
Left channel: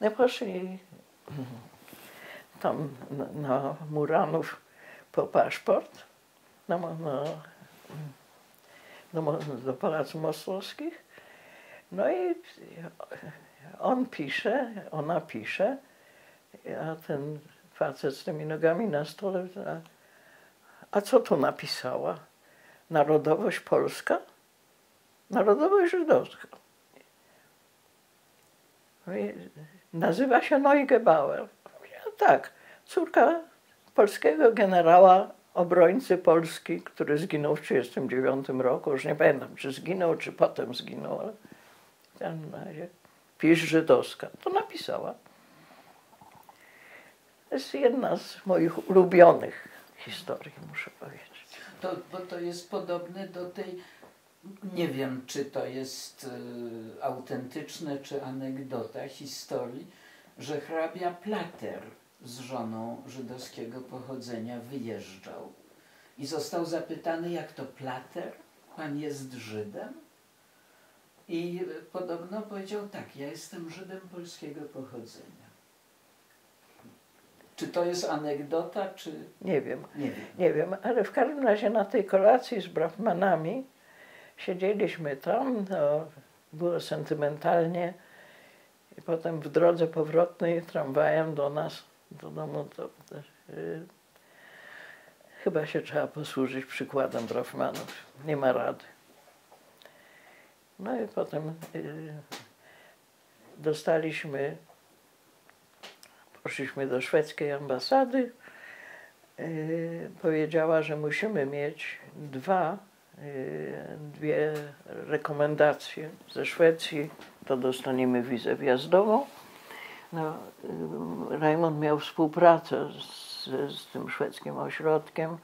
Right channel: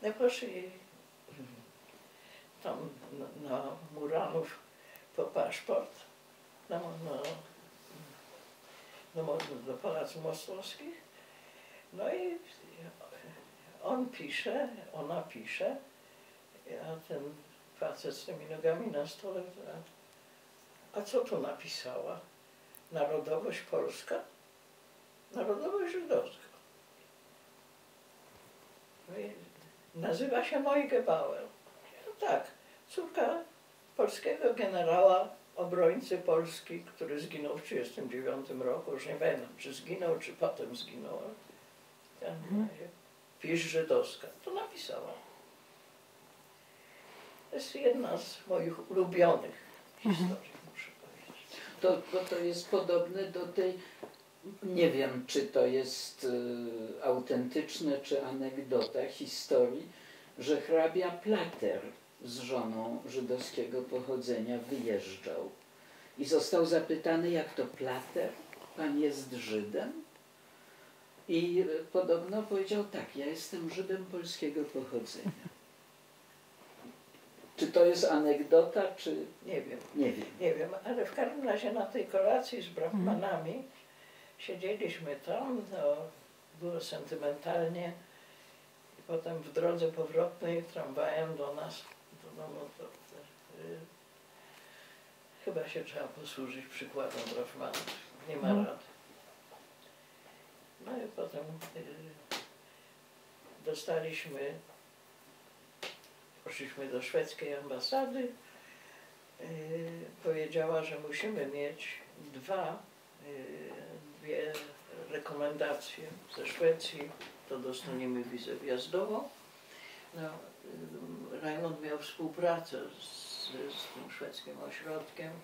No poszli tam na Muranów po paszport, do Pałacu Moskowskich. No i on pisze, ona pisze, a ten facet z tymi nogami na stole, a co tu napisała? Narodowość polska? Narodowość żydowska. Nazywa się Neugebauer. Tak, córka polskiego generała, obrońcy Polski, który zginął w 1939 roku. Już nie pamiętam, czy zginął, czy potem zginął, ale w każdym razie pisz żydowska. To napisała. To jest jedna z moich ulubionych historii, muszę powiedzieć. Bo to jest podobne do tej, nie wiem, czy to jest autentyczne, czy anegdota historii, że hrabia Plater z żoną żydowskiego pochodzenia wyjeżdżał i został zapytany, jak to Plater, pan jest Żydem? I podobno powiedział, tak, ja jestem Żydem polskiego pochodzenia. Czy to jest anegdota, czy... Nie wiem. Nie wiem. Nie wiem, ale w każdym razie na tej kolacji z brahmanami siedzieliśmy tam, to było sentymentalnie i potem w drodze powrotnej tramwajem do nas, do domu, chyba się trzeba posłużyć przykładem brahmanów. Nie ma rady. No i potem poszliśmy do szwedzkiej ambasady. Powiedziała, że musimy mieć dwie rekomendacje ze Szwecji, to dostaniemy wizę wjazdową. No, Rajmund miał współpracę z tym szwedzkim ośrodkiem,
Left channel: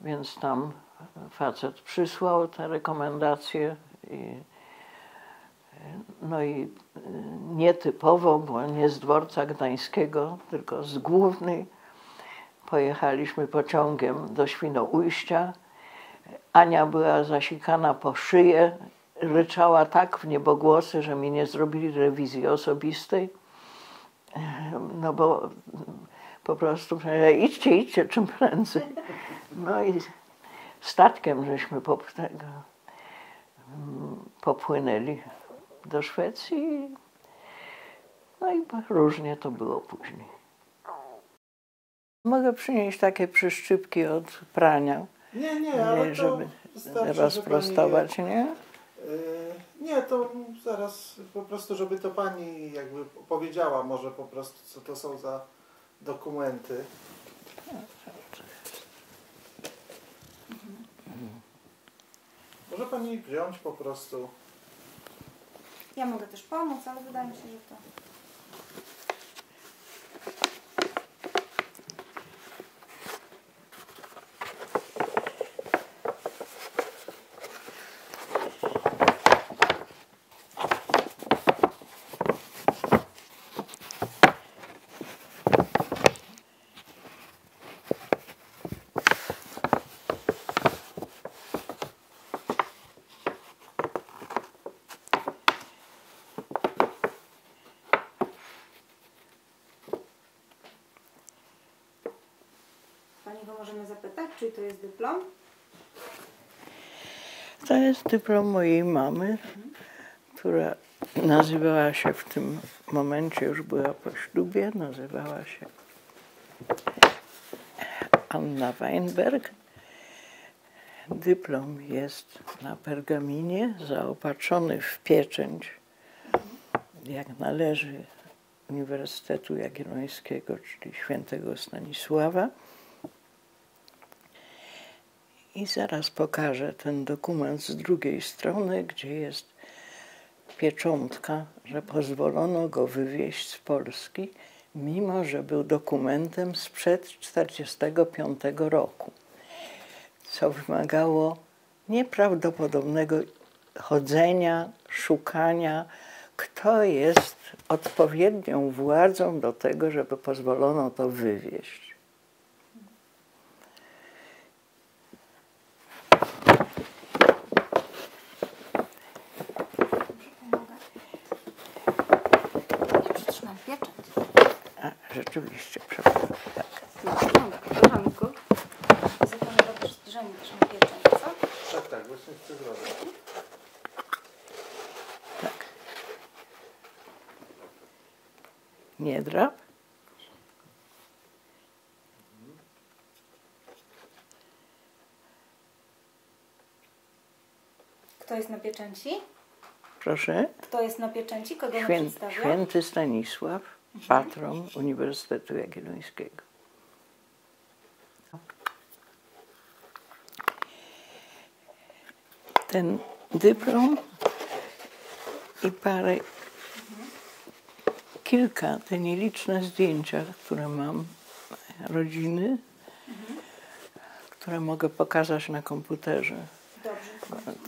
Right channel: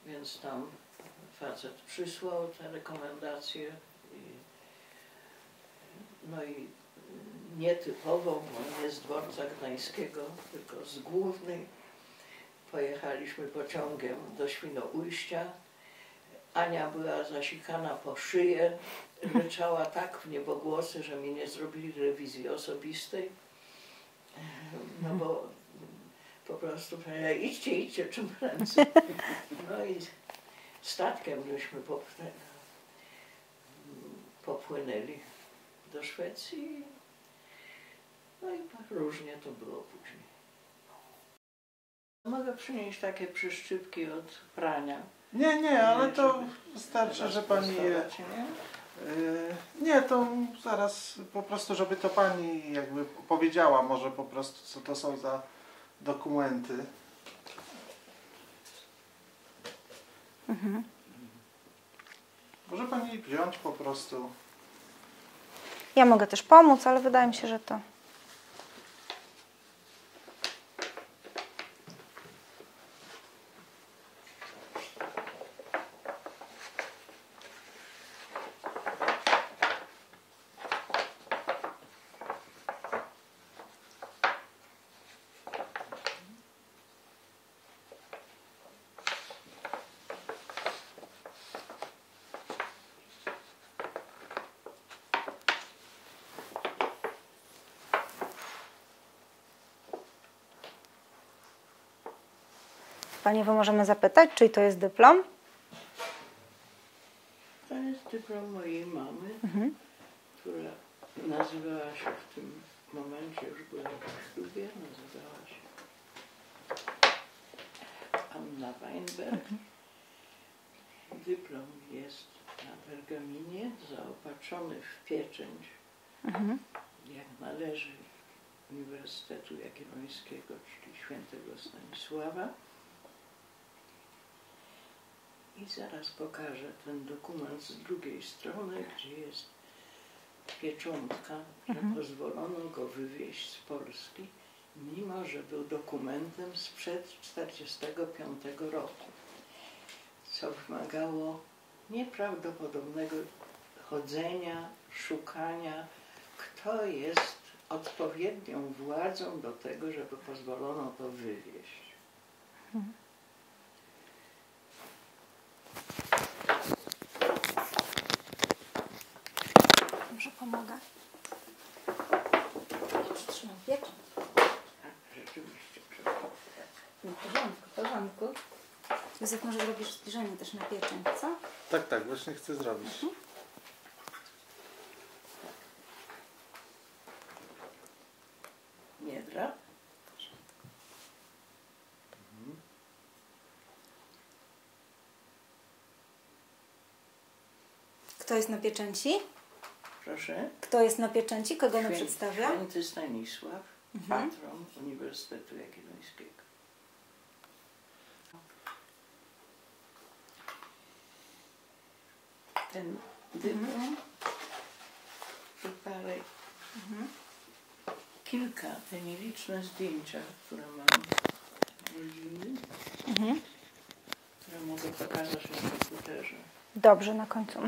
więc tam facet przysłał te rekomendacje. No i nietypowo, bo nie z dworca gdańskiego, tylko z Głównej, pojechaliśmy pociągiem do Świnoujścia. Ania była zasikana po szyję, ryczała tak w niebogłosy, że mi nie zrobili rewizji osobistej. No bo po prostu idźcie czym prędzej. No i statkiem żeśmy popłynęli do Szwecji. No i różnie to było później. Mogę przynieść takie przyszczypki od prania. Nie, ale to wystarczy, rozprostować, że pani nie? Nie, to zaraz po prostu, żeby to pani jakby powiedziała może po prostu, co to są za dokumenty. Może pani wziąć po prostu. Ja mogę też pomóc, ale wydaje mi się, że to... Pani, możemy zapytać, czy to jest dyplom? To jest dyplom mojej mamy, która nazywała się w tym momencie, już była po ślubie, nazywała się Anna Weinberg. Dyplom jest na pergaminie, zaopatrzony w pieczęć, jak należy Uniwersytetu Jagiellońskiego, czyli Świętego Stanisława. I zaraz pokażę ten dokument z drugiej strony, gdzie jest pieczątka, że pozwolono go wywieźć z Polski, mimo że był dokumentem sprzed 1945 roku. co wymagało nieprawdopodobnego chodzenia, szukania, kto jest odpowiednią władzą do tego, żeby pozwolono to wywieźć. Dobrze, pomogę. Trzymam pieczęć. A, rzeczywiście, przepraszam. Tak. Koleżanku. Józef, może robisz zbliżenie też na pieczęć, co? Tak, właśnie chcę zrobić. Tak. Niedra. Kto jest na pieczęci? Proszę. Kto jest na pieczęci? Kogo on przedstawia? Święty Stanisław, patron Uniwersytetu Jagiellońskiego. Ten dyplom i kilka, te nieliczne zdjęcia, które mam, rodziny, które mogę pokazać na komputerze. Dobrze, na końcu.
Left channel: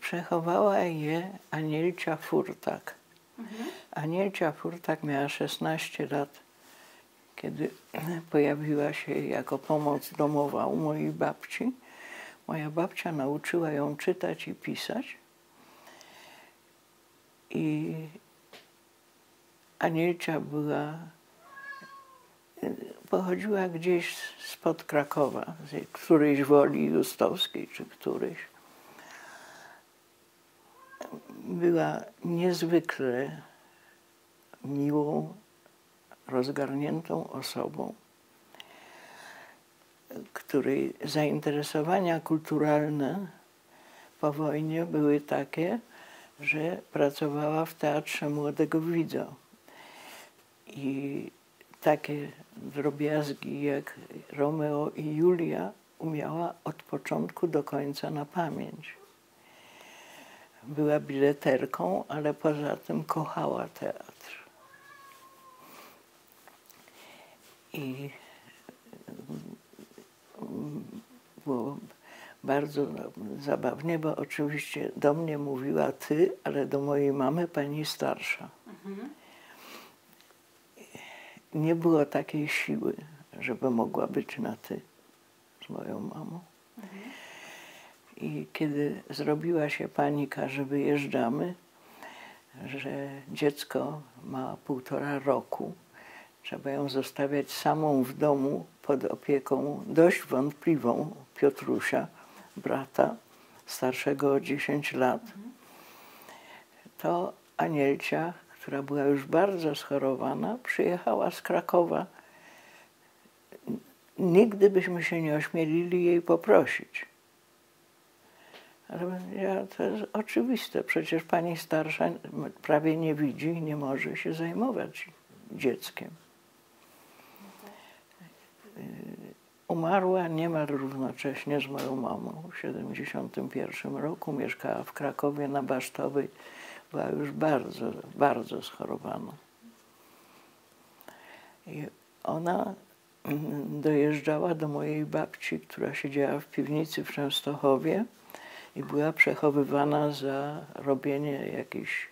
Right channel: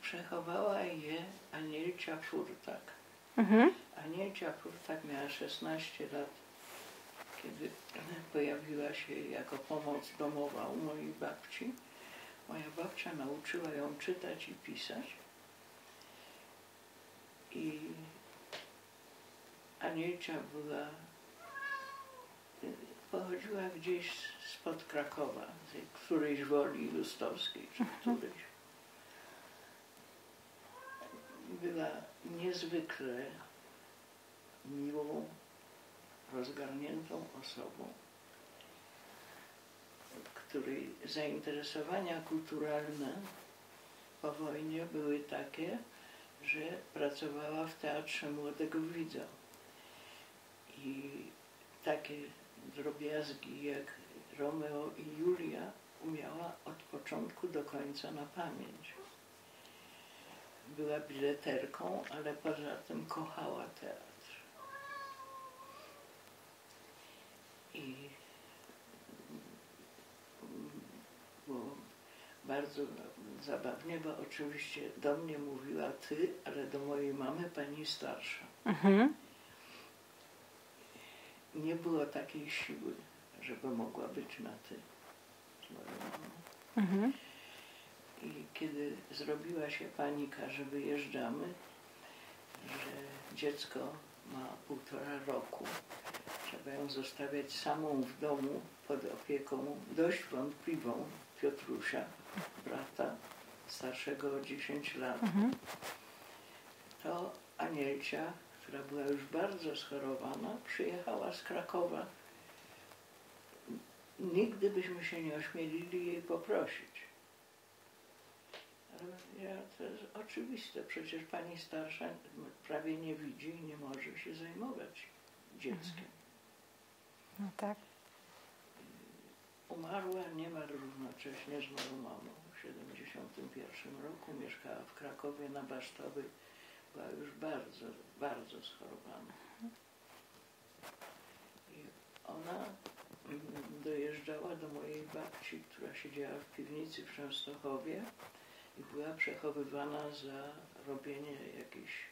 Przechowała je Anielcia Furtak. Anielcia Furtak miała 16 lat, kiedy pojawiła się jako pomoc domowa u mojej babci. Moja babcia nauczyła ją czytać i pisać. I Anielcia pochodziła gdzieś spod Krakowa, z którejś Woli Justowskiej czy którejś. Była niezwykle miłą, rozgarniętą osobą, której zainteresowania kulturalne po wojnie były takie, że pracowała w Teatrze Młodego Widza. I takie drobiazgi jak Romeo i Julia umiała od początku do końca na pamięć. Była bileterką, ale poza tym kochała teatr. I było bardzo zabawnie, bo oczywiście do mnie mówiła ty, ale do mojej mamy pani starsza. Nie było takiej siły, żeby mogła być na ty z moją mamą. I kiedy zrobiła się panika, że wyjeżdżamy, że dziecko ma 1,5 roku, trzeba ją zostawiać samą w domu pod opieką dość wątpliwą Piotrusia, brata starszego o 10 lat, to Anielcia, która była już bardzo schorowana, przyjechała z Krakowa. Nigdy byśmy się nie ośmielili jej poprosić. Ale to jest oczywiste, przecież pani starsza prawie nie widzi i nie może się zajmować dzieckiem. No tak. Umarła niemal równocześnie z moją mamą w 1971 roku. Mieszkała w Krakowie na Basztowej. Była już bardzo, bardzo schorowana. I ona dojeżdżała do mojej babci, która siedziała w piwnicy w Częstochowie i była przechowywana za robienie jakichś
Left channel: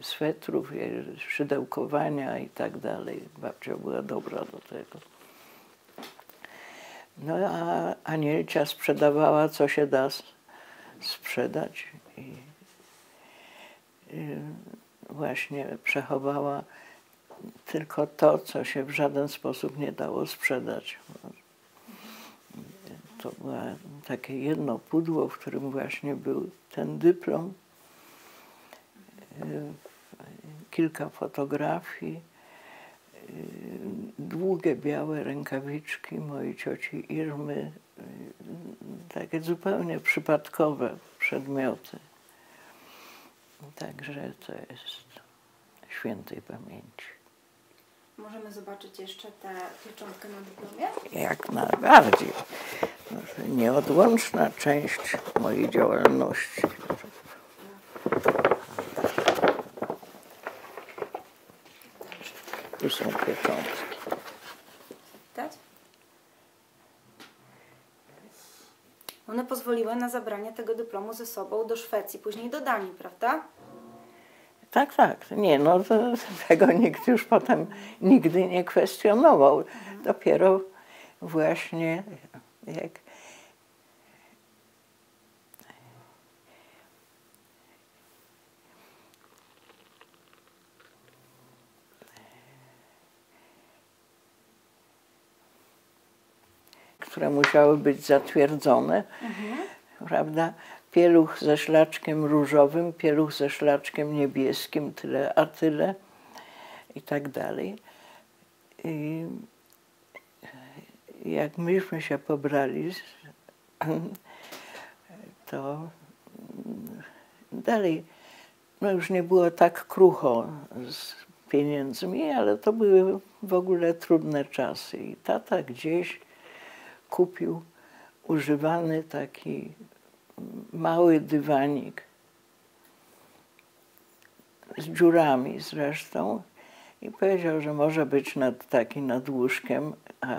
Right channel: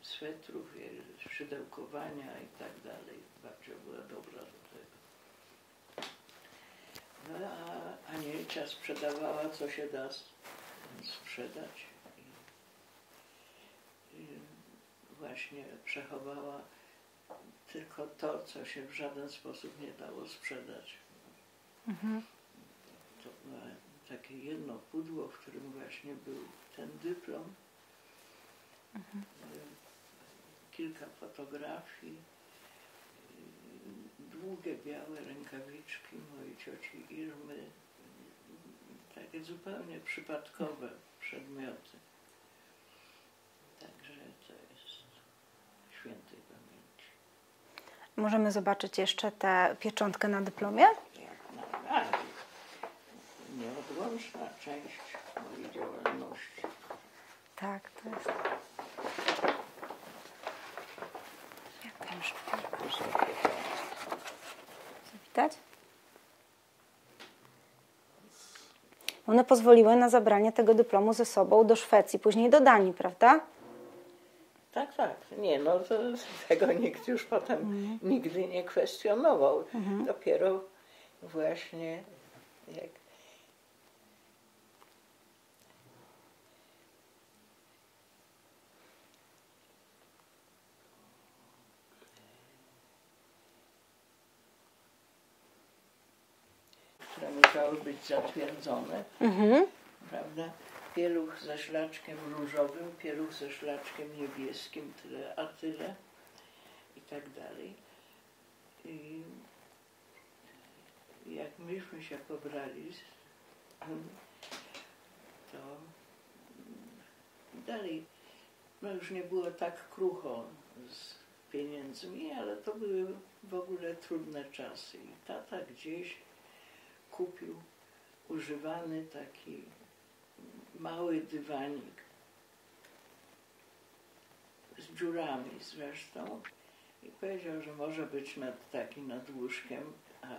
swetrów, szydełkowania i tak dalej. Babcia była dobra do tego. No a Anielcia sprzedawała, co się da sprzedać. I właśnie przechowała tylko to, co się w żaden sposób nie dało sprzedać. To było takie jedno pudło, w którym właśnie był ten dyplom, kilka fotografii, długie białe rękawiczki mojej cioci Irmy, takie zupełnie przypadkowe przedmioty. Także to jest świętej pamięci. Możemy zobaczyć jeszcze tę pieczątkę na dyplomie? Jak najbardziej. Nieodłączna część mojej działalności. Tak. Tu są pieczątki. Widać? One pozwoliły na zabranie tego dyplomu ze sobą do Szwecji, później do Danii, prawda? Tak, tak. Nie, no tego nikt już potem nigdy nie kwestionował. Dopiero właśnie jak które musiały być zatwierdzone, prawda? Pieluch ze szlaczkiem różowym, pieluch ze szlaczkiem niebieskim, tyle a tyle i tak dalej. I jak myśmy się pobrali, to dalej no już nie było tak krucho z pieniędzmi, ale to były w ogóle trudne czasy. I tata gdzieś kupił używany taki mały dywanik z dziurami zresztą i powiedział, że może być taki nad łóżkiem, a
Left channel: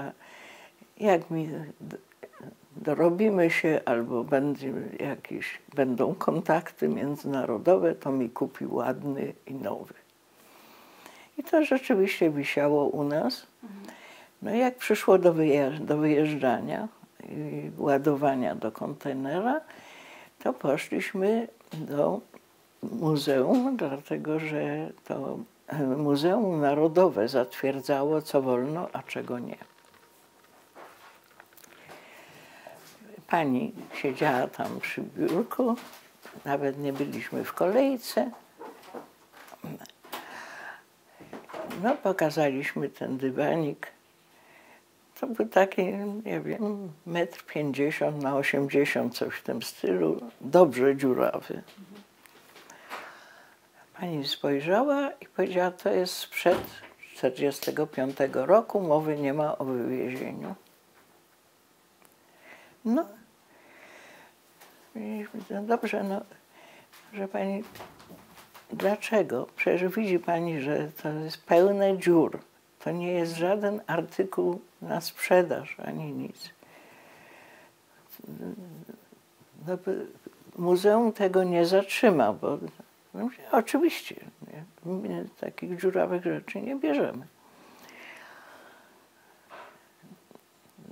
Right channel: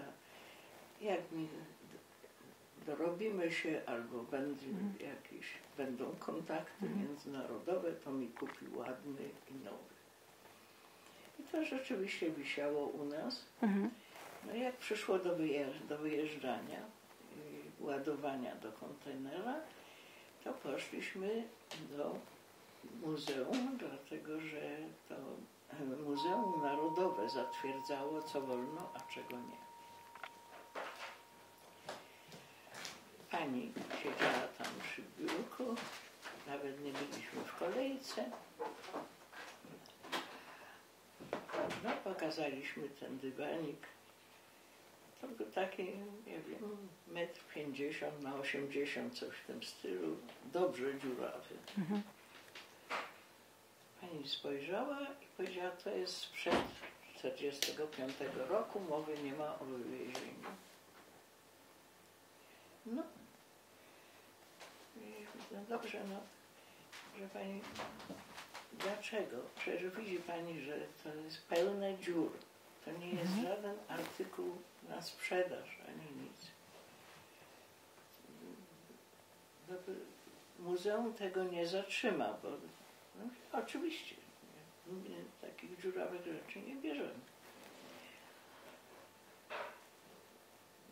jak mi dorobimy się albo będą kontakty międzynarodowe, to mi kupi ładny i nowy. I to rzeczywiście wisiało u nas. No jak przyszło do wyjeżdżania i ładowania do kontenera, to poszliśmy do muzeum, dlatego że to Muzeum Narodowe zatwierdzało, co wolno, a czego nie. Pani siedziała tam przy biurku, nawet nie byliśmy w kolejce. No, pokazaliśmy ten dywanik. To był taki, nie wiem, 1,50 m na 80 m, coś w tym stylu, dobrze dziurawy. Pani spojrzała i powiedziała, to jest sprzed 1945 roku, mowy nie ma o wywiezieniu. No, dobrze, no, że pani, dlaczego? Przecież widzi pani, że to jest pełne dziur. To nie jest żaden artykuł na sprzedaż, ani nic. No, muzeum tego nie zatrzyma, bo no, oczywiście my takich dziurawych rzeczy nie bierzemy.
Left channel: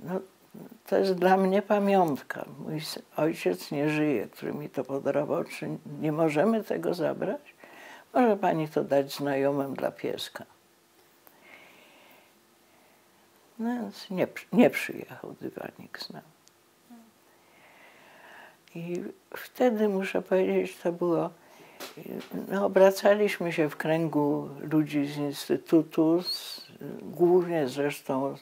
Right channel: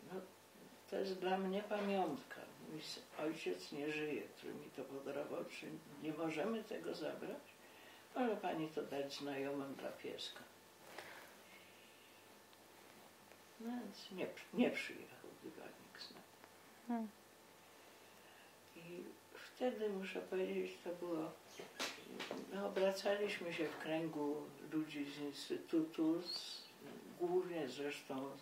No, to jest dla mnie pamiątka. Mój ojciec nie żyje, który mi to podarował. Czy nie możemy tego zabrać? Może pani to dać znajomym dla pieska. No więc nie przyjechał dywanik z nami. I wtedy, muszę powiedzieć, to było, no, obracaliśmy się w kręgu ludzi z Instytutu, głównie zresztą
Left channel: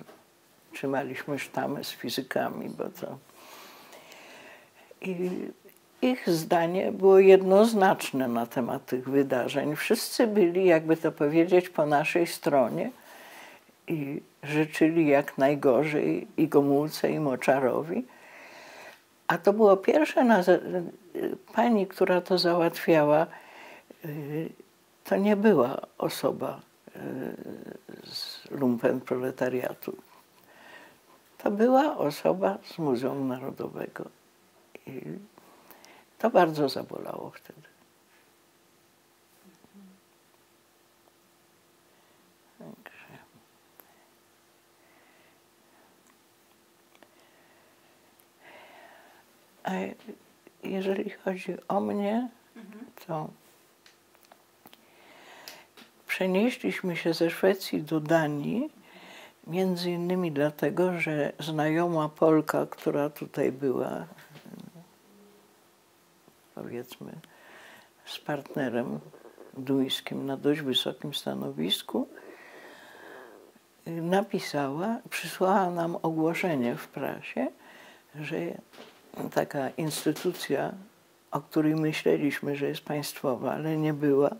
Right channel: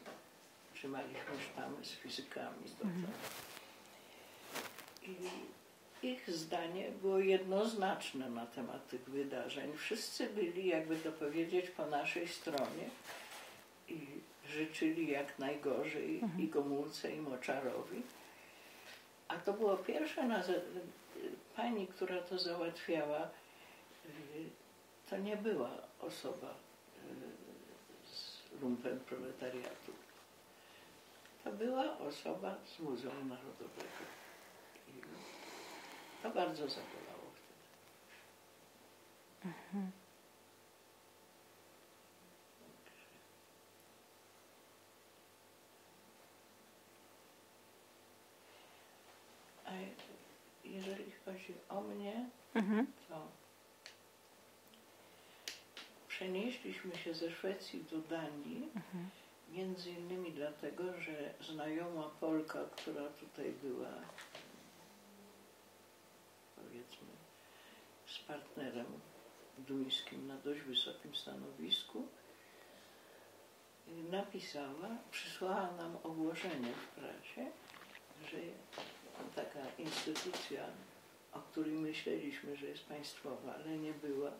trzymaliśmy sztamę z fizykami, bo to... I ich zdanie było jednoznaczne na temat tych wydarzeń. Wszyscy byli, jakby to powiedzieć, po naszej stronie i życzyli jak najgorzej i Gomułce, i Moczarowi. A to było pierwsze, pani, która to załatwiała, to nie była osoba z lumpenproletariatu. To była osoba z Muzeum Narodowego. I to bardzo zabolało wtedy. A jeżeli chodzi o mnie, to przenieśliśmy się ze Szwecji do Danii, między innymi dlatego, że znajoma Polka, która tutaj była, powiedzmy, z partnerem duńskim na dość wysokim stanowisku, napisała, przysłała nam ogłoszenie w prasie, że taka instytucja, o której myśleliśmy, że jest państwowa, ale nie była,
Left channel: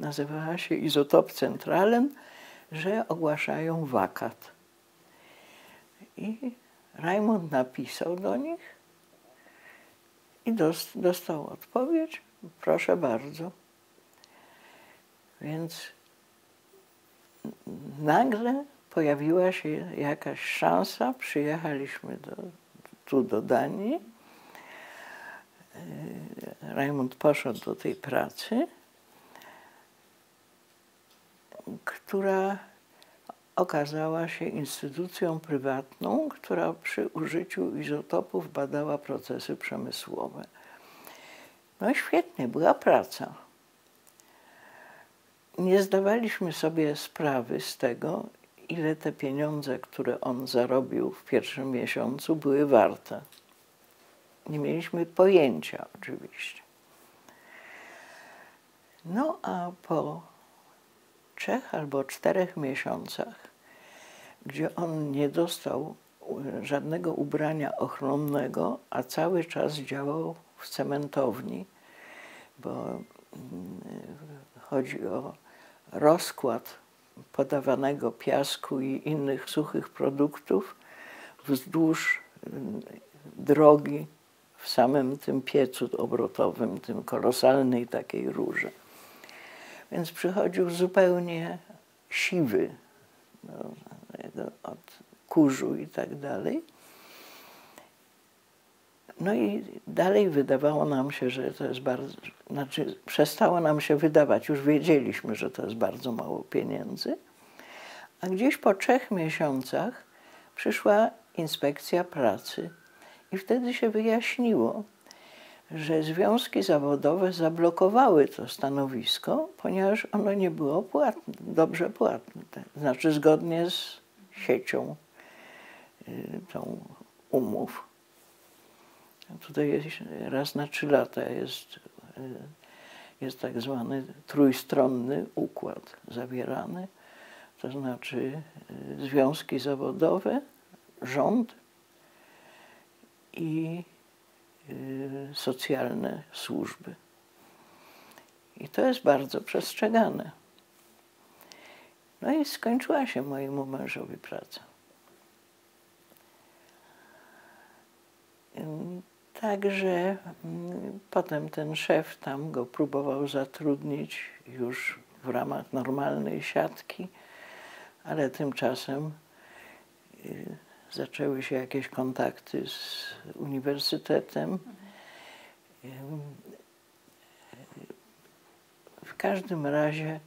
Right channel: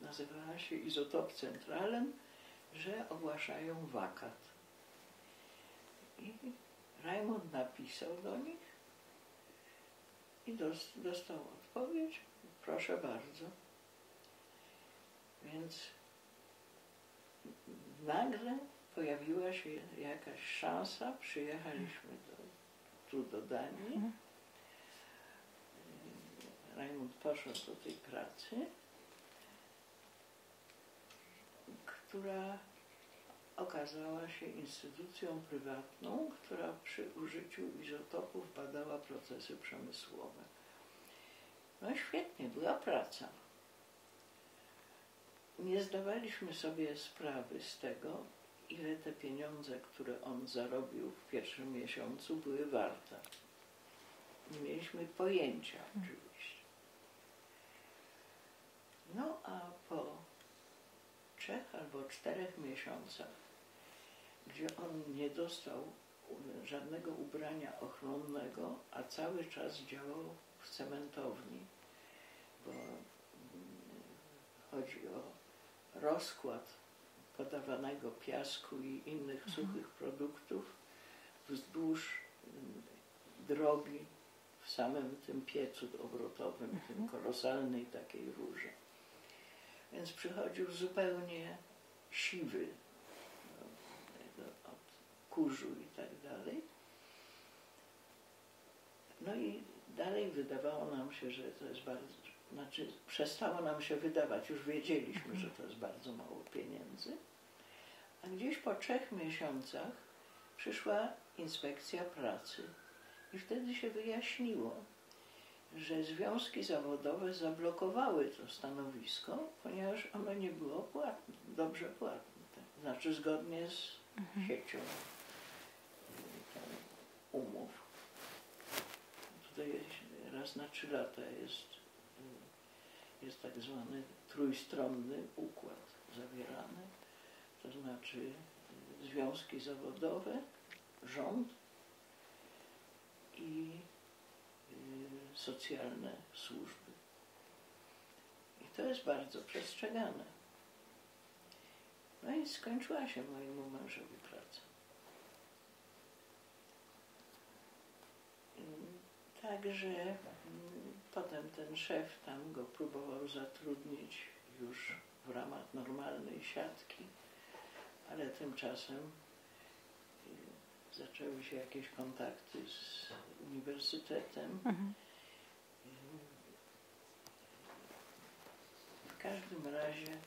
nazywała się Isotop Centralen, że ogłaszają wakat. I Rajmund napisał do nich i dostał odpowiedź, proszę bardzo. Więc nagle pojawiła się jakaś szansa, przyjechaliśmy tu do Danii Rajmund poszedł do tej pracy, która okazała się instytucją prywatną, która przy użyciu izotopów badała procesy przemysłowe. No świetnie, była praca. Nie zdawaliśmy sobie sprawy z tego, ile te pieniądze, które on zarobił w pierwszym miesiącu, były warte. Nie mieliśmy pojęcia oczywiście. No a po 3 albo 4 miesiącach, gdzie on nie dostał żadnego ubrania ochronnego, a cały czas działał w cementowni, bo chodzi o rozkład podawanego piasku i innych suchych produktów wzdłuż drogi w samym tym piecu obrotowym, tym kolosalnej takiej rurze. Więc przychodził zupełnie siwy, od kurzu i tak dalej. No i dalej wydawało nam się, że to jest bardzo, znaczy przestało nam się wydawać, już wiedzieliśmy, że to jest bardzo mało pieniędzy, a gdzieś po 3 miesiącach przyszła inspekcja pracy i wtedy się wyjaśniło, że związki zawodowe zablokowały to stanowisko, ponieważ ono nie było płatne, dobrze płatne, znaczy zgodnie z siecią tą umów. Tutaj jest, raz na 3 lata jest tak zwany trójstronny układ zawierany, to znaczy związki zawodowe, rząd i socjalne służby. I to jest bardzo przestrzegane. No i skończyła się mojemu mężowi praca. Także potem ten szef tam go próbował zatrudnić już w ramach normalnej siatki, ale tymczasem zaczęły się jakieś kontakty z uniwersytetem. W każdym razie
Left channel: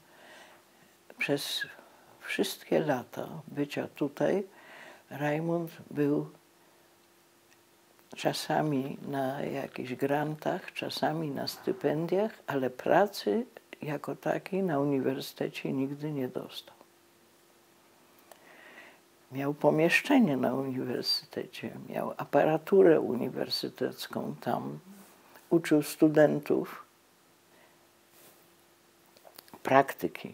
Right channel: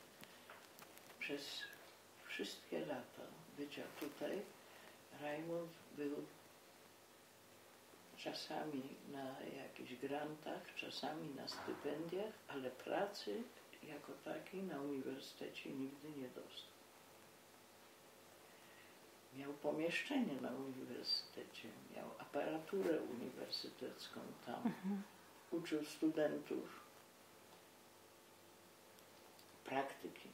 przez wszystkie lata bycia tutaj Rajmund był czasami na jakichś grantach, czasami na stypendiach, ale pracy jako takiej na uniwersytecie nigdy nie dostał. Miał pomieszczenie na uniwersytecie, miał aparaturę uniwersytecką tam, uczył studentów praktyki,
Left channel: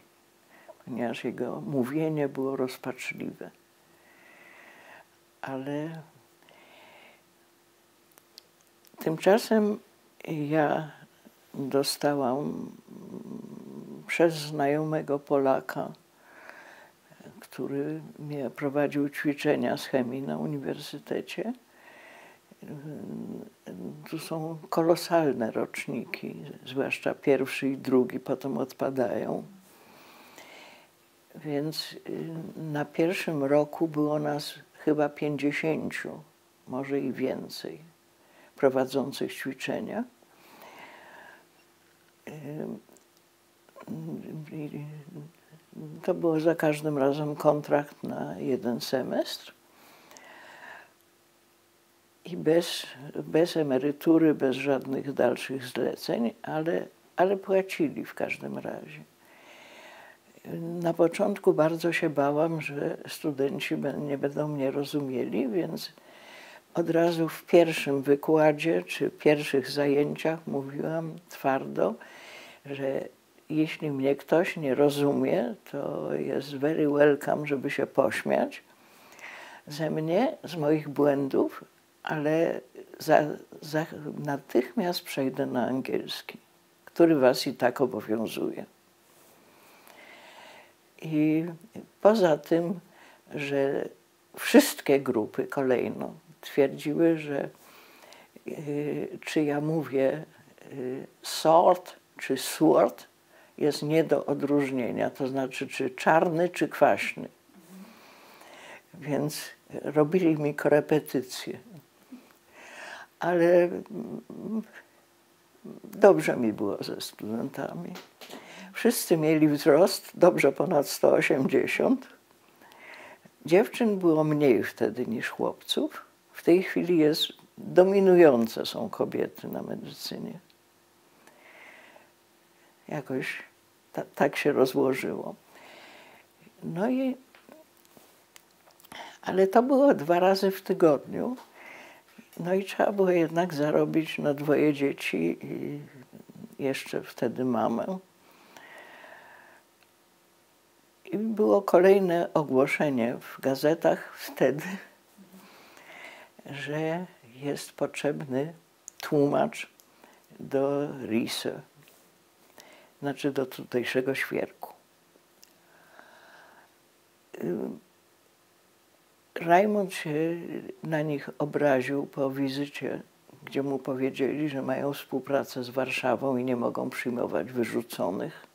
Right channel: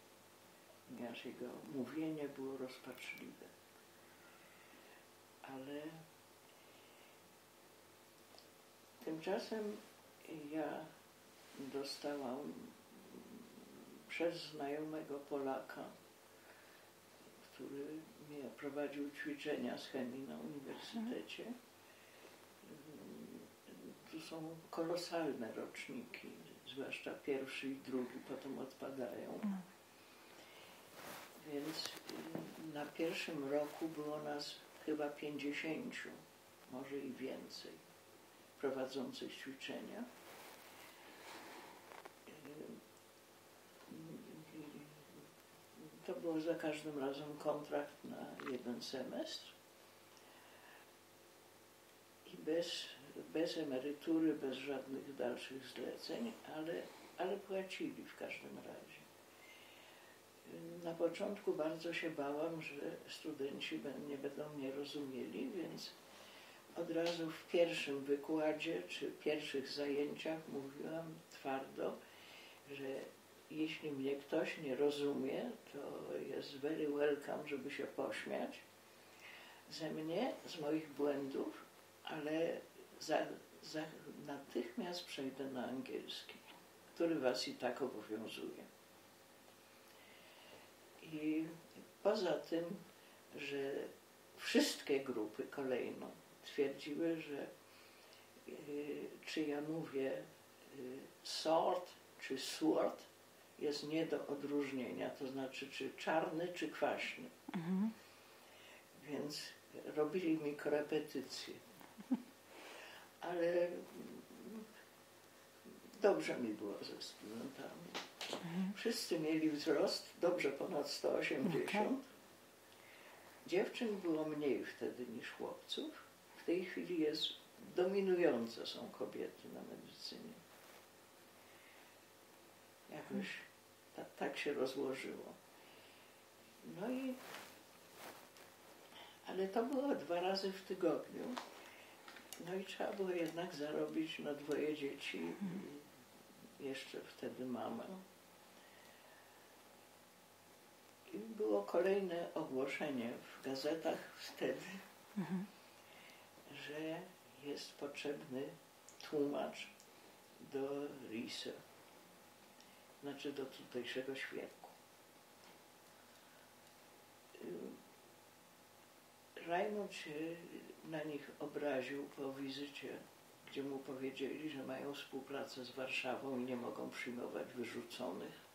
ponieważ jego mówienie było rozpaczliwe. Ale tymczasem ja dostałam przez znajomego Polaka, który mnie prowadził ćwiczenia z chemii na uniwersytecie. Tu są kolosalne roczniki, zwłaszcza 1. i 2, potem odpadają. Więc na 1. roku było nas chyba 50, może i więcej, prowadzących ćwiczenia. To było za każdym razem kontrakt na 1 semestr i bez emerytury, bez żadnych dalszych zleceń, ale płacili w każdym razie. Na początku bardzo się bałam, że studenci nie będą mnie rozumieli, więc od razu w pierwszym wykładzie czy pierwszych zajęciach mówiłam twardo, że jeśli mnie ktoś nie rozumie, to jest very welcome, żeby się pośmiać ze mnie, z moich błędów, ale natychmiast przejdę na angielski, który was i tak obowiązuje. I poza tym, że wszystkie grupy kolejno twierdziły, że czy ja mówię sort czy sword, jest nie do odróżnienia, to znaczy czy czarny, czy kwaśny. Więc robili mi korepetycje. Ale dobrze mi było ze studentami. Wszyscy mieli wzrost dobrze ponad 180. Dziewczyn było mniej wtedy niż chłopców. W tej chwili dominujące są kobiety na medycynie. Jakoś tak się rozłożyło. No i, ale to było 2 razy w tygodniu. No i trzeba było jednak zarobić na 2 dzieci i jeszcze wtedy mamę. I było kolejne ogłoszenie w gazetach wtedy, że jest potrzebny tłumacz do Riese, znaczy do tutejszego świerku. Rajmund się na nich obraził po wizycie, gdzie mu powiedzieli, że mają współpracę z Warszawą i nie mogą przyjmować wyrzuconych,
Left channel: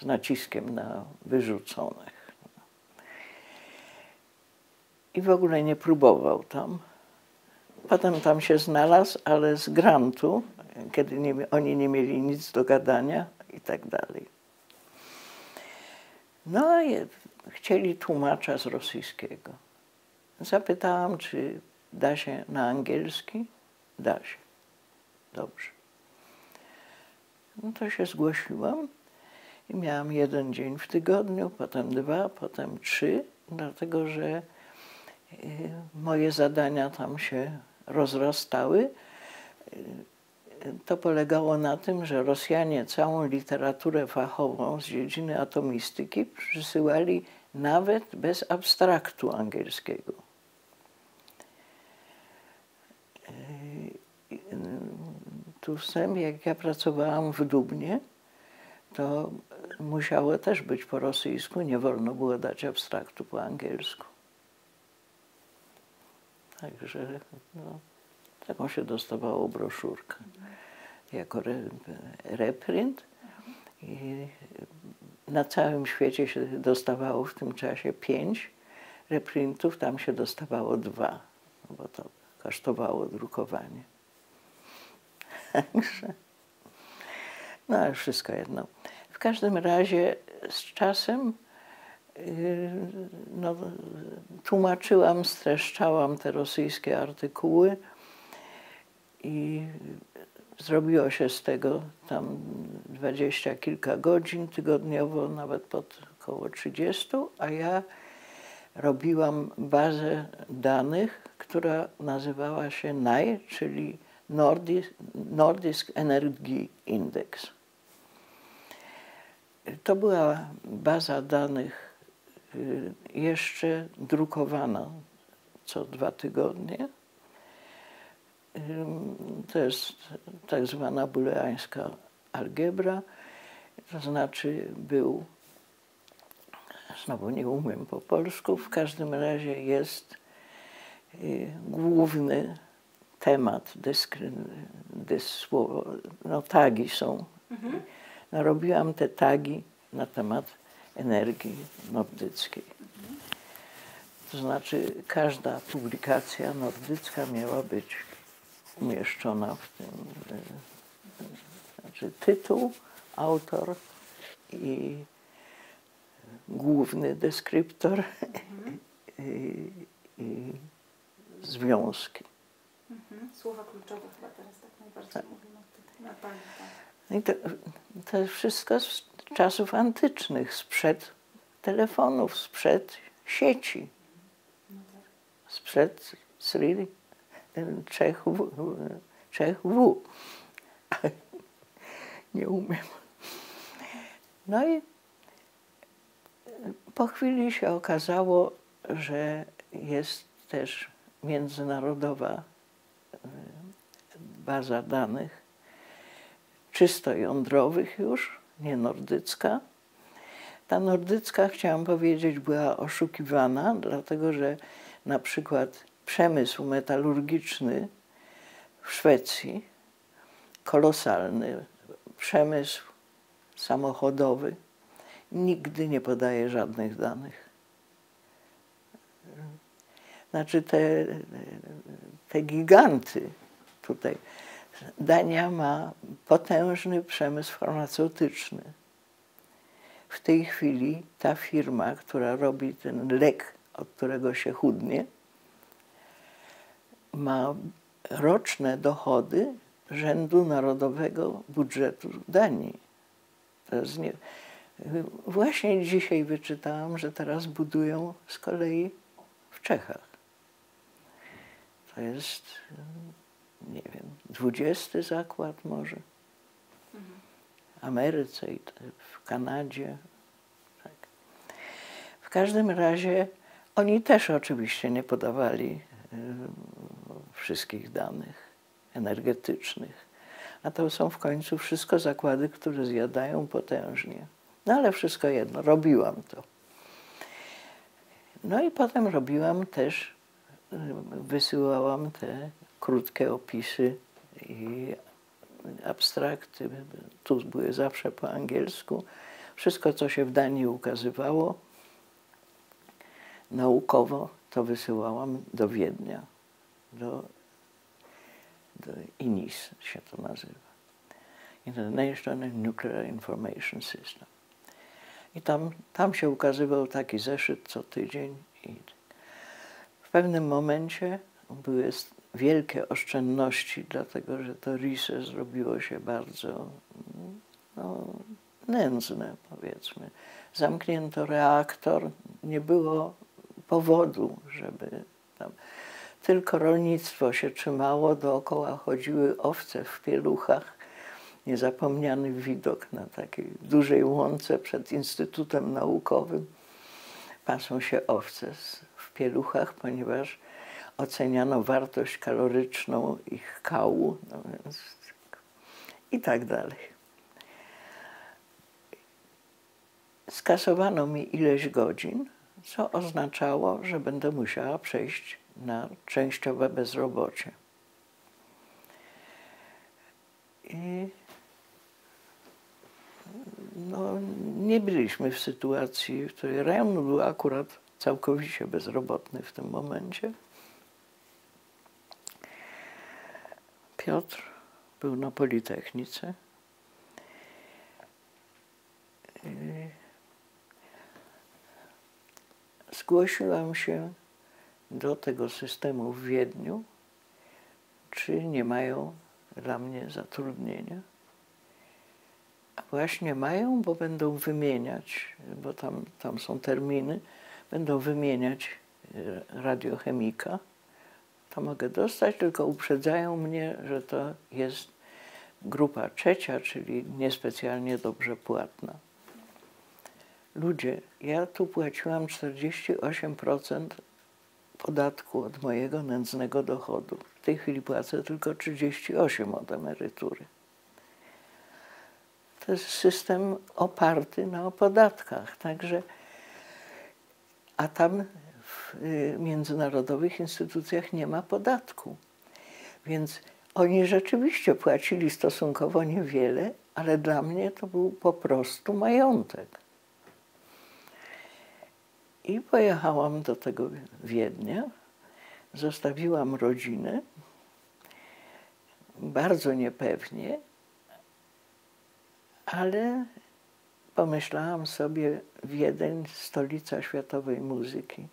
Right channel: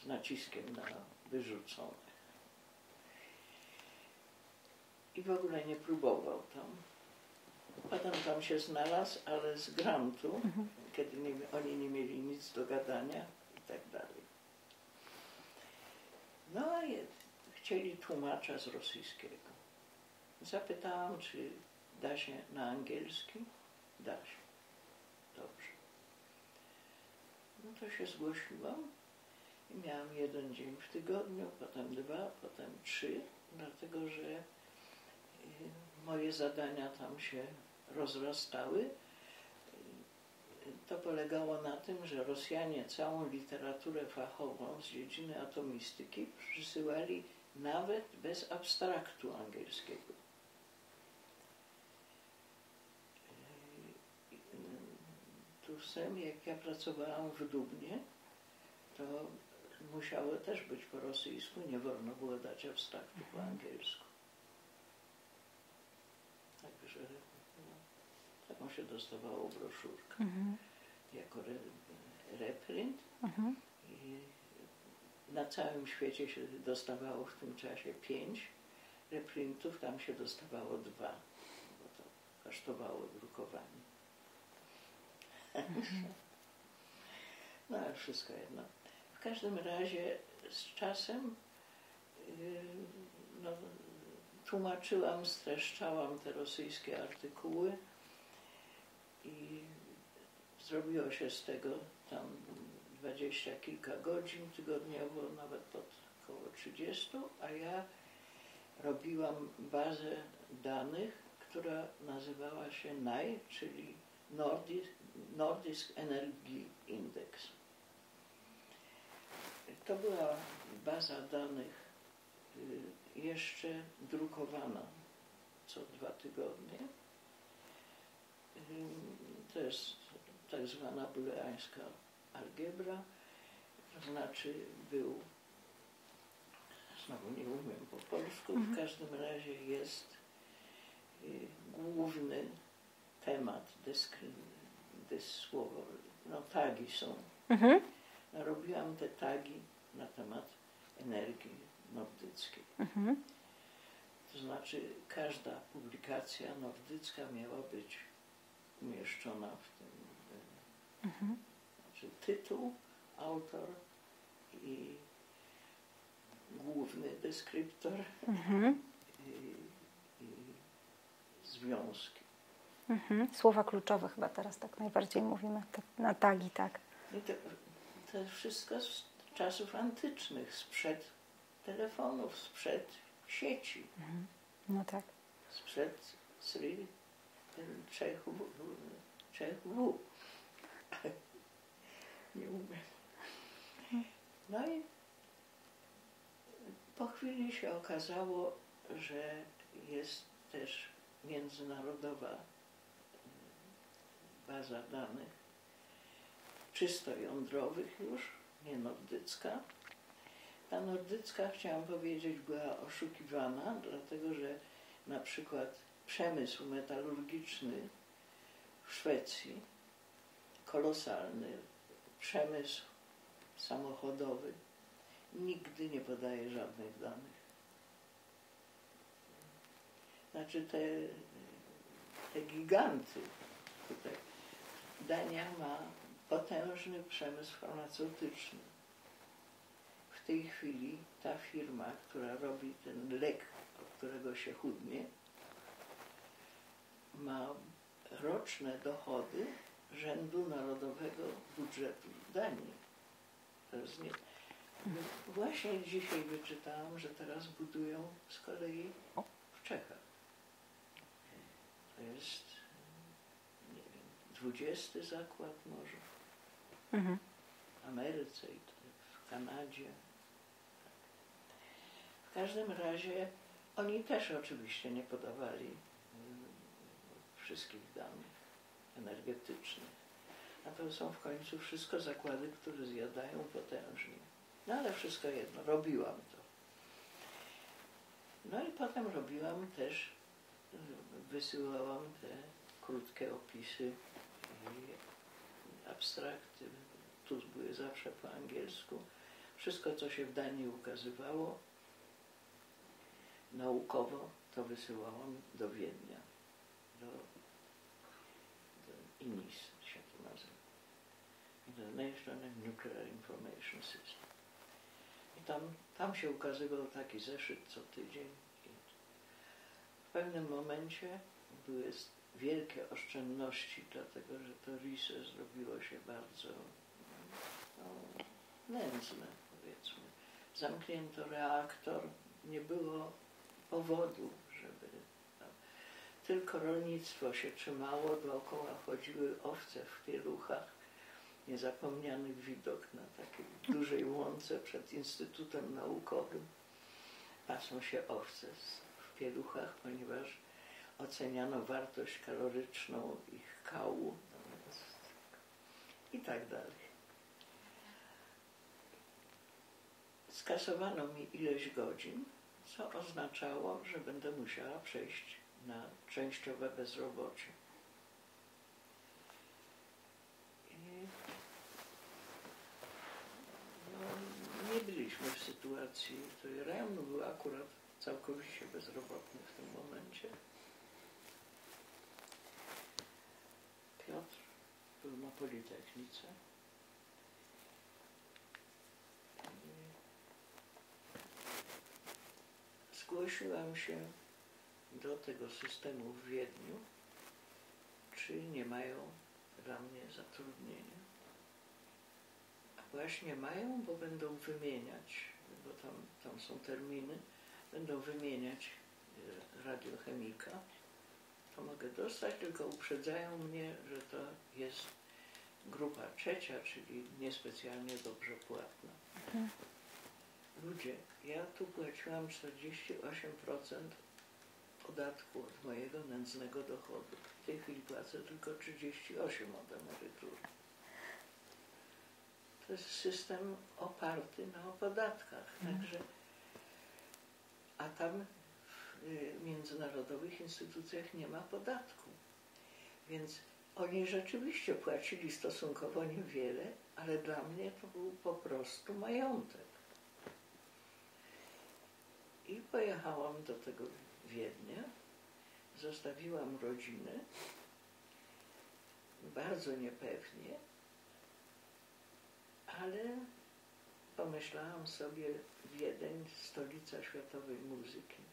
z naciskiem na wyrzuconych. I w ogóle nie próbował tam. Potem tam się znalazł, ale z grantu, kiedy oni nie mieli nic do gadania i tak dalej. No i chcieli tłumacza z rosyjskiego. Zapytałam, czy da się na angielski. Da się. Dobrze. No to się zgłosiłam i miałam 1 dzień w tygodniu, potem 2, potem 3, dlatego że moje zadania tam się rozrastały. To polegało na tym, że Rosjanie całą literaturę fachową z dziedziny atomistyki przysyłali nawet bez abstraktu angielskiego. Tu wstęp, jak ja pracowałam w Dubnie, to musiało też być po rosyjsku, nie wolno było dać abstraktu po angielsku. Także no, taką się dostawało broszurkę jako reprint. I na całym świecie się dostawało w tym czasie 5 reprintów, tam się dostawało 2, bo to kosztowało drukowanie. Także, no ale wszystko jedno. W każdym razie z czasem no, tłumaczyłam, streszczałam te rosyjskie artykuły i zrobiło się z tego tam 20 kilka godzin tygodniowo, nawet pod około 30, a ja robiłam bazę danych, która nazywała się NAI, czyli Nordisk Energy Index. To była baza danych jeszcze drukowana co 2 tygodnie. To jest tak zwana booleańska algebra, to znaczy znowu nie umiem po polsku, w każdym razie jest główny temat, no, tagi są. No, robiłam te tagi na temat energii nordyckiej. To znaczy każda publikacja nordycka miała być umieszczona w tym, znaczy tytuł, autor i główny deskryptor i związki. Słowa kluczowe chyba teraz tak najbardziej mówimy, tak, na tagi, tak. I to jest wszystko z czasów antycznych, sprzed telefonów, sprzed sieci, No tak. sprzed Czech W. Nie umiem. No i po chwili się okazało, że jest też międzynarodowa baza danych, czysto jądrowych już, nie nordycka. Ta nordycka, chciałam powiedzieć, była oszukiwana, dlatego że na przykład przemysł metalurgiczny w Szwecji, kolosalny przemysł samochodowy, nigdy nie podaje żadnych danych. Znaczy te giganty tutaj, Dania ma potężny przemysł farmaceutyczny. W tej chwili ta firma, która robi ten lek, od którego się chudnie, ma roczne dochody rzędu narodowego budżetu Danii. To jest nie... Właśnie dzisiaj wyczytałam, że teraz budują z kolei w Czechach. To jest, nie wiem, 20 zakład może. W Ameryce i w Kanadzie. Tak. W każdym razie oni też oczywiście nie podawali wszystkich danych energetycznych. A to są w końcu wszystko zakłady, które zjadają potężnie. No ale wszystko jedno, robiłam to. No i potem robiłam też, wysyłałam te krótkie opisy i abstrakty. Tu były zawsze po angielsku. Wszystko, co się w Danii ukazywało naukowo, to wysyłałam do Wiednia, do INIS się to nazywa. International Nuclear Information System. I tam się ukazywał taki zeszyt co tydzień. I w pewnym momencie były wielkie oszczędności, dlatego że to RISE zrobiło się bardzo nędzne, powiedzmy. Zamknięto reaktor, nie było powodu, żeby tam... Tylko rolnictwo się trzymało, dookoła chodziły owce w pieluchach. Niezapomniany widok na takiej dużej łące przed Instytutem Naukowym. Pasą się owce w pieluchach, ponieważ oceniano wartość kaloryczną ich kału, no więc i tak dalej. Skasowano mi ileś godzin, co oznaczało, że będę musiała przejść na częściowe bezrobocie. I no, nie byliśmy w sytuacji, w której rejon był akurat całkowicie bezrobotny w tym momencie. Piotr był na Politechnice. Zgłosiłam się do tego systemu w Wiedniu, czy nie mają dla mnie zatrudnienia. A właśnie mają, bo będą wymieniać, bo tam są terminy, będą wymieniać radiochemika. To mogę dostać, tylko uprzedzają mnie, że to jest grupa trzecia, czyli niespecjalnie dobrze płatna. Ludzie, ja tu płaciłam 48% podatku od mojego nędznego dochodu. W tej chwili płacę tylko 38% od emerytury. To jest system oparty na podatkach, także, a tam w międzynarodowych instytucjach nie ma podatku. Więc oni rzeczywiście płacili stosunkowo niewiele, ale dla mnie to był po prostu majątek. I pojechałam do tego Wiednia, zostawiłam rodzinę, bardzo niepewnie, ale pomyślałam sobie, Wiedeń, stolica światowej muzyki.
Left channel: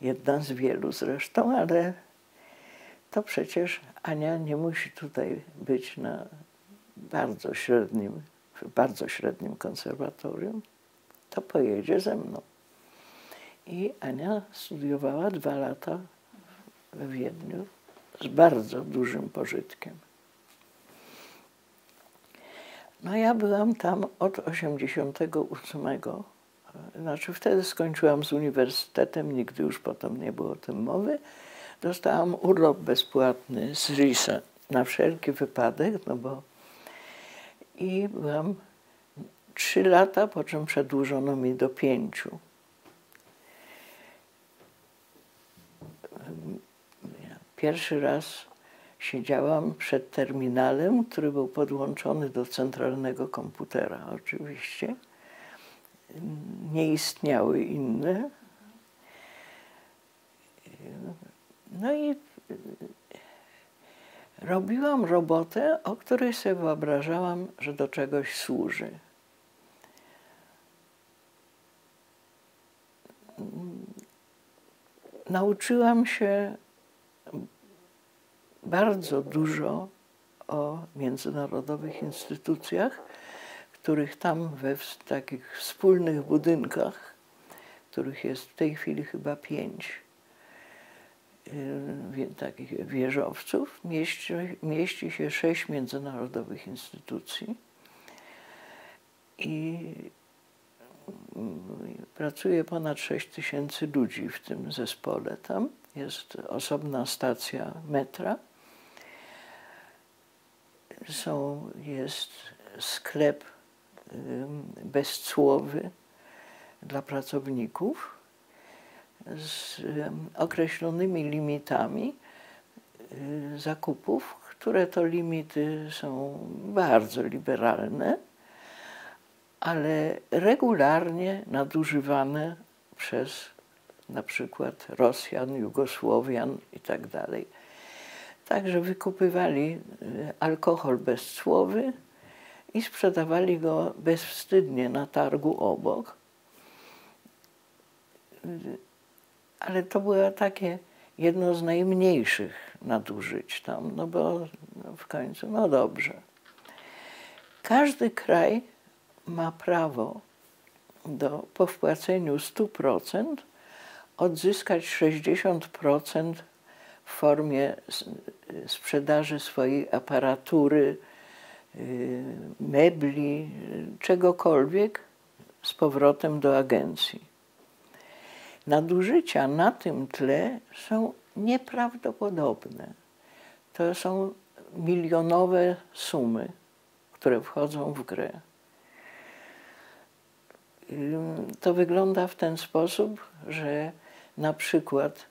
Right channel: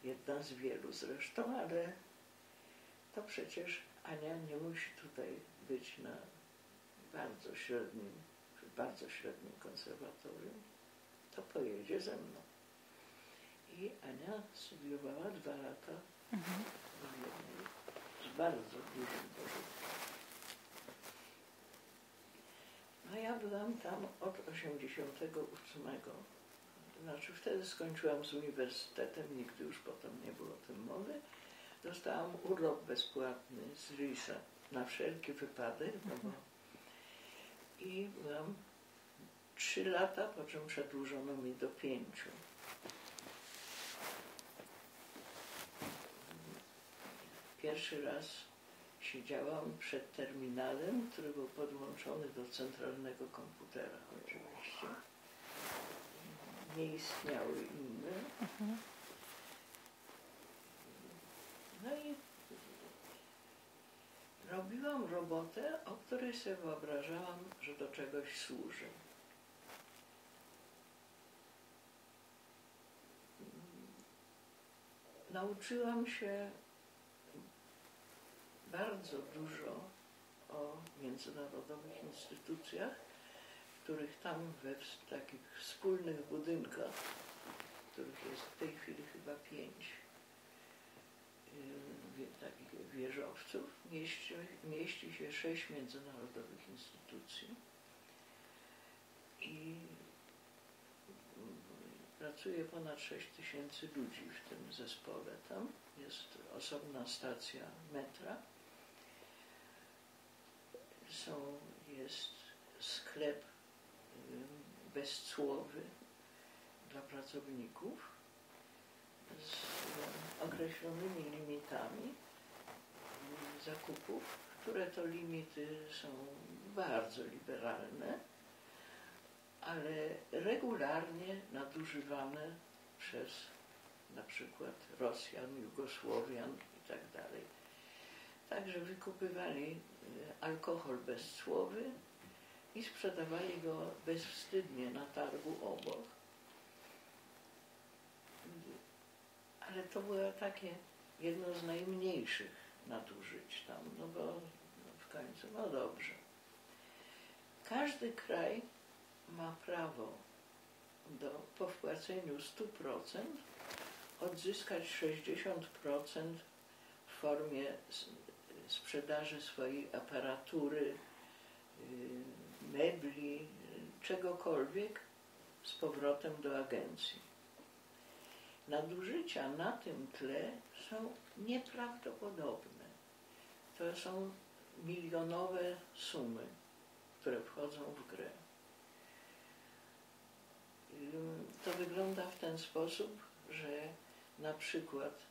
Jedna z wielu zresztą, ale to przecież Ania nie musi tutaj być na bardzo średnim konserwatorium, to pojedzie ze mną. I Ania studiowała 2 lata w Wiedniu z bardzo dużym pożytkiem. No ja byłam tam od 88. Znaczy wtedy skończyłam z uniwersytetem, nigdy już potem nie było o tym mowy. Dostałam urlop bezpłatny z RISE na wszelki wypadek, no bo i byłam 3 lata, po czym przedłużono mi do 5. Pierwszy raz siedziałam przed terminalem, który był podłączony do centralnego komputera oczywiście. Nie istniały inne. No i robiłam robotę, o której sobie wyobrażałam, że do czegoś służy. Nauczyłam się bardzo dużo o międzynarodowych instytucjach, których tam w takich wspólnych budynkach, których jest w tej chwili chyba 5, takich wieżowców, mieści się 6 międzynarodowych instytucji i pracuje ponad 6000 ludzi w tym zespole. Tam jest osobna stacja metra, jest sklep bezcłowy dla pracowników z określonymi limitami zakupów, które to limity są bardzo liberalne, ale regularnie nadużywane przez na przykład Rosjan, Jugosłowian i tak dalej. Także wykupywali alkohol bezcłowy i sprzedawali go bezwstydnie na targu obok. Ale to było takie jedno z najmniejszych nadużyć tam, no bo w końcu, no dobrze. Każdy kraj ma prawo po wpłaceniu 100% odzyskać 60% w formie sprzedaży swojej aparatury, mebli, czegokolwiek z powrotem do agencji. Nadużycia na tym tle są nieprawdopodobne. To są milionowe sumy, które wchodzą w grę. To wygląda w ten sposób, że na przykład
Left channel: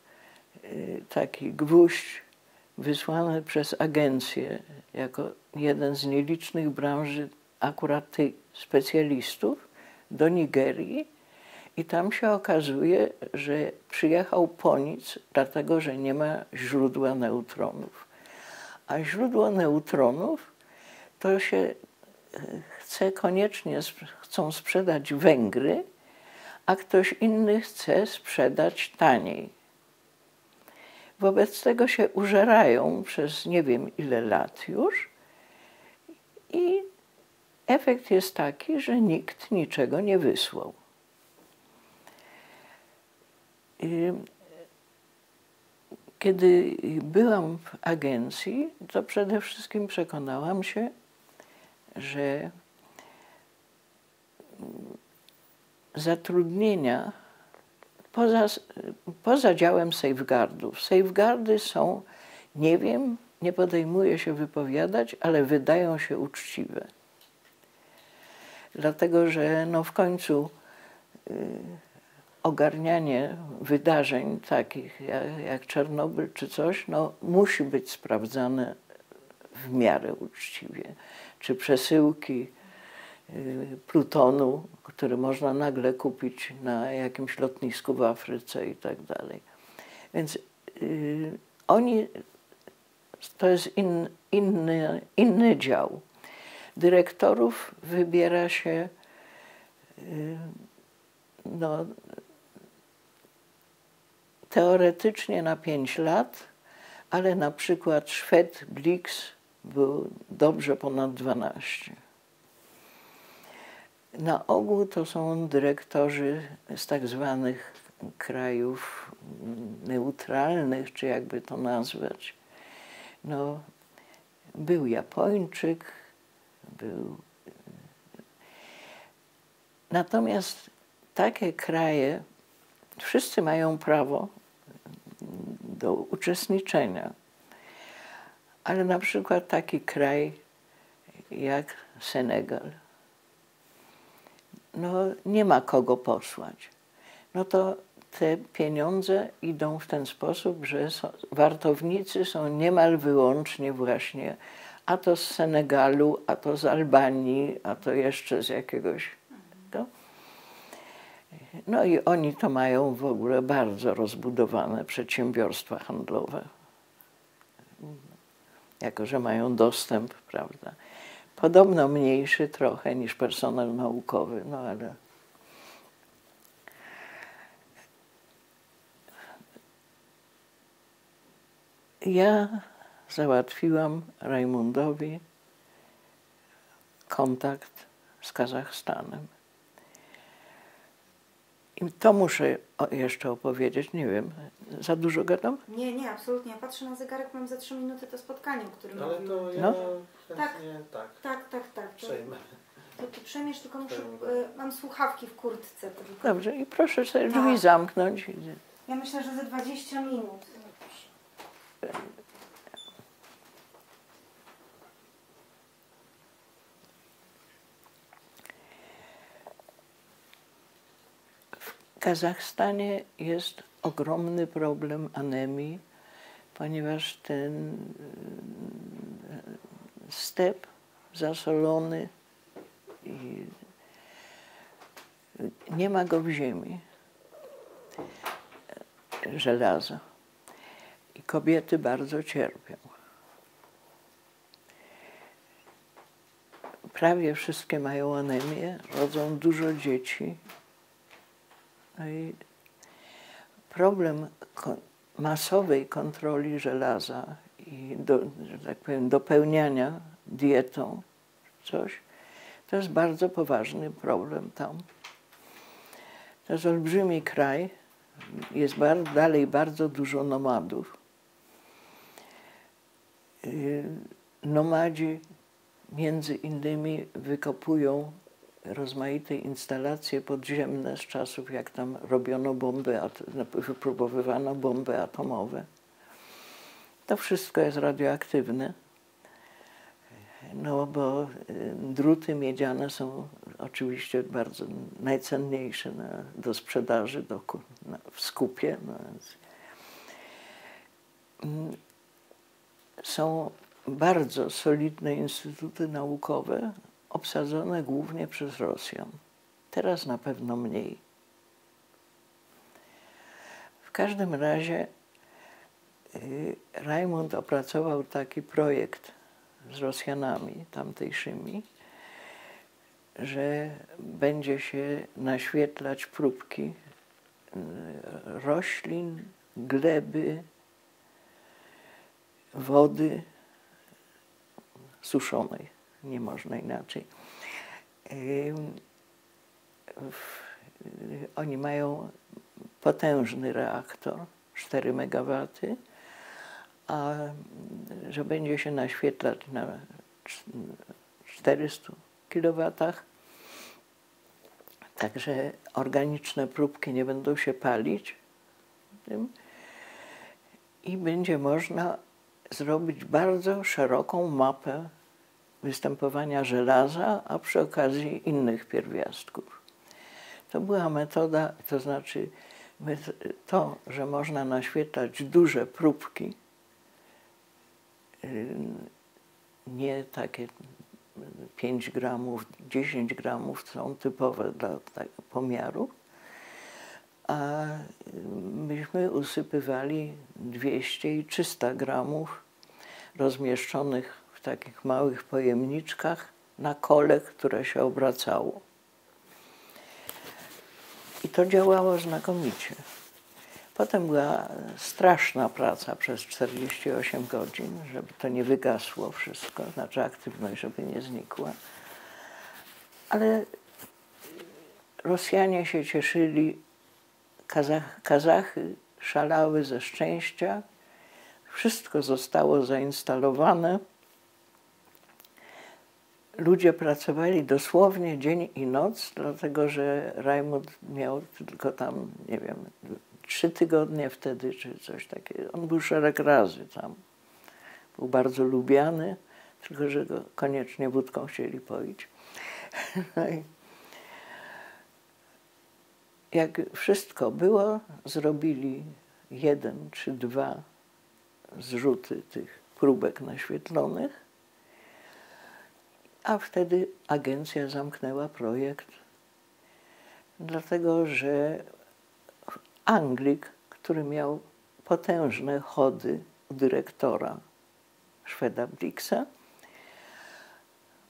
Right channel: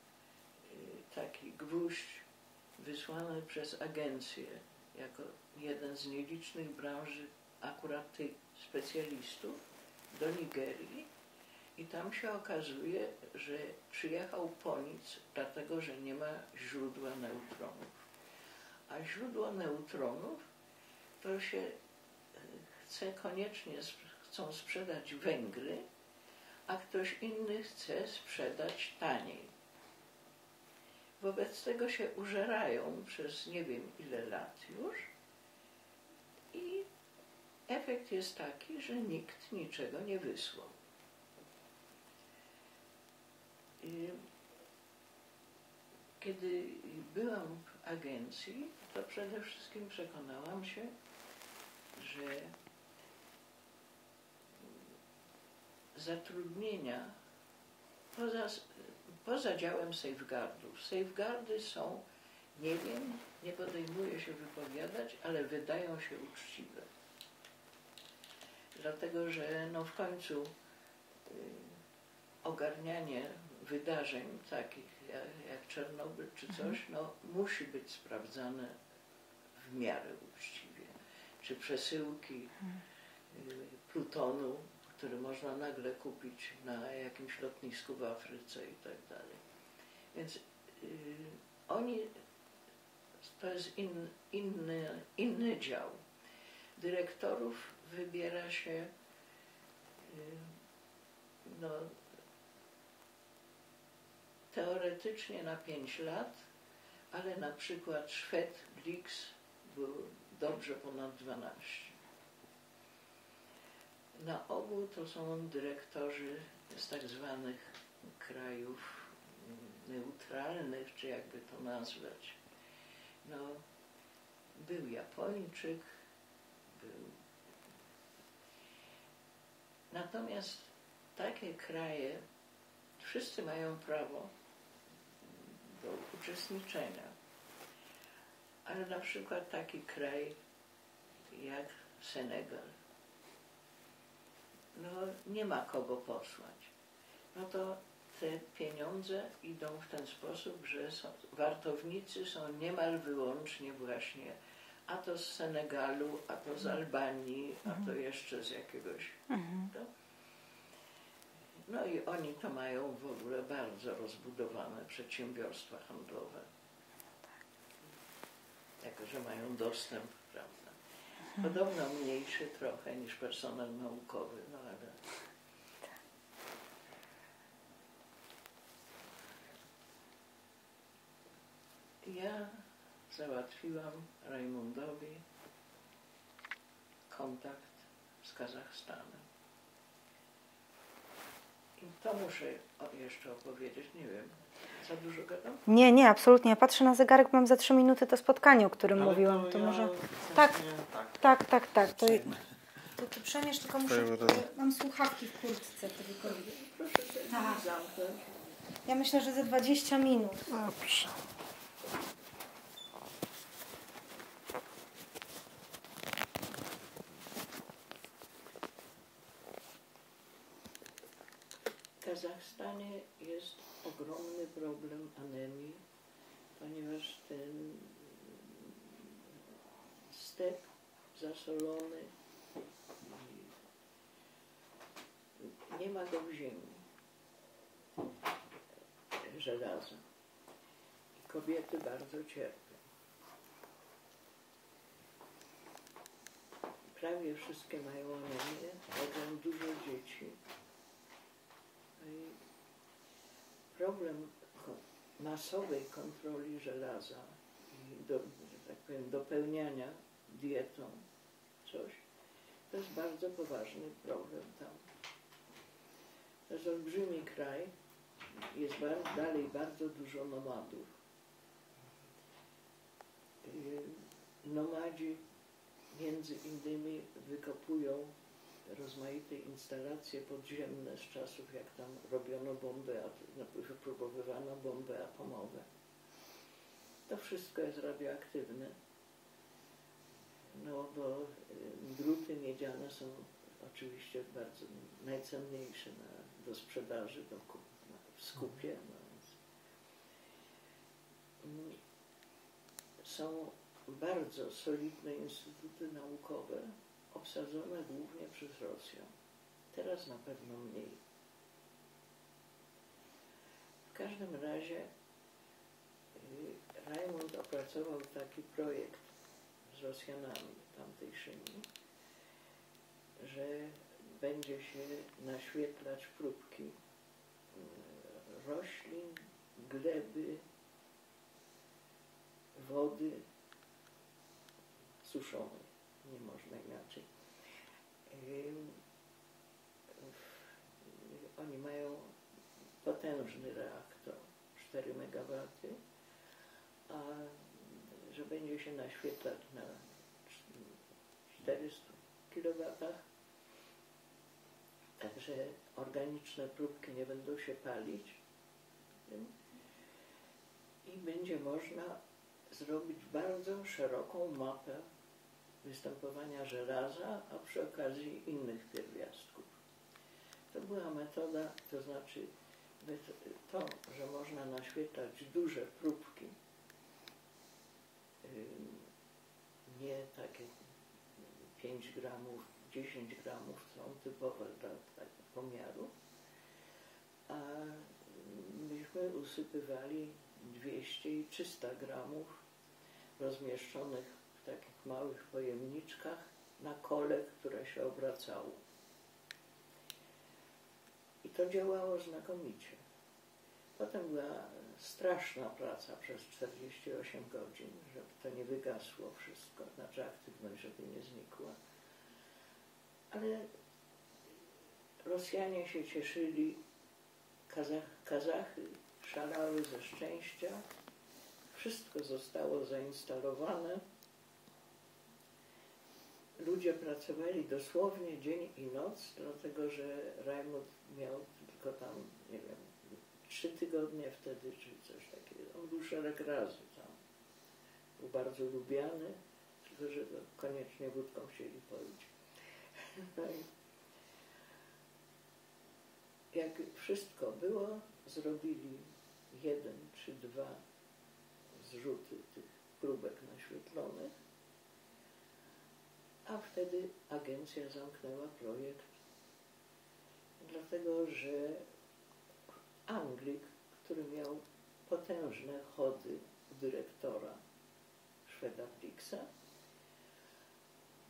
taki gwóźdź wysłany przez agencję jako jeden z nielicznych branży akurat tych specjalistów do Nigerii i tam się okazuje, że przyjechał po nic, dlatego że nie ma źródła neutronów. A źródło neutronów to się chcą sprzedać Węgry, a ktoś inny chce sprzedać taniej. Wobec tego się użerają przez nie wiem ile lat już i efekt jest taki, że nikt niczego nie wysłał. Kiedy byłam w agencji, to przede wszystkim przekonałam się, że zatrudnienia poza działem safeguardów. Safeguardy są, nie wiem, nie podejmuję się wypowiadać, ale wydają się uczciwe. Dlatego, że no w końcu ogarnianie wydarzeń takich jak Czarnobyl czy coś, no musi być sprawdzane w miarę uczciwie. Czy przesyłki plutonu, który można nagle kupić na jakimś lotnisku w Afryce i tak dalej. Więc to jest inny dział. Dyrektorów wybiera się no, teoretycznie na 5 lat, ale na przykład Szwed Blix był dobrze ponad 12. Na ogół to są dyrektorzy z tak zwanych krajów neutralnych, czy jakby to nazwać. No, był Japończyk, był... Natomiast takie kraje, wszyscy mają prawo do uczestniczenia, ale na przykład taki kraj jak Senegal, no nie ma kogo posłać. No to te pieniądze idą w ten sposób, że wartownicy są niemal wyłącznie właśnie a to z Senegalu, a to z Albanii, a to jeszcze z jakiegoś... No i oni to mają w ogóle bardzo rozbudowane przedsiębiorstwa handlowe. jako że mają dostęp, prawda. Podobno mniejszy trochę niż personel naukowy, no ale... Ja załatwiłam Rajmundowi kontakt z Kazachstanem. I to muszę jeszcze opowiedzieć, nie wiem, za dużo gadam? Nie, nie, absolutnie. Ja patrzę na zegarek, mam za 3 minuty to spotkanie, o którym Ale mówiłam. to To ja może... w Tak. sensie Tak. przejmę. To ty przemierz, tylko muszę... Przejmę, tak. Mam słuchawki w kurtce. Dobrze, i proszę sobie drzwi Tak. zamknąć. Ja myślę, że za 20 minut. Dobrze. W Kazachstanie jest ogromny problem anemii, ponieważ ten step zasolony i nie ma go w ziemi, żelaza. I kobiety bardzo cierpią. Prawie wszystkie mają anemię, rodzą dużo dzieci. No i problem masowej kontroli żelaza i że tak powiem, dopełniania dietą coś, to jest bardzo poważny problem tam. To jest olbrzymi kraj, jest dalej bardzo dużo nomadów. Nomadzi między innymi wykopują rozmaite instalacje podziemne z czasów, jak tam robiono wypróbowywano bomby atomowe. To wszystko jest radioaktywne, no bo druty miedziane są oczywiście bardzo najcenniejsze do sprzedaży w skupie. No więc są bardzo solidne instytuty naukowe, obsadzone głównie przez Rosjan. Teraz na pewno mniej. W każdym razie Rajmund opracował taki projekt z Rosjanami tamtejszymi, że będzie się naświetlać próbki roślin, gleby, wody suszonej. Nie można inaczej. Oni mają potężny reaktor, 4 MW, a że będzie się naświetlać na 400 kW, także organiczne próbki nie będą się palić i będzie można zrobić bardzo szeroką mapę występowania żelaza, a przy okazji innych pierwiastków. To była metoda, to znaczy to, że można naświetlać duże próbki, nie takie 5 gramów, 10 gramów są typowe dla pomiaru, a myśmy usypywali 200 i 300 gramów rozmieszczonych w takich małych pojemniczkach na kole, które się obracało. I to działało znakomicie. Potem była straszna praca przez 48 godzin, żeby to nie wygasło wszystko, znaczy aktywność, żeby nie znikła. Ale Rosjanie się cieszyli, Kazachy szalały ze szczęścia, wszystko zostało zainstalowane. Ludzie pracowali dosłownie dzień i noc, dlatego że Rajmund miał tylko tam, nie wiem, 3 tygodnie wtedy, czy coś takiego. On był szereg razy tam. Był bardzo lubiany, tylko że go koniecznie wódką chcieli poić. No i jak wszystko było, zrobili 1 czy 2 zrzuty tych próbek naświetlonych, a wtedy agencja zamknęła projekt, dlatego że Anglik, który miał potężne chody u dyrektora Szweda Blixa,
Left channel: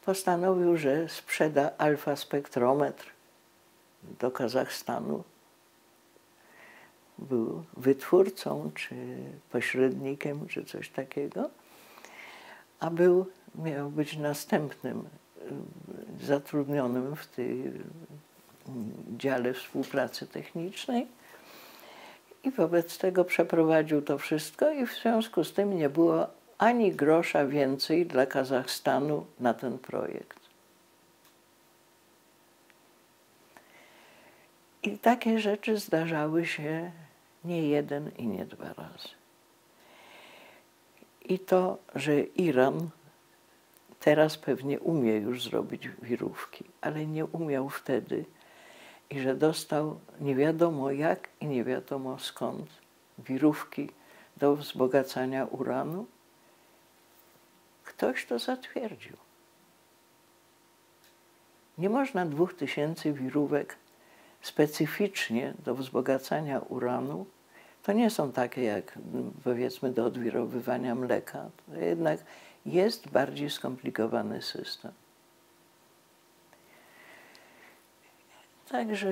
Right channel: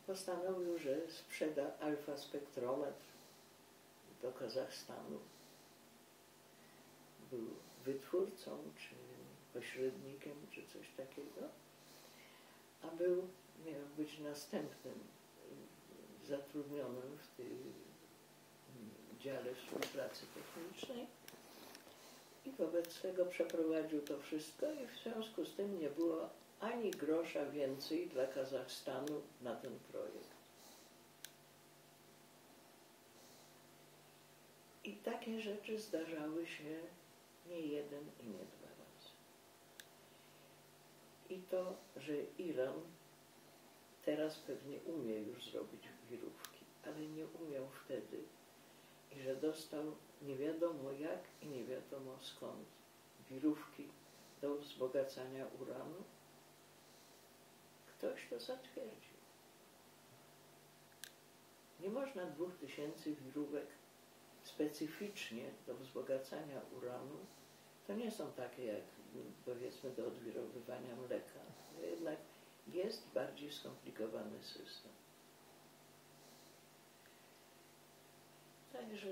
postanowił, że sprzeda alfa-spektrometr do Kazachstanu. Był wytwórcą, czy pośrednikiem, czy coś takiego, a miał być następnym zatrudnionym w tej dziale współpracy technicznej i wobec tego przeprowadził to wszystko i w związku z tym nie było ani grosza więcej dla Kazachstanu na ten projekt. I takie rzeczy zdarzały się nie jeden i nie dwa razy. I to, że Iran teraz pewnie umie już zrobić wirówki, ale nie umiał wtedy i że dostał nie wiadomo jak i nie wiadomo skąd wirówki do wzbogacania uranu, ktoś to zatwierdził. Nie można 2000 wirówek specyficznie do wzbogacania uranu. To nie są takie jak, powiedzmy, do odwirowywania mleka. To jednak jest bardziej skomplikowany system. Także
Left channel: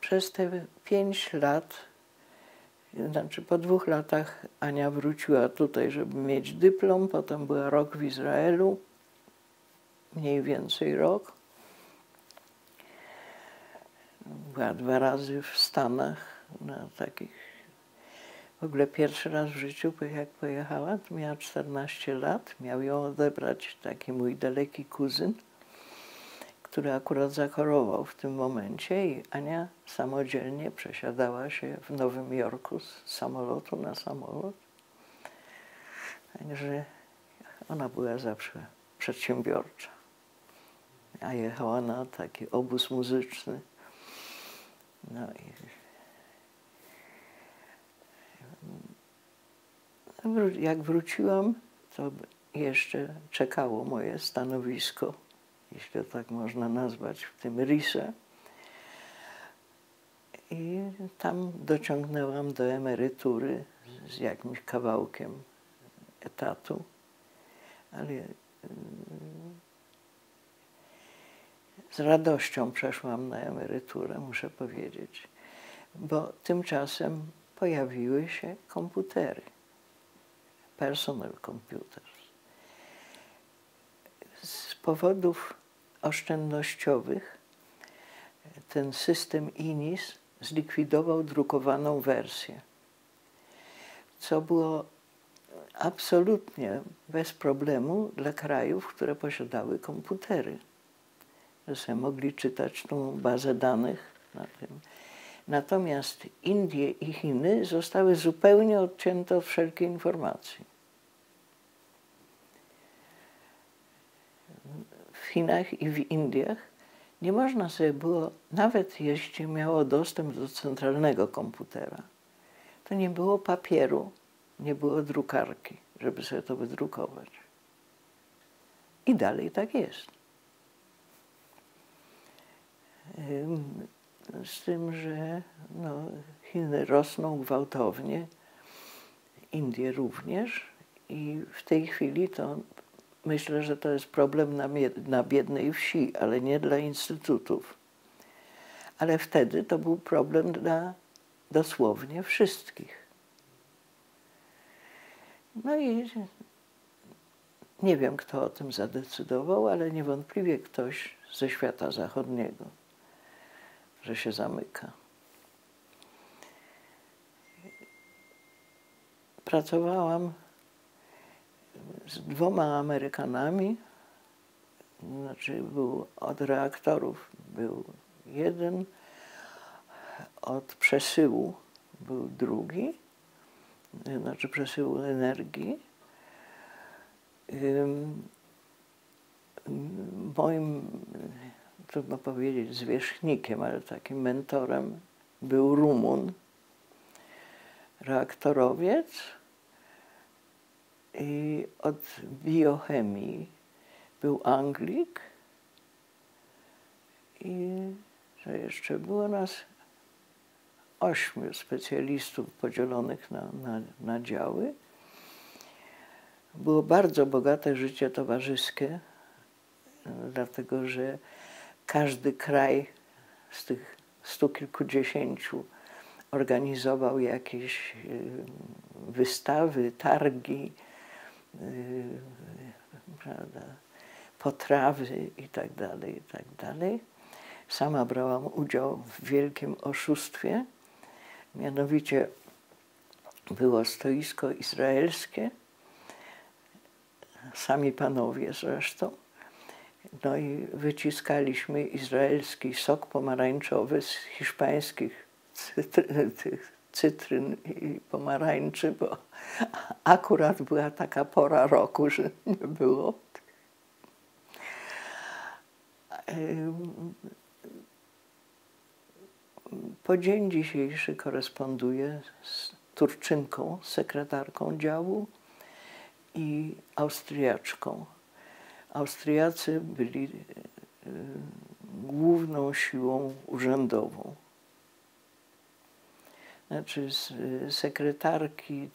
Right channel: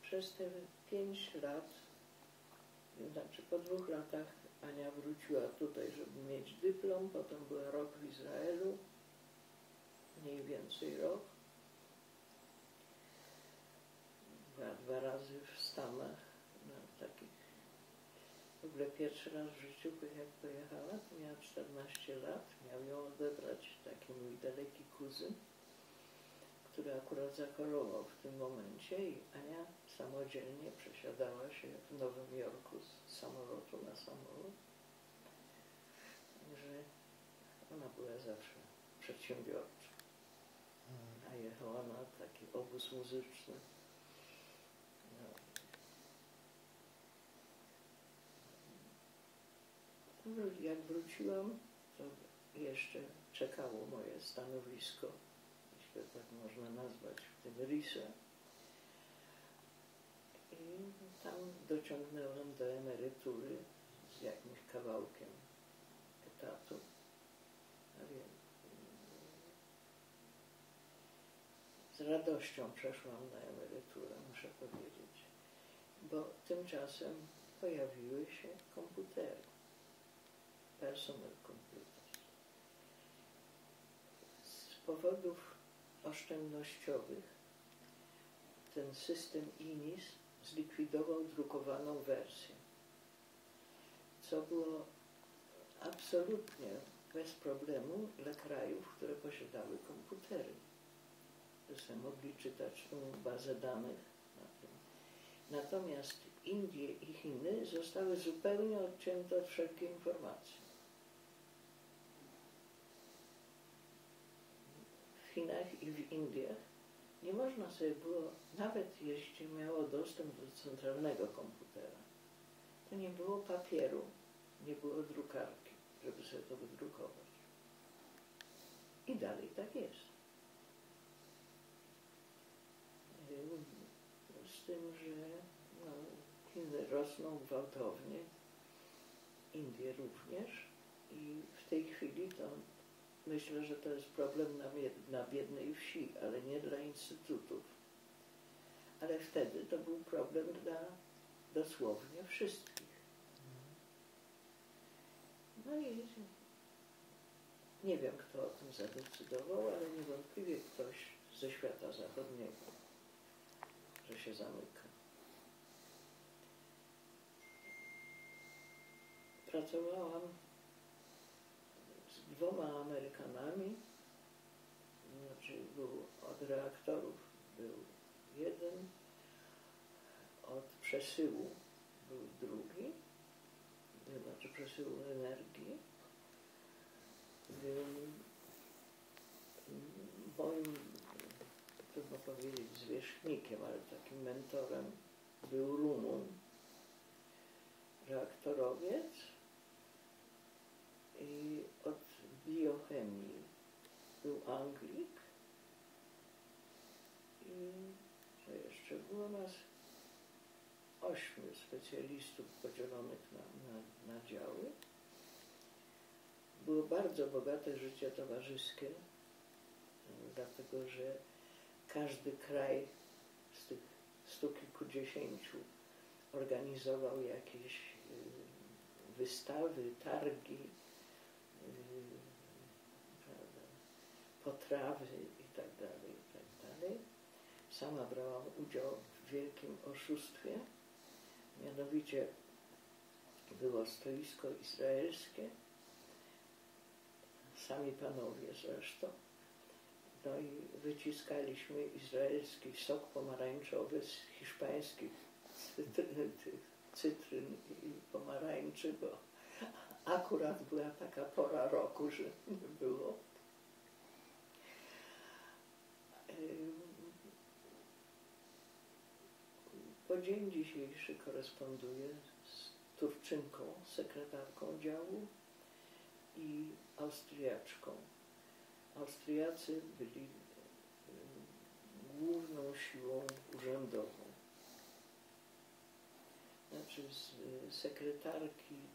przez te 5 lat, znaczy po 2 latach Ania wróciła tutaj, żeby mieć dyplom, potem była rok w Izraelu, mniej więcej rok. Była 2 razy w Stanach na takich. W ogóle pierwszy raz w życiu, jak pojechała, to miała 14 lat. Miał ją odebrać taki mój daleki kuzyn, który akurat zachorował w tym momencie i Ania samodzielnie przesiadała się w Nowym Jorku z samolotu na samolot. Także ona była zawsze przedsiębiorcza. A jechała na taki obóz muzyczny. No i jak wróciłam, to jeszcze czekało moje stanowisko, jeśli tak można nazwać, w tym RISE. I tam dociągnęłam do emerytury z jakimś kawałkiem etatu, ale z radością przeszłam na emeryturę, muszę powiedzieć, bo tymczasem pojawiły się komputery, personal computers. Z powodów oszczędnościowych ten system INIS zlikwidował drukowaną wersję, co było absolutnie bez problemu dla krajów, które posiadały komputery, że sobie mogli czytać tą bazę danych na tym. Natomiast Indie i Chiny zostały zupełnie odcięte od wszelkiej informacji. W Chinach i w Indiach nie można sobie było, nawet jeśli miało dostęp do centralnego komputera, to nie było papieru, nie było drukarki, żeby sobie to wydrukować. I dalej tak jest. Z tym, że no, Chiny rosną gwałtownie, Indie również i w tej chwili to myślę, że to jest problem na biednej wsi, ale nie dla instytutów. Ale wtedy to był problem dla dosłownie wszystkich. No i nie wiem, kto o tym zadecydował, ale niewątpliwie ktoś ze świata zachodniego, że się zamyka. Pracowałam z 2 Amerykanami, znaczy był od reaktorów był jeden, od przesyłu był drugi, znaczy przesyłu energii. Moim, trudno powiedzieć, zwierzchnikiem, ale takim mentorem był Rumun, reaktorowiec, i od biochemii był Anglik i że jeszcze było nas 8 specjalistów podzielonych na działy. Było bardzo bogate życie towarzyskie, dlatego że każdy kraj z tych 100 kilkudziesięciu organizował jakieś wystawy, targi, prawda, potrawy itd., itd. Sama brałam udział w wielkim oszustwie, mianowicie było stoisko izraelskie, sami panowie zresztą, no i wyciskaliśmy izraelski sok pomarańczowy z hiszpańskich cytryn i pomarańczy, bo akurat była taka pora roku, że nie było. Po dzień dzisiejszy koresponduję z Turczynką, sekretarką działu i Austriaczką. Austriacy byli główną siłą urzędową. Znaczy sekretarki,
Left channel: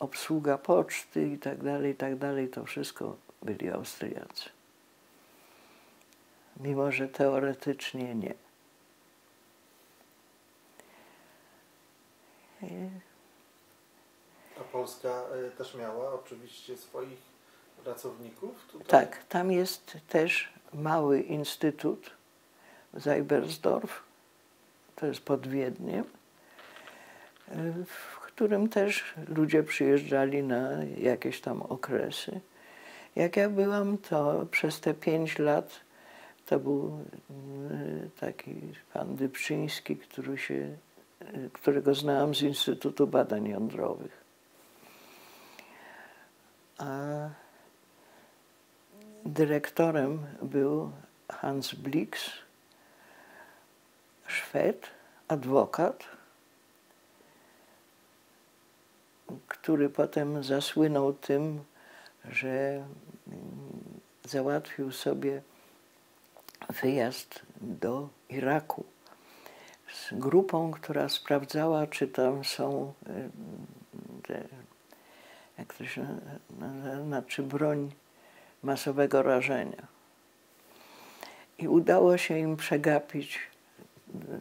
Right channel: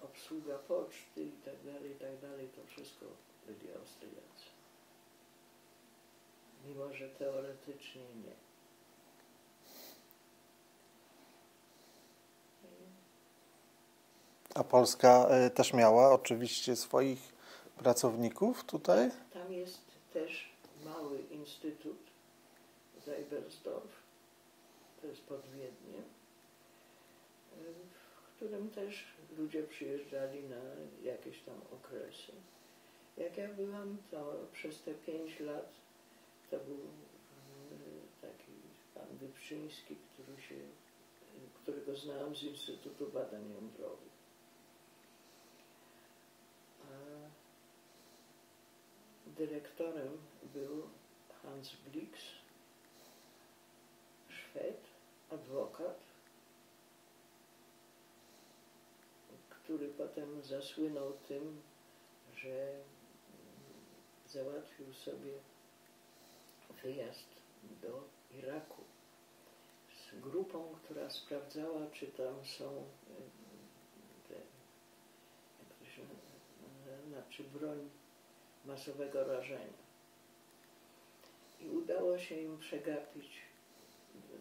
obsługa poczty i tak dalej, to wszystko byli Austriacy. Mimo że teoretycznie nie. A Polska też miała oczywiście swoich pracowników tutaj? Tak, tam jest też mały instytut Seibersdorf, to jest pod Wiedniem, w którym też ludzie przyjeżdżali na jakieś tam okresy. Jak ja byłam, to przez te 5 lat to był taki pan Dybczyński, którego znałam z Instytutu Badań Jądrowych. A dyrektorem był Hans Blix, Szwed, adwokat, który potem zasłynął tym, że załatwił sobie wyjazd do Iraku z grupą, która sprawdzała, czy tam są jak to się znaczy, broń masowego rażenia. I udało się im przegapić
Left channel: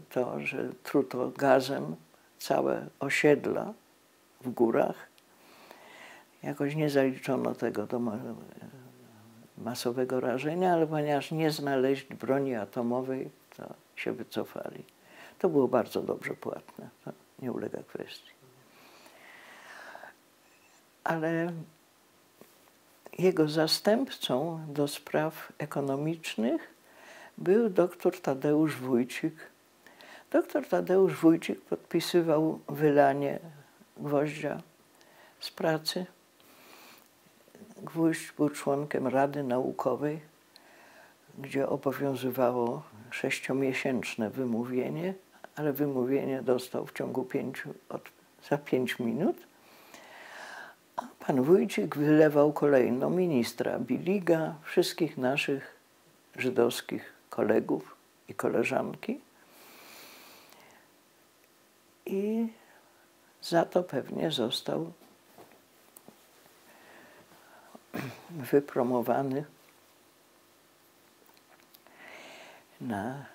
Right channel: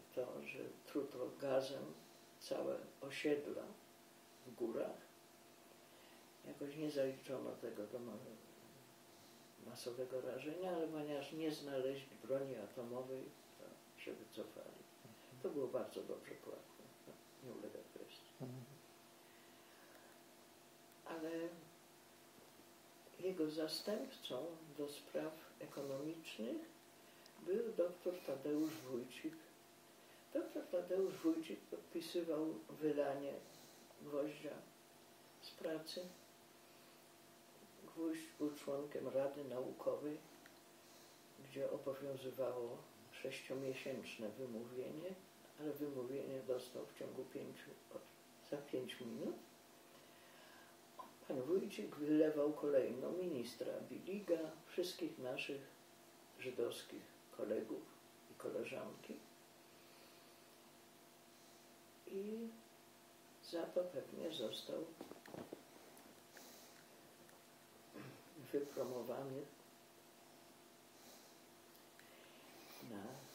to, że truto gazem całe osiedla w górach. Jakoś nie zaliczono tego do masowego rażenia, ale ponieważ nie znaleźli broni atomowej, to się wycofali. To było bardzo dobrze płatne, to nie ulega kwestii. Ale jego zastępcą do spraw ekonomicznych był dr Tadeusz Wójcik. Dr Tadeusz Wójcik podpisywał wylanie Gwoździa z pracy. Gwóźdź był członkiem Rady Naukowej, gdzie obowiązywało 6-miesięczne wymówienie, ale wymówienie dostał w ciągu za 5 minut. A pan Wójcik wylewał kolejno ministra Biliga, wszystkich naszych żydowskich kolegów i koleżanki. I za to pewnie został wypromowany na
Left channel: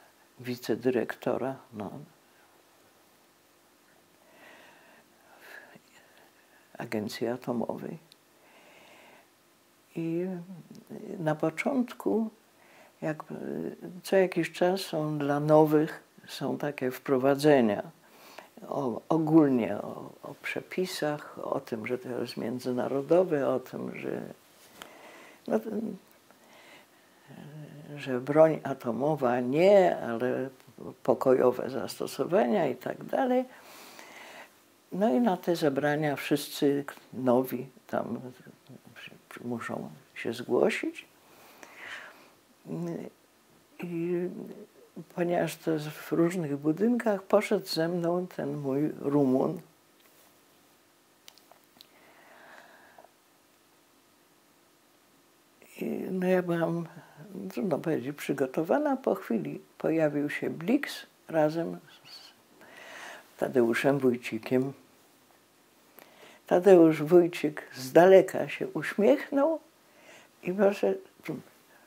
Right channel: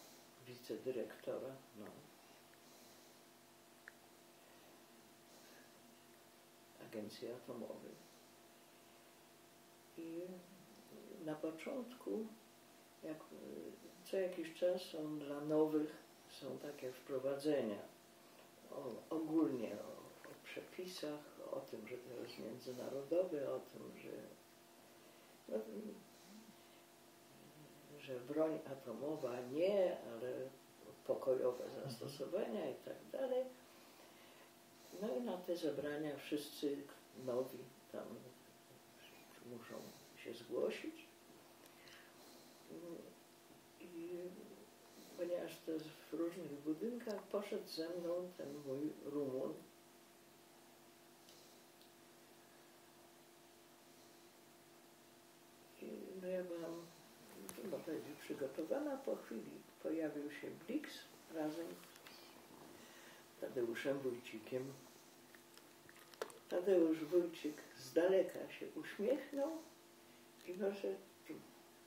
wicedyrektora Agencji Atomowej. I na początku, co jakiś czas dla nowych są takie wprowadzenia ogólnie o przepisach, o tym, że to jest międzynarodowe, o tym, że broń atomowa nie, ale pokojowe zastosowania i tak dalej. No i na te zebrania wszyscy nowi tam muszą się zgłosić. I ponieważ to jest w różnych budynkach, poszedł ze mną ten mój Rumun. I no ja byłam, trudno powiedzieć, przygotowana. Po chwili pojawił się Blix, razem z Tadeuszem Wójcikiem. Tadeusz Wójcik z daleka się uśmiechnął i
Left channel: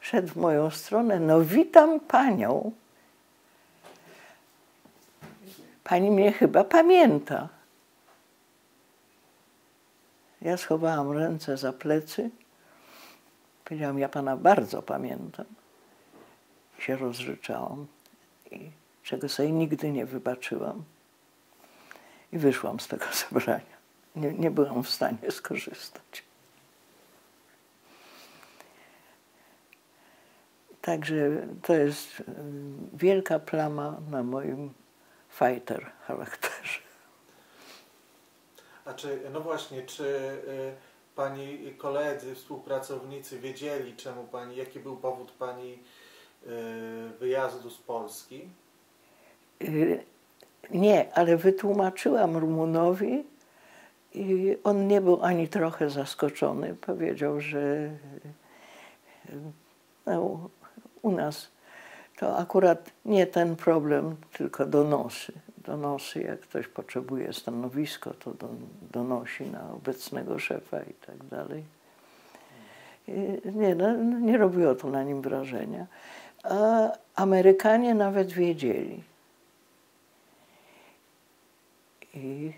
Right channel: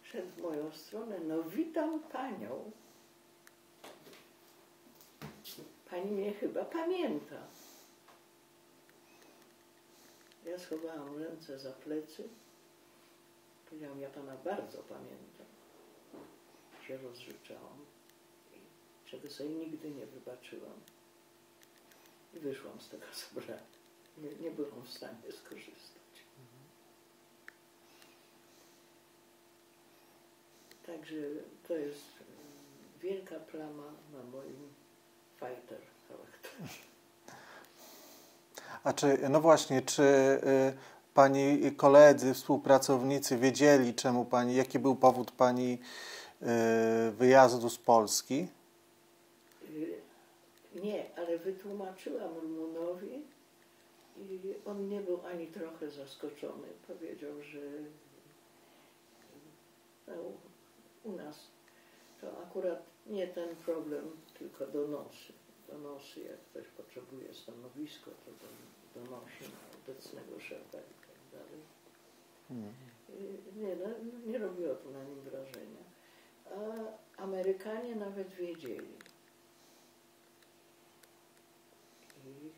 szedł w moją stronę. No witam panią. Pani mnie chyba pamięta. Ja schowałam ręce za plecy. Powiedziałam, ja pana bardzo pamiętam. I się rozryczałam, czego sobie nigdy nie wybaczyłam. I wyszłam z tego zebrania. Nie byłam w stanie skorzystać. Także to jest wielka plama na moim fighter charakterze. A czy, no właśnie, czy pani koledzy, współpracownicy wiedzieli, jaki był powód pani wyjazdu z Polski? Nie, ale wytłumaczyłam Rumunowi i on nie był ani trochę zaskoczony. Powiedział, że no, u nas to akurat nie ten problem, tylko donosy. Donosy, jak ktoś potrzebuje stanowisko, to donosi na obecnego szefa i tak dalej. Nie, no, nie robiło to na nim wrażenia. A Amerykanie nawet wiedzieli. I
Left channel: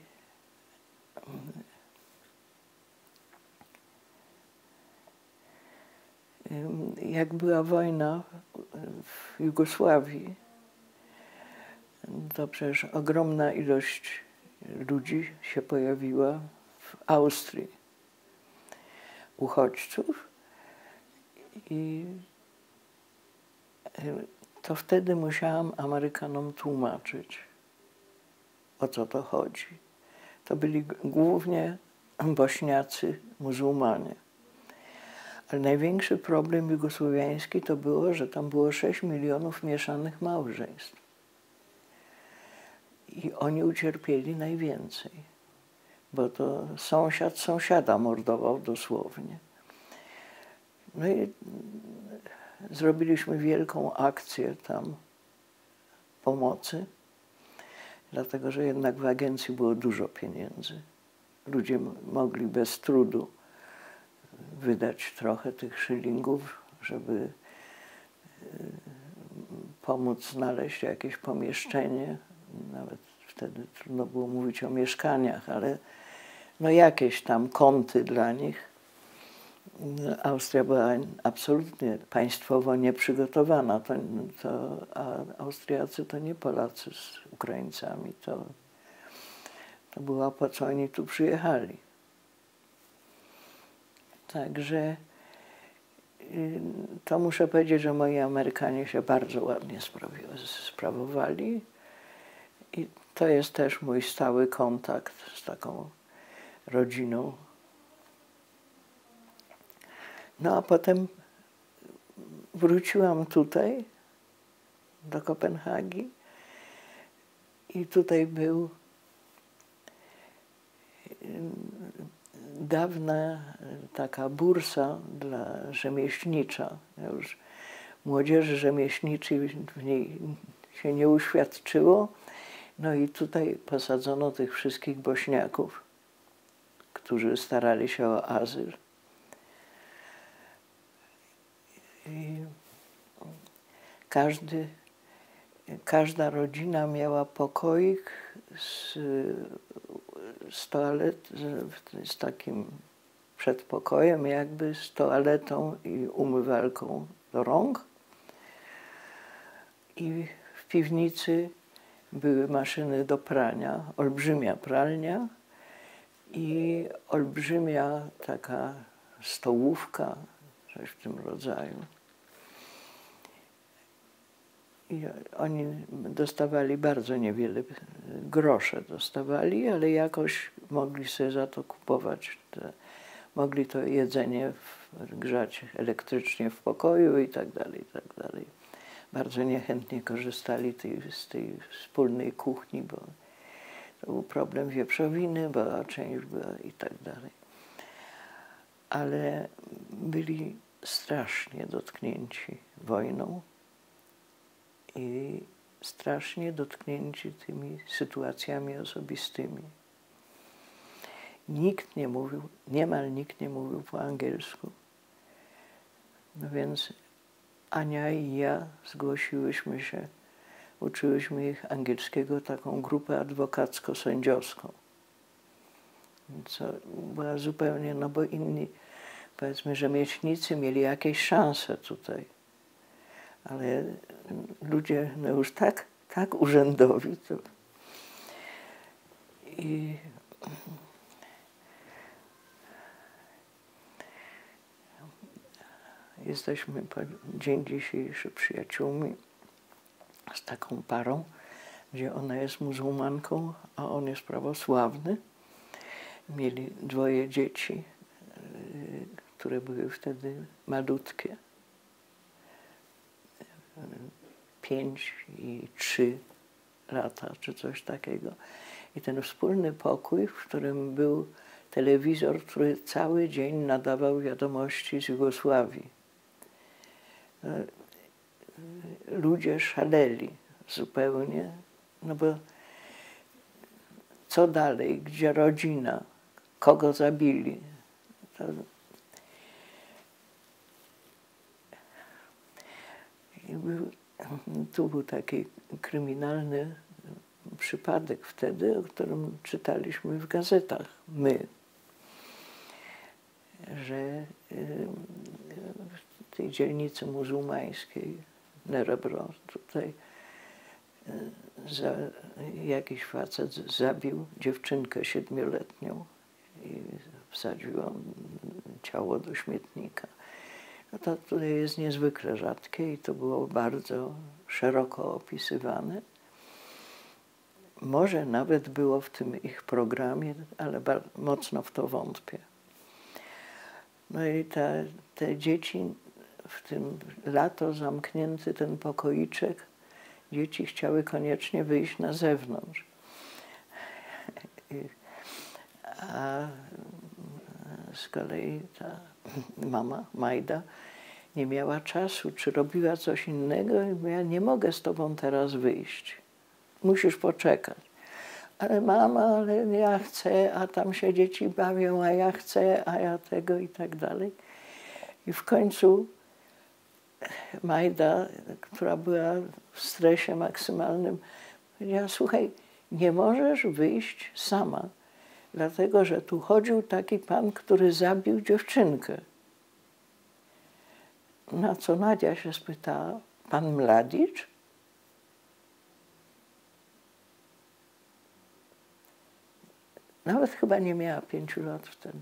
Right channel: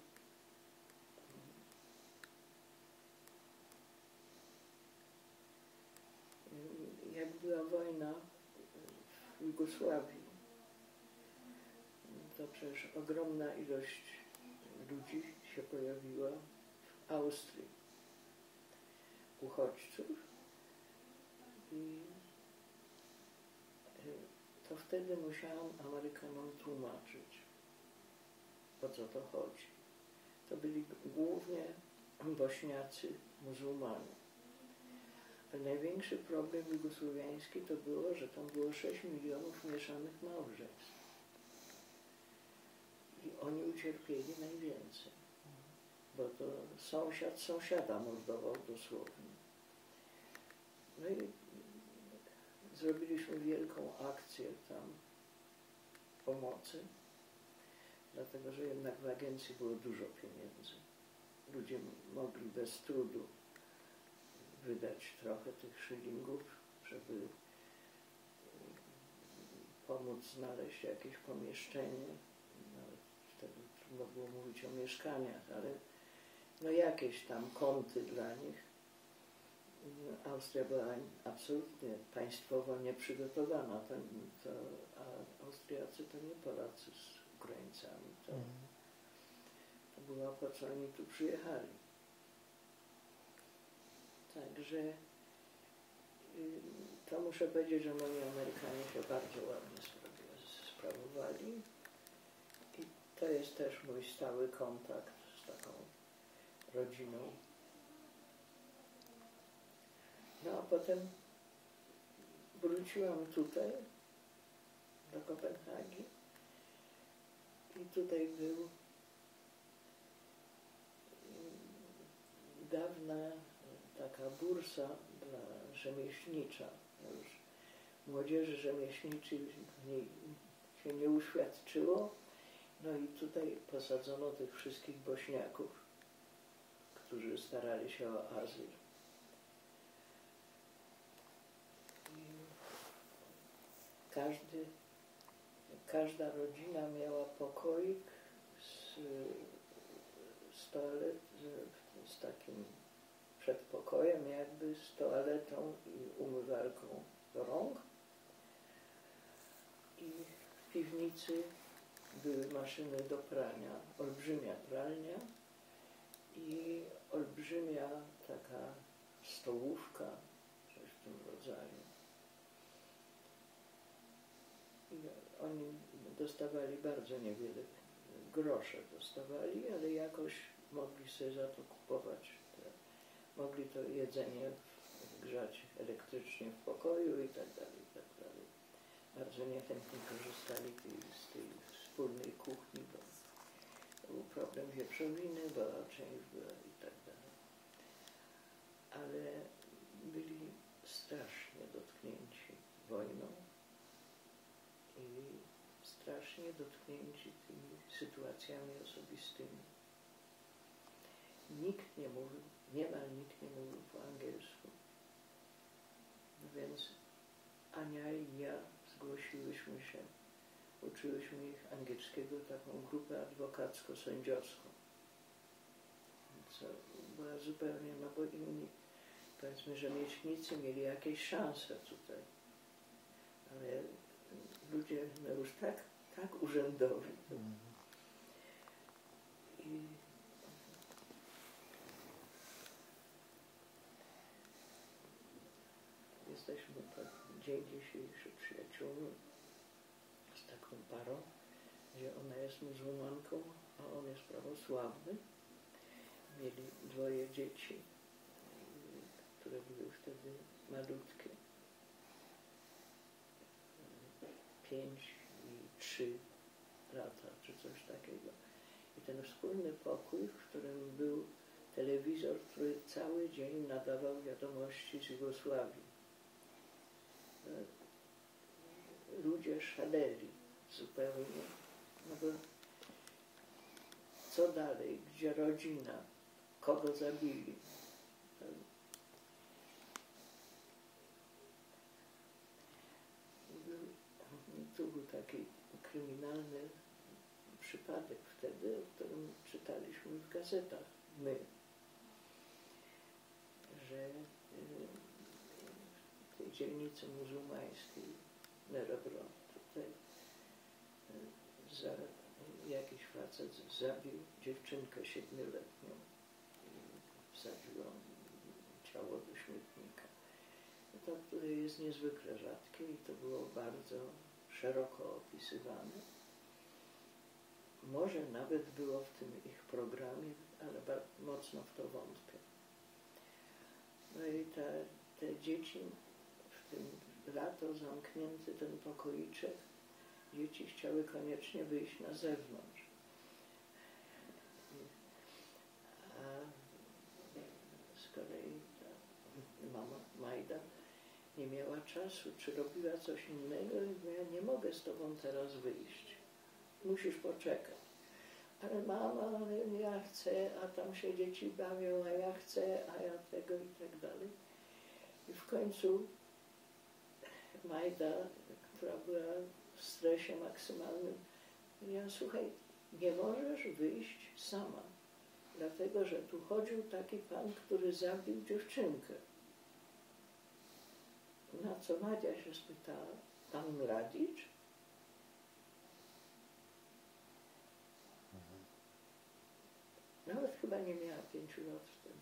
jak była wojna w Jugosławii, to przecież ogromna ilość ludzi się pojawiła w Austrii, uchodźców. I to wtedy musiałam Amerykanom tłumaczyć, o co to chodzi. To byli głównie Bośniacy, muzułmanie. Ale największy problem jugosłowiański to było, że tam było 6 milionów mieszanych małżeństw. I oni ucierpieli najwięcej, bo to sąsiad sąsiada mordował dosłownie. No i zrobiliśmy wielką akcję tam pomocy, dlatego że jednak w agencji było dużo pieniędzy. Ludzie mogli bez trudu wydać trochę tych szylingów, żeby pomóc znaleźć jakieś pomieszczenie. Nawet wtedy trudno było mówić o mieszkaniach, ale no jakieś tam kąty dla nich. Austria była absolutnie państwowo nieprzygotowana. A Austriacy to nie Polacy z Ukraińcami. To było po co oni tu przyjechali. Także to muszę powiedzieć, że moi Amerykanie się bardzo ładnie sprawowali. I to jest też mój stały kontakt z taką rodziną. No a potem wróciłam tutaj, do Kopenhagi i tutaj był dawna taka bursa dla rzemieślnicza. Już młodzieży rzemieślniczej w niej się nie uświadczyło. No i tutaj posadzono tych wszystkich Bośniaków, którzy starali się o azyl. I każda rodzina miała pokoik z z takim przedpokojem, jakby z toaletą i umywalką do rąk. I w piwnicy były maszyny do prania, olbrzymia pralnia i olbrzymia taka stołówka, coś w tym rodzaju. I oni dostawali bardzo niewiele, grosze dostawali, ale jakoś mogli sobie za to kupować. Mogli to jedzenie grzać elektrycznie w pokoju i tak dalej, i tak dalej. Bardzo niechętnie korzystali z tej wspólnej kuchni, bo to był problem wieprzowiny, bo część była i tak dalej. Ale byli strasznie dotknięci wojną i strasznie dotknięci tymi sytuacjami osobistymi. Nikt nie mówił, niemal nikt nie mówił po angielsku. No więc Ania i ja zgłosiłyśmy się, uczyłyśmy ich angielskiego, taką grupę adwokacko-sędziowską. Co była zupełnie, no bo inni, powiedzmy, rzemieślnicy mieli jakieś szanse tutaj. Ale ludzie no już tak urzędowi. To... I jesteśmy po dzień dzisiejszy przyjaciółmi z taką parą, gdzie ona jest muzułmanką, a on jest prawosławny. Mieli 2 dzieci, które były wtedy malutkie. 5 i 3 lata, czy coś takiego. I ten wspólny pokój, w którym był telewizor, który cały dzień nadawał wiadomości z Jugosławii. Ludzie szaleli zupełnie, no bo co dalej, gdzie rodzina, kogo zabili. Tu był taki kryminalny przypadek wtedy, o którym czytaliśmy w gazetach, my, że w tej dzielnicy muzułmańskiej, Nerebro, tutaj jakiś facet zabił dziewczynkę 7-letnią i wsadził ciało do śmietnika. No to tutaj jest niezwykle rzadkie i to było bardzo szeroko opisywane. Może nawet było w tym ich programie, ale mocno w to wątpię. No i te dzieci, w tym lato zamknięty ten pokoiczek, dzieci chciały koniecznie wyjść na zewnątrz. A z kolei ta mama, Majda, nie miała czasu, czy robiła coś innego i mówiła, ja nie mogę z tobą teraz wyjść. Musisz poczekać. Ale mama, ale ja chcę, a tam się dzieci bawią, a ja chcę, a ja tego i tak dalej. I w końcu Majda, która była w stresie maksymalnym, powiedziała, słuchaj, nie możesz wyjść sama, dlatego że tu chodził taki pan, który zabił dziewczynkę. Na co Nadia się spytała, pan Mladić? Nawet chyba nie miała 5 lat wtedy.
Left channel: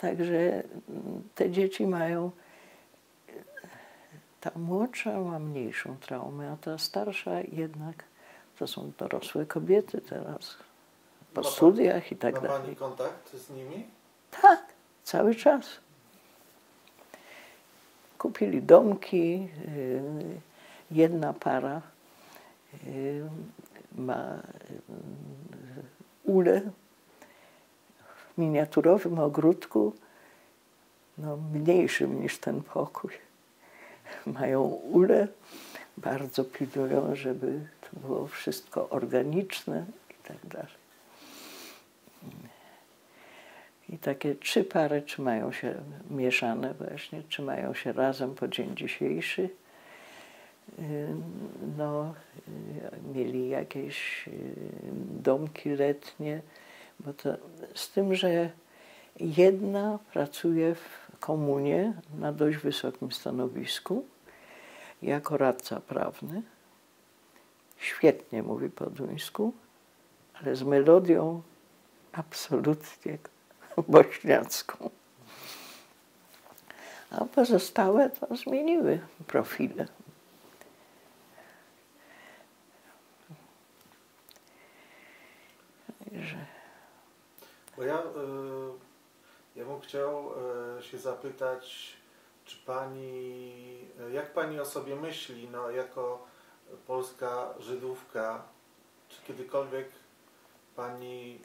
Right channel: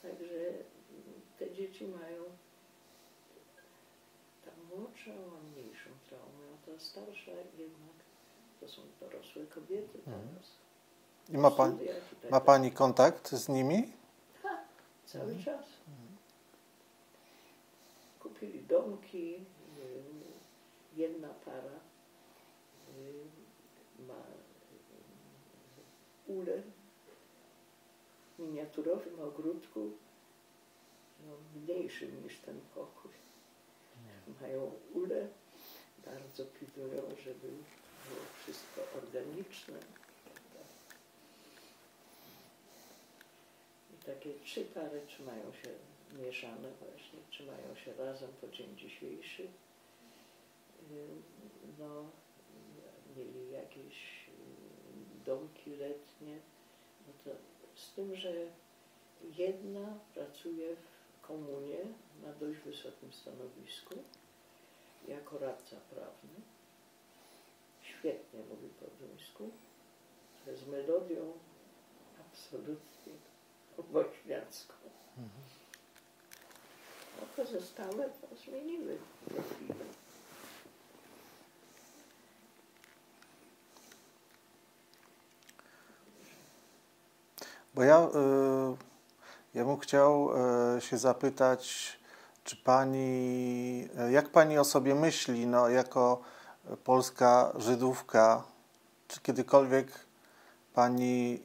Także te dzieci mają, ta młodsza ma mniejszą traumę, a ta starsza jednak, to są dorosłe kobiety teraz, po studiach i tak dalej. Ma pani kontakt z nimi? Tak, cały czas. Kupili domki, jedna para ma ulę w miniaturowym ogródku, no, mniejszym niż ten pokój. Mają ulę, bardzo pilnują, żeby to było wszystko organiczne i tak dalej. I takie 3 pary trzymają się mieszane właśnie, trzymają się razem po dzień dzisiejszy. No, mieli jakieś domki letnie, bo to z tym, że jedna pracuje w komunie na dość wysokim stanowisku jako radca prawny. Świetnie mówi po duńsku, ale z melodią absolutnie bośniacką. A pozostałe to zmieniły profile. Bo ja bym chciał się zapytać, czy pani, jak pani o sobie myśli, no, jako polska Żydówka, czy kiedykolwiek pani,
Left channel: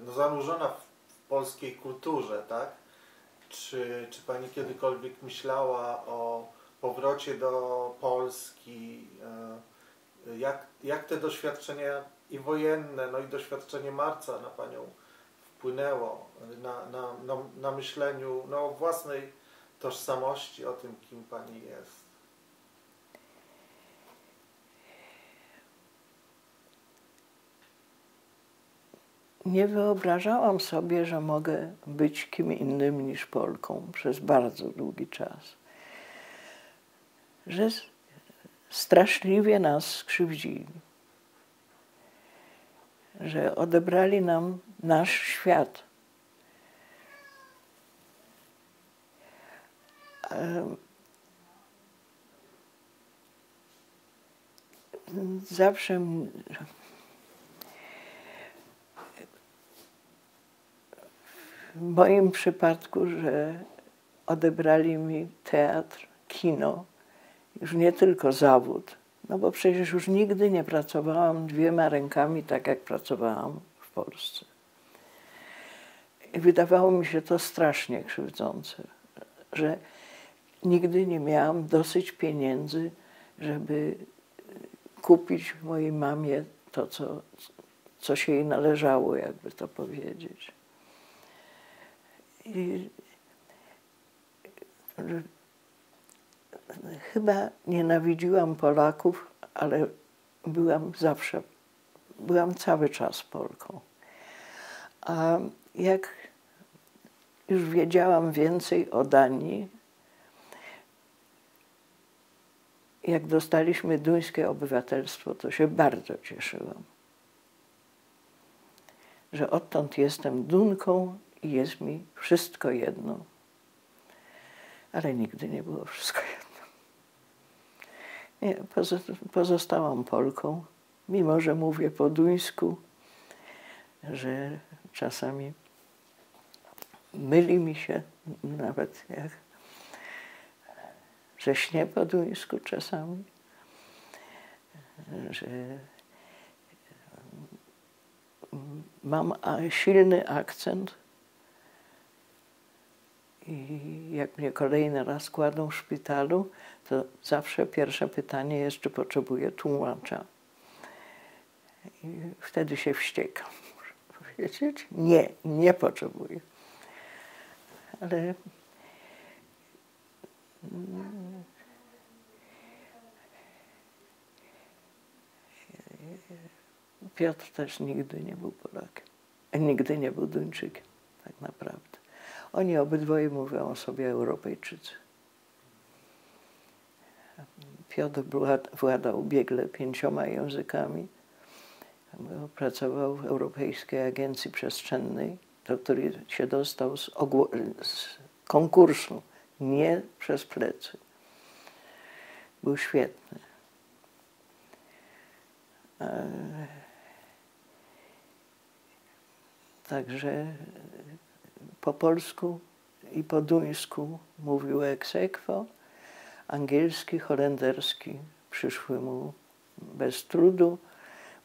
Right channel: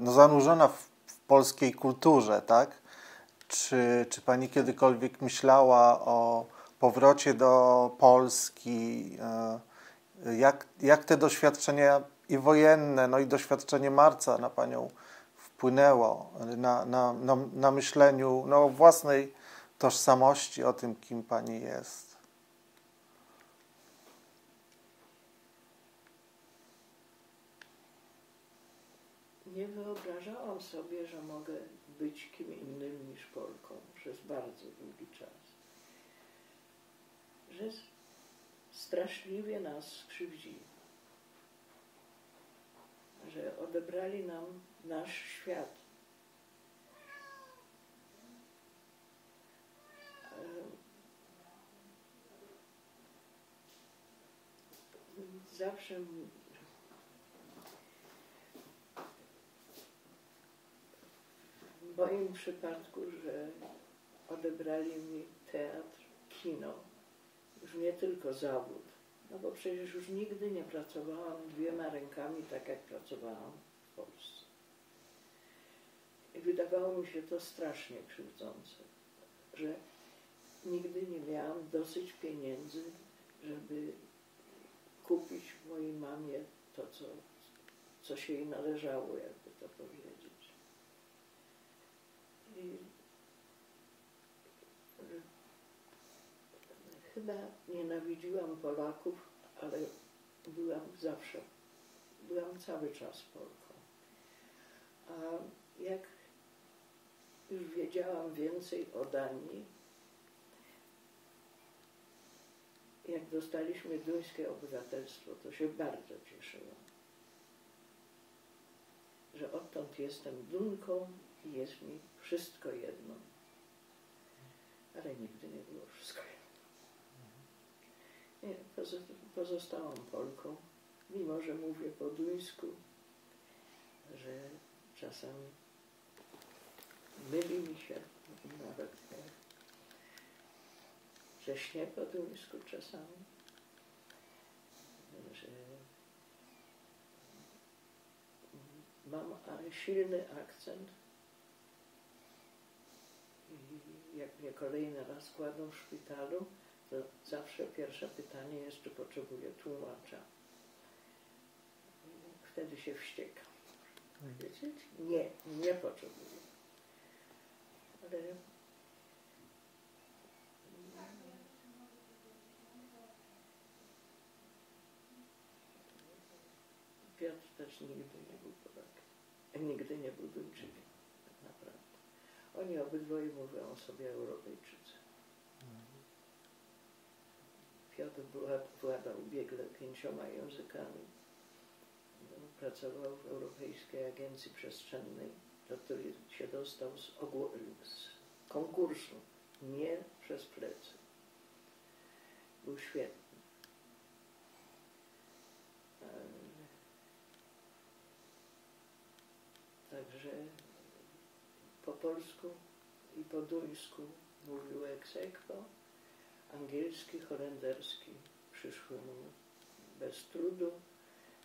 no, zanurzona w polskiej kulturze, tak? Czy pani kiedykolwiek myślała o powrocie do Polski, jak te doświadczenia i wojenne, no i doświadczenie marca na Panią wpłynęło na myśleniu o własnej tożsamości, o tym, kim Pani jest? Nie wyobrażałam sobie, że mogę być kim innym niż Polką przez bardzo długi czas. Że straszliwie nas skrzywdzili. Że odebrali nam nasz świat. Zawsze w moim przypadku, że odebrali mi teatr, kino, już nie tylko zawód, no bo przecież już nigdy nie pracowałam 2 rękami tak, jak pracowałam w Polsce. I wydawało mi się to strasznie krzywdzące, że nigdy nie miałam dosyć pieniędzy, żeby kupić mojej mamie to, co się jej należało, jakby to powiedzieć. I chyba nienawidziłam Polaków, ale byłam cały czas Polką. A jak już wiedziałam więcej o Danii, jak dostaliśmy duńskie obywatelstwo, to się bardzo cieszyłam. Że odtąd jestem Dunką i jest mi wszystko jedno. Ale nigdy nie było wszystko jedno. Nie, pozostałam Polką, mimo że mówię po duńsku, że czasami myli mi się nawet że śnię po duńsku czasami, że mam silny akcent i jak mnie kolejny raz kładą w szpitalu, to zawsze pierwsze pytanie jest, czy potrzebuję tłumacza. I wtedy się wściekam, muszę powiedzieć. Nie potrzebuję. Ale Piotr też nigdy nie był Polakiem. Nigdy nie był Duńczykiem, tak naprawdę. Oni obydwoje mówią o sobie Europejczycy. Piotr władał biegle 5 językami. Pracował w Europejskiej Agencji Przestrzennej, do której się dostał z konkursu, nie przez plecy. Był świetny. Także po polsku i po duńsku mówił ex aequo, angielski, holenderski przyszły mu bez trudu,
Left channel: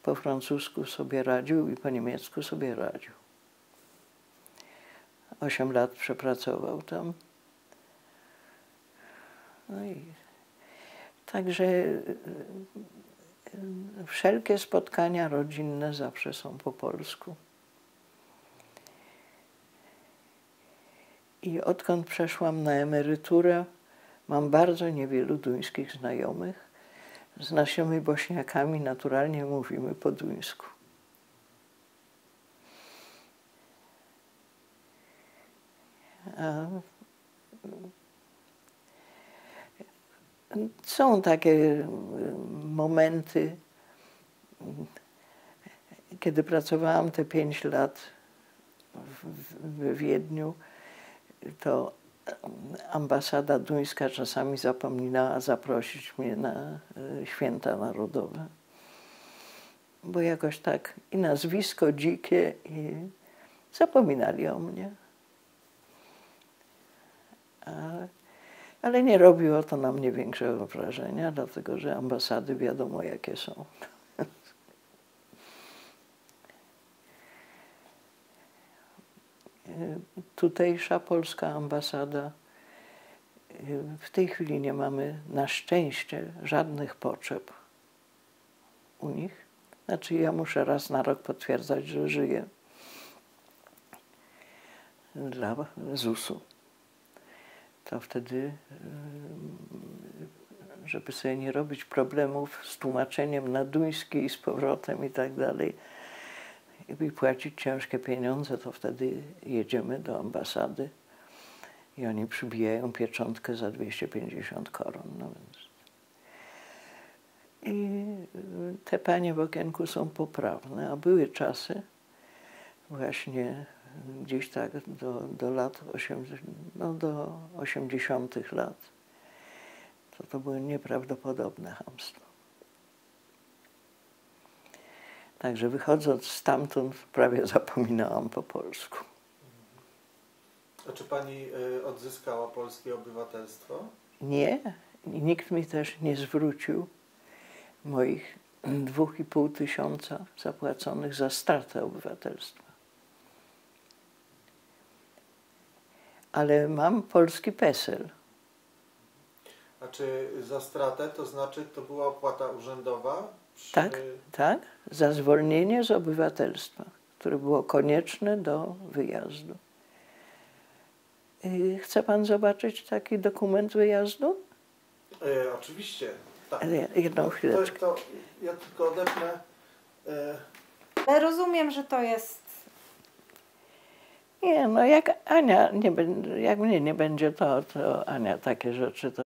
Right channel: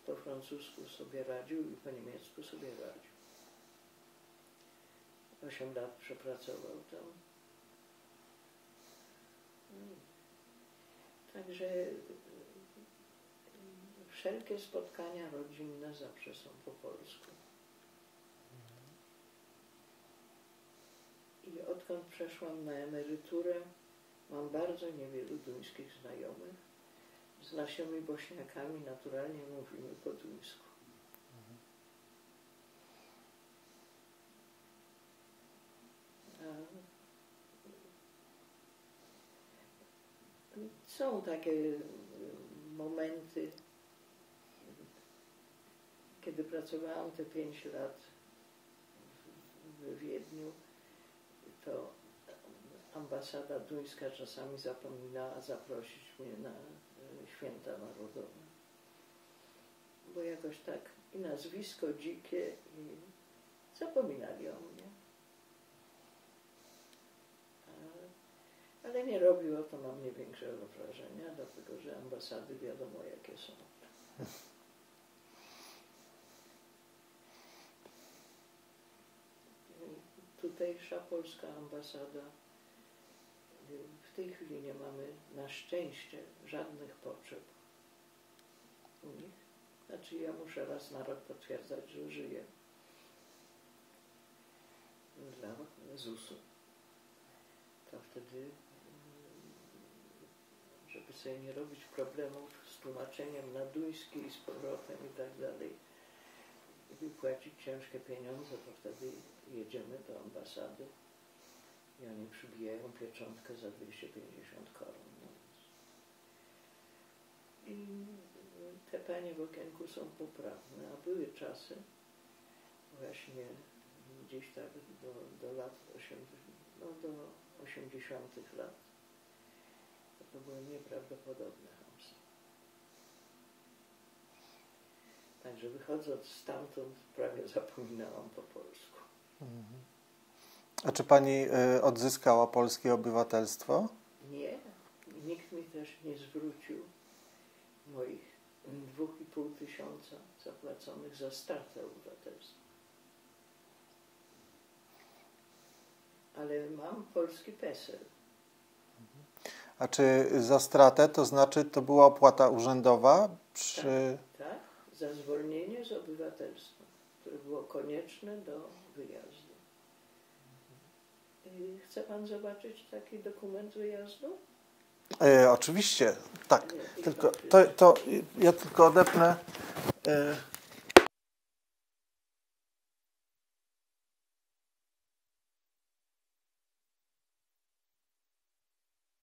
po francusku sobie radził i po niemiecku sobie radził. 8 lat przepracował tam. No i także wszelkie spotkania rodzinne zawsze są po polsku. I odkąd przeszłam na emeryturę, mam bardzo niewielu duńskich znajomych. Z naszymi Bośniakami naturalnie mówimy po duńsku. Są takie momenty, kiedy pracowałam te 5 lat w Wiedniu, to ambasada duńska czasami zapominała zaprosić mnie na święta narodowe. Bo jakoś tak i nazwisko dzikie i zapominali o mnie. Ale nie robiło to na mnie większego wrażenia, dlatego że ambasady wiadomo jakie są. Tutejsza polska ambasada W tej chwili nie mamy na szczęście żadnych potrzeb u nich. Znaczy ja muszę raz na rok potwierdzać, że żyję dla ZUS-u. To wtedy, żeby sobie nie robić problemów z tłumaczeniem na duński i z powrotem i tak dalej, i płacić ciężkie pieniądze, to wtedy jedziemy do ambasady i oni przybijają pieczątkę za 250 koron. No więc. I te panie w okienku są poprawne, a były czasy właśnie gdzieś tak do lat 80, no do 80 lat. To było nieprawdopodobne chamstwo. Także wychodząc stamtąd prawie zapominałam po polsku. A czy pani odzyskała polskie obywatelstwo? Nie, nikt mi też nie zwrócił moich 2,5 tysiąca zapłaconych za stratę obywatelstwa. Ale mam polski PESEL. A czy za stratę, to znaczy to była opłata urzędowa? Tak, tak, za zwolnienie z obywatelstwa, które było konieczne do wyjazdu. Chce pan zobaczyć taki dokument wyjazdu? Oczywiście, tak. Ale jedną chwileczkę. To ja tylko odepnę. Ale rozumiem, że to jest... Nie, no jak Ania, jak mnie nie będzie, to Ania takie rzeczy to